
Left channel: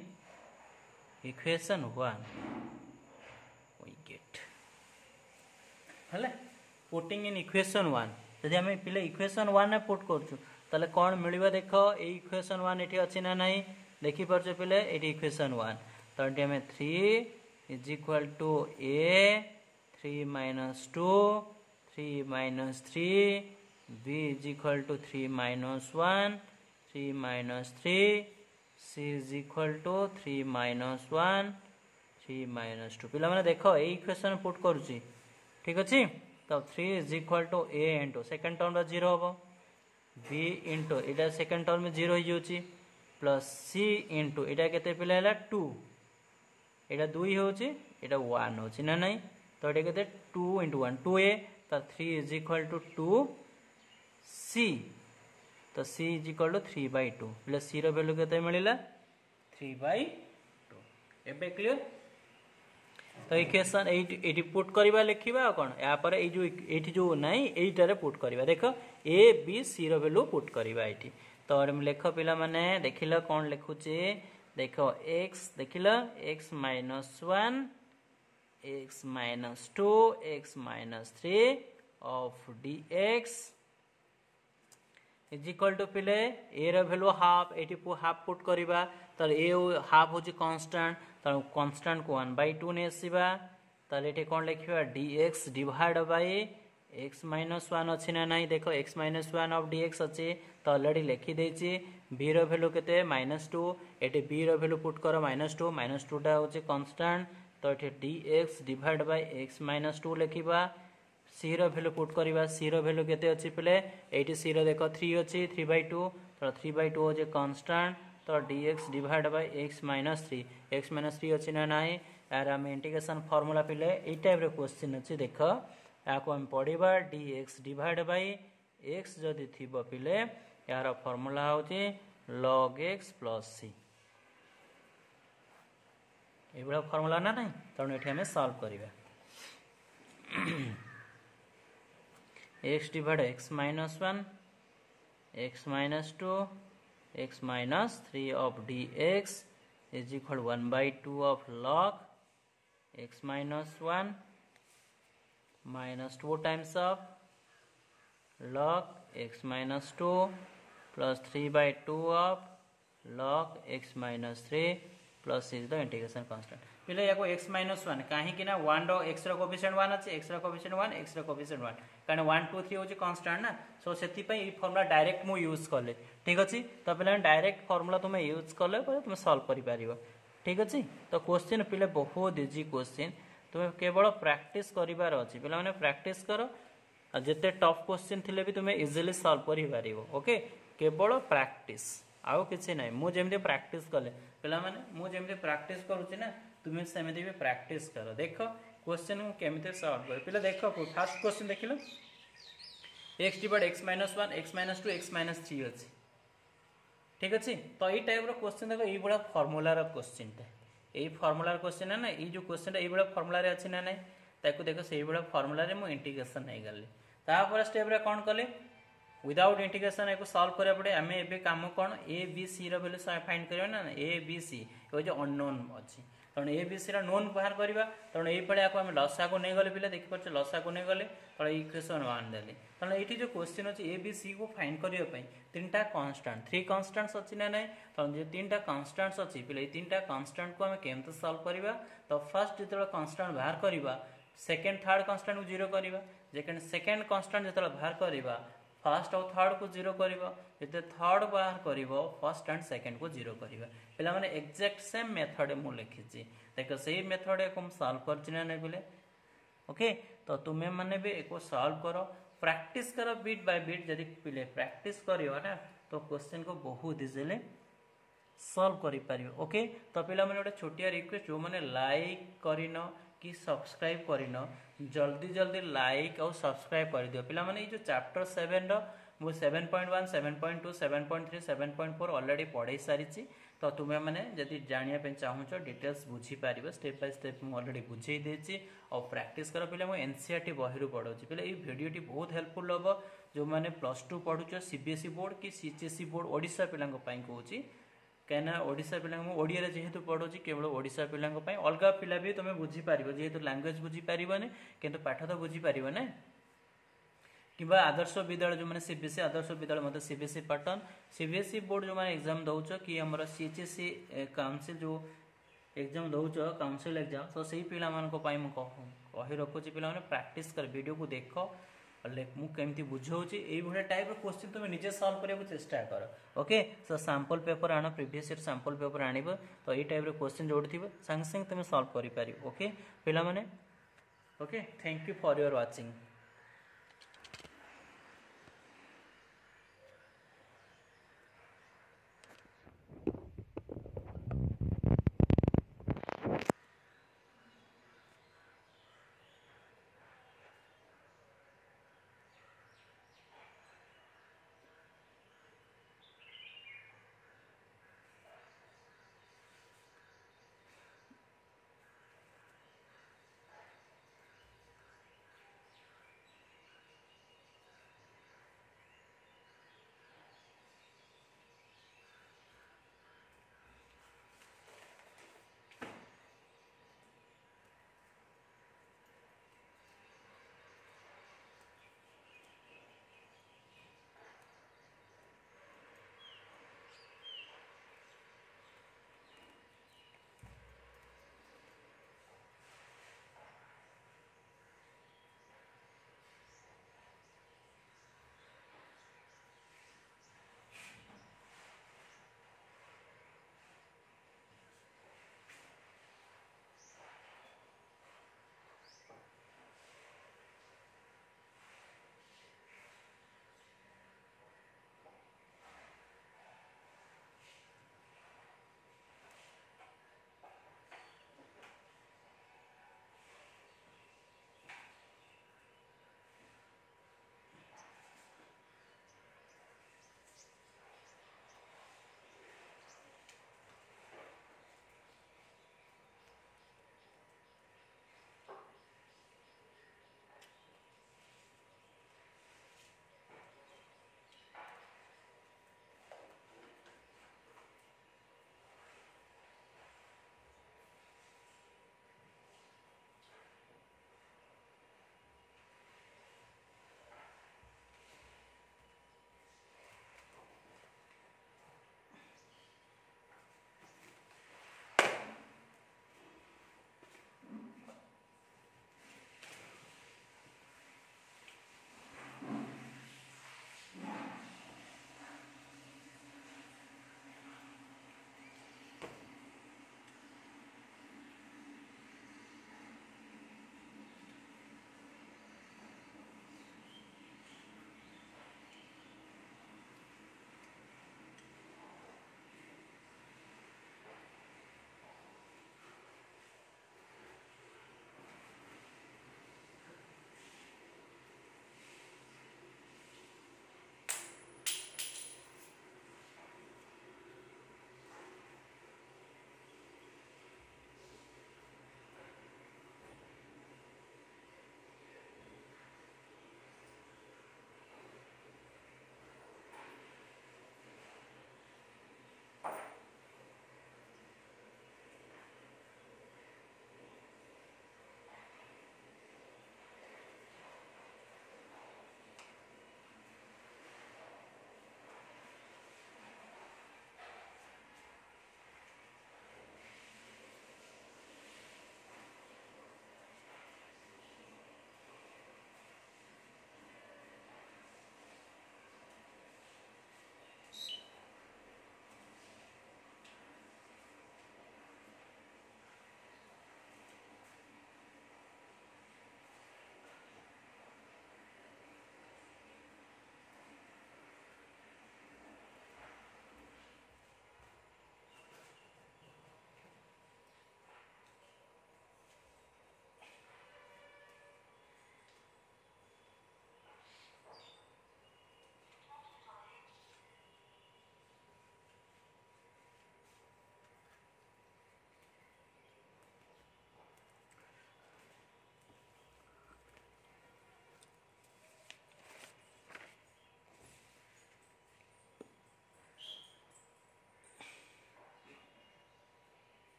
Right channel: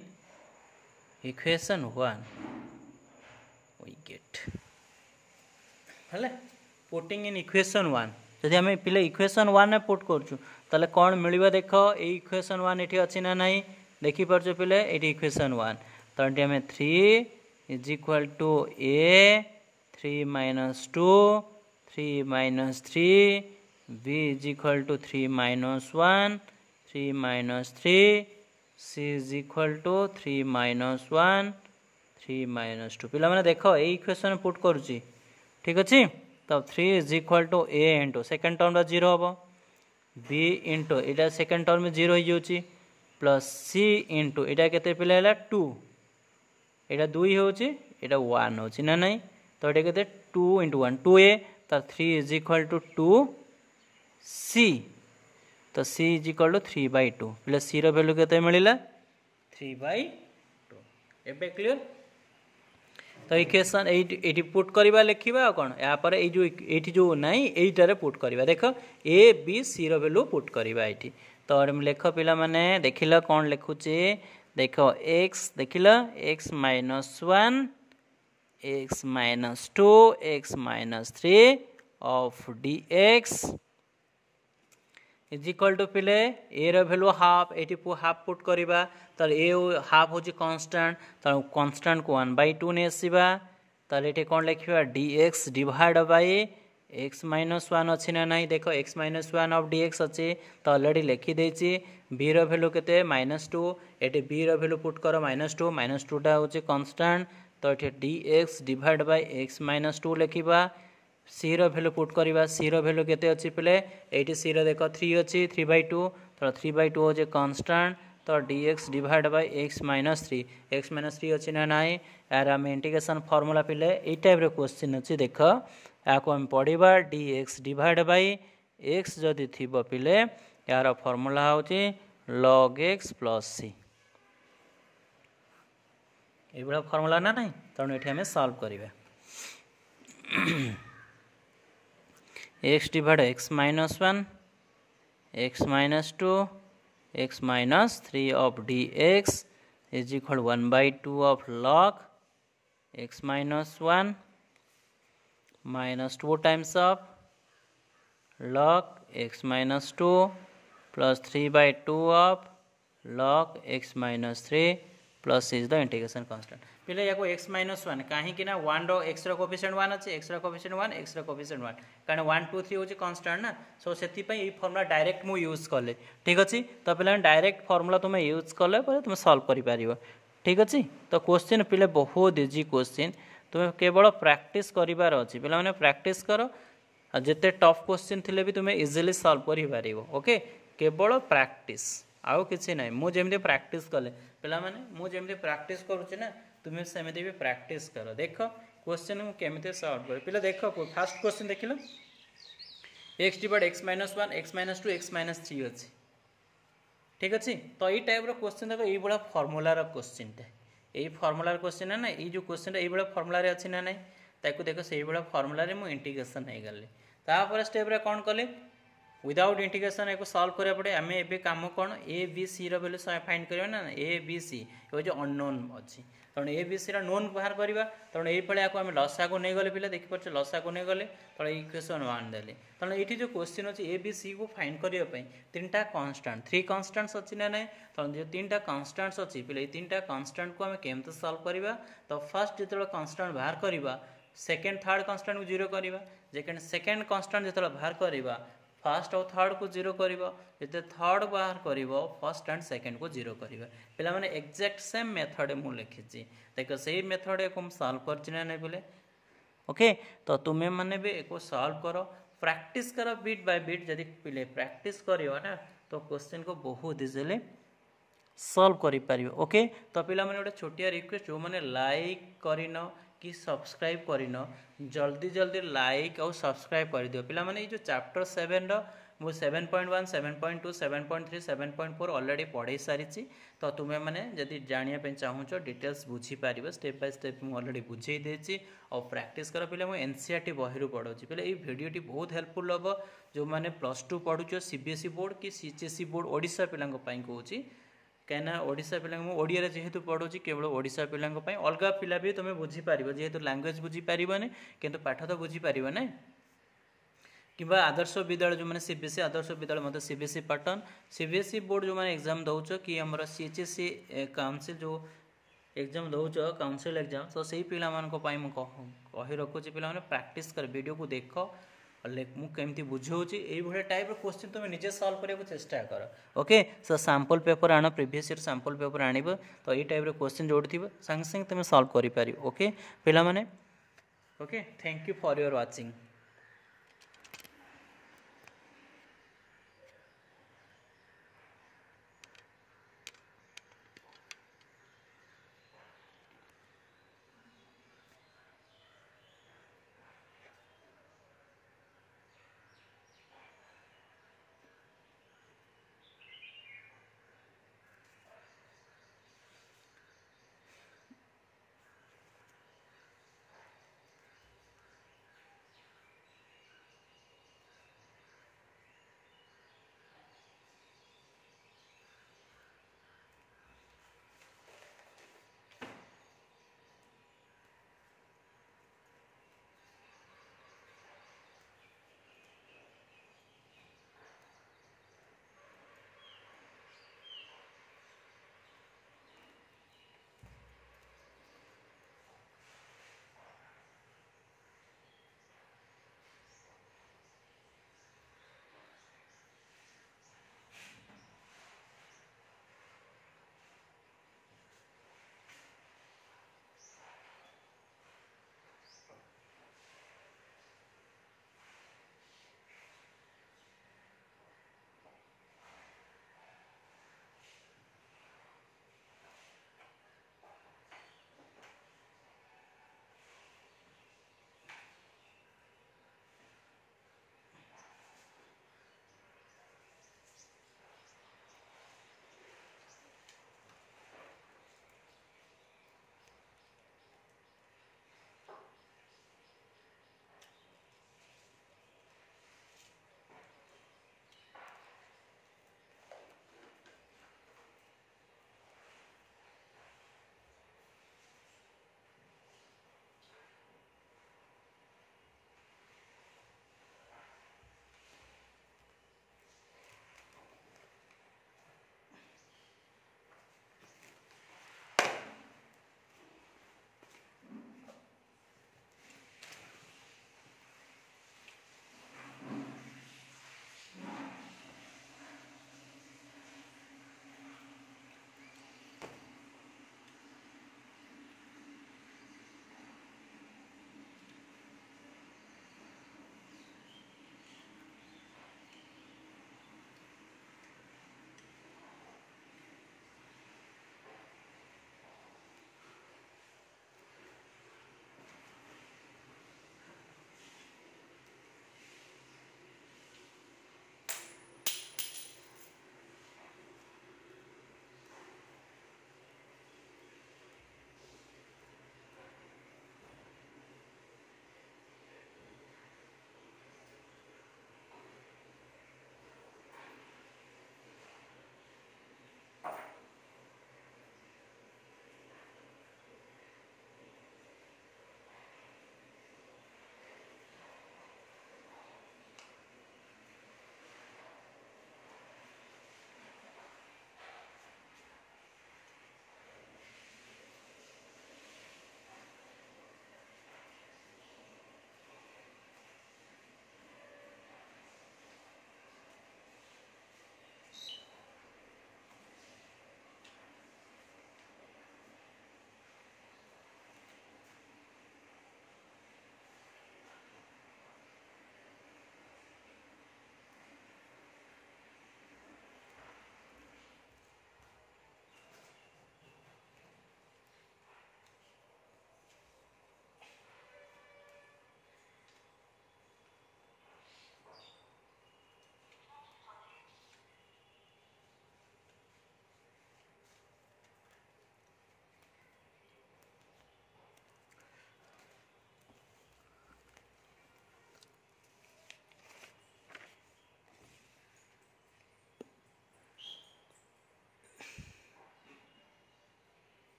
equation 1 we get हेले पुटिंग इन इक्वेशन 1 जदि हमें पिले इक्वेशन 1 में पुट करछु ताले कौन मिलिबा देखो ए इक्वेशन 1 एठी अछि ना नाही देखि परछो पिले एठी इक्वेशन 1 तो एठी हमें 3 is equal to a 3 minus 2 3 minus 3 b is equal to 3 minus 1 3 minus 3 c is equal to 3 minus 1 3 minus 2 पिला माने देखो ए इक्वेशन पुट करूची ठीक अछि तो 3 is equal to a into second term 0 हबो b into एटा सेकंड टर्म 0 हो जाउची प्लस c into एटा केते पिला हला 2 एटा 2 होउची एटा 1 होउची ना नहीं तो एटा केते 2 into 1 2a तो 3 is equal to 2c तो c is equal to 3/2 plus c रो वैल्यू केते मिलिला 3/2 एबे क्लियर तो इक्वेशन एटी पुट करवा लिखा कौन या पर ये जो नाई एटारे पुट करवा देख ए बी सी रो वैल्यू पुट करवा ये तो लेख पिला माने देखिल कौन लिखुचे देख एक्स देखिल X minus 1 X minus 2 X minus 3 of D X is equal to पिले ए रो वैल्यू हाफ एटी हाफ पुट करवा तो ए हाफ हूँ कन्स्टाट तो कन्स्टाट को 1/2 ने आसवा तो ये कौन लिखा dx divide by x minus 1 अच्छी ना नहीं देख x माइनस 1 ऑफ dx अच्छे तो अलरेडी लिखिदे b रो वैल्यू केते -2 ये b रो वैल्यू पुट कर -2 टा हूँ कन्स्टाट तो ये dx divide by x minus 2 लिखा c रो वैल्यू पुट करवा c रो वैल्यू केते अच्छी पिले ये c रो देख 3 अच्छी 3/2 तो 3/2 हूँ कन्स्टाट तो dx divide by x minus 3 अच्छी ना नाई यार आम इंटीग्रेशन फॉर्मूला पिले ये टाइप रे क्वेश्चन अच्छी देख या आम पढ़ा dx डिवाइड बाय x जदि थी पिले यार फॉर्मूला हूँ log x प्लस c ये फॉर्मूला ना नहीं तेणु ये आम सॉल्व करवा x divide x minus 1 x minus 2 x minus 3 of dx is equal 1/2 of log x minus 1 minus 2 times of log x minus 2 plus 3/2 of log x minus 3 plus is the integration constant पिले या x minus 1 कहीं कि ना 1 रो x रो कोएफिशिएंट 1 अछि x रो कोएफिशिएंट 1 x रो कोएफिशिएंट 1 कारण 1 2 3 होची कांस्टेंट ना सो सेति पई ई फार्मूला डायरेक्ट मु यूज करले ठीक अछि तो पिले डायरेक्ट फार्मूला तुम यूज करले पर तुम सॉल्व करि पारिबो ठीक अछि तो क्वेश्चन पिले बहुत इजी क्वेश्चन तुम केवल प्रैक्टिस करिवार अछि पिला माने प्रैक्टिस करो जेते टफ क्वेश्चन थिले भी तुम इजीली सॉल्व करि पारिबो ओके केवल प्रैक्टिस आउ किछि नै मु जेमते प्रैक्टिस करले पिला माने मु जेमते प्रैक्टिस करूछि ना तुम्हें सेमती भी प्रैक्टिस कर देख क्वेश्चन केमते सॉल्व कर पिला देख फर्स्ट क्वेश्चन देख लो x divide x minus 1 x minus 2 x minus 3 अच्छी ठीक अच्छे तो ये टाइप क्वेश्चन देख ये फर्मूलार क्वेश्चन ये फर्मूलार क्वेश्चन है ना ये जो क्वेश्चन ये फर्मूलार अच्छी ना नहीं ताको देख से फर्मूलार मुझे इंटीग्रेशन नहीं गली तापर स्टेप रे कौन कले विदाउट इंटीग्रेशन को सॉल्व करा पड़े आम ए कम कौन ए बी सी रैल्यू फाइंड करवा ना ए बी सी ये जो अननोन अच्छी तेणु ए बी सी नोन बाहर करवा तेणु ये आम लसा को नहीं गले पिले देखिए लसा को नहीं गले तो इक्वेशन 1 देले तेणु ये जो क्वेश्चन अच्छी ए बी सी को फाइंड करने 3टा कन्स्टाट 3 कन्स्टाट्स अच्छी ना नहीं तेणु जो 3टा कन्स्टाट्स अच्छी पिले 3टा कन्स्टाट को आम केमते सॉल्व करवा तो फर्स्ट जो कन्स्टाट बाहर करवा सेकेंड थर्ड कन्स्टाट को 0 करवा सेकेंड कन्स्टाट जो बाहर करवा फर्स्ट और थर्ड को 0 करिवो जते थर्ड बाहर करिवो फर्स्ट एंड सेकंड को 0 करिवो पिला माने एग्जैक्ट सेम मेथड मु लिखिछि देखो सही मेथड को हम सॉल्व करछि ना नै बोले ओके तो तुम्हें माने भी एको सॉल्व करो प्रैक्टिस करो बिट बाय बिट जदि पिले प्रैक्टिस करियो ना तो क्वेश्चन को बहुत इजीली सॉल्व करि पारियो ओके तो पिला माने ओटा छोटिया रिक्वेस्ट जो माने लाइक करिनो कि सब्सक्राइब करिनो जल्दी जल्दी लाइक और सब्सक्राइब कर दियो पिला माने जो चैप्टर 7 रो मु 7.1 7.2 7.3 7.4 ऑलरेडी पढ़ाई सारी तो तुम्हें मैंने जदि जानापी चाहूच डिटेल्स बुझीपार स्टेप बाय स्टेप मुझे ऑलरेडी बुझे देती और प्रैक्टिस कर पे मुझे एनसीईआरटी बही पढ़ाऊँ पे ये भिडटी बहुत हेल्पफुल हम जो मैंने +2 पढ़ुच सीबीएसई बोर्ड कि सीएचएसई बोर्ड ओडिशा पिला कहूँ कहीं ओडिशा पिला ओडिया जेहेतु पढ़ुची केवल ओडिशा पिला अलग पिला भी तुम बुझीपार जेहेतु लैंग्वेज बुझीपारे किंतु पाठ तो बुझीपार ना कि आदर्श विद्यालय जो मैंने सीबीएसई आदर्श विद्यालय मतलब सीबीएसई पैटर्न सीबीएसई बोर्ड जो मैंने एग्जाम दौच कि आम सीएचएसई काउंसिल जो एग्जाम दौच काउंसिल एग्जाम तो सही पिला कही रखुची पिला प्रैक्टिस कर वीडियो को देख मुझे बुझाऊँगी ये टाइप क्वेश्चन तुम निजे सॉल्व करने चेष्टा कर ओके सो सैंपल पेपर आण प्रीवियस ईयर सैंपल पेपर आण तो ये टाइप क्वेश्चन जो थी संगे संगे तुम सॉल्व कर ओके पिला माने okay thank you for your watching.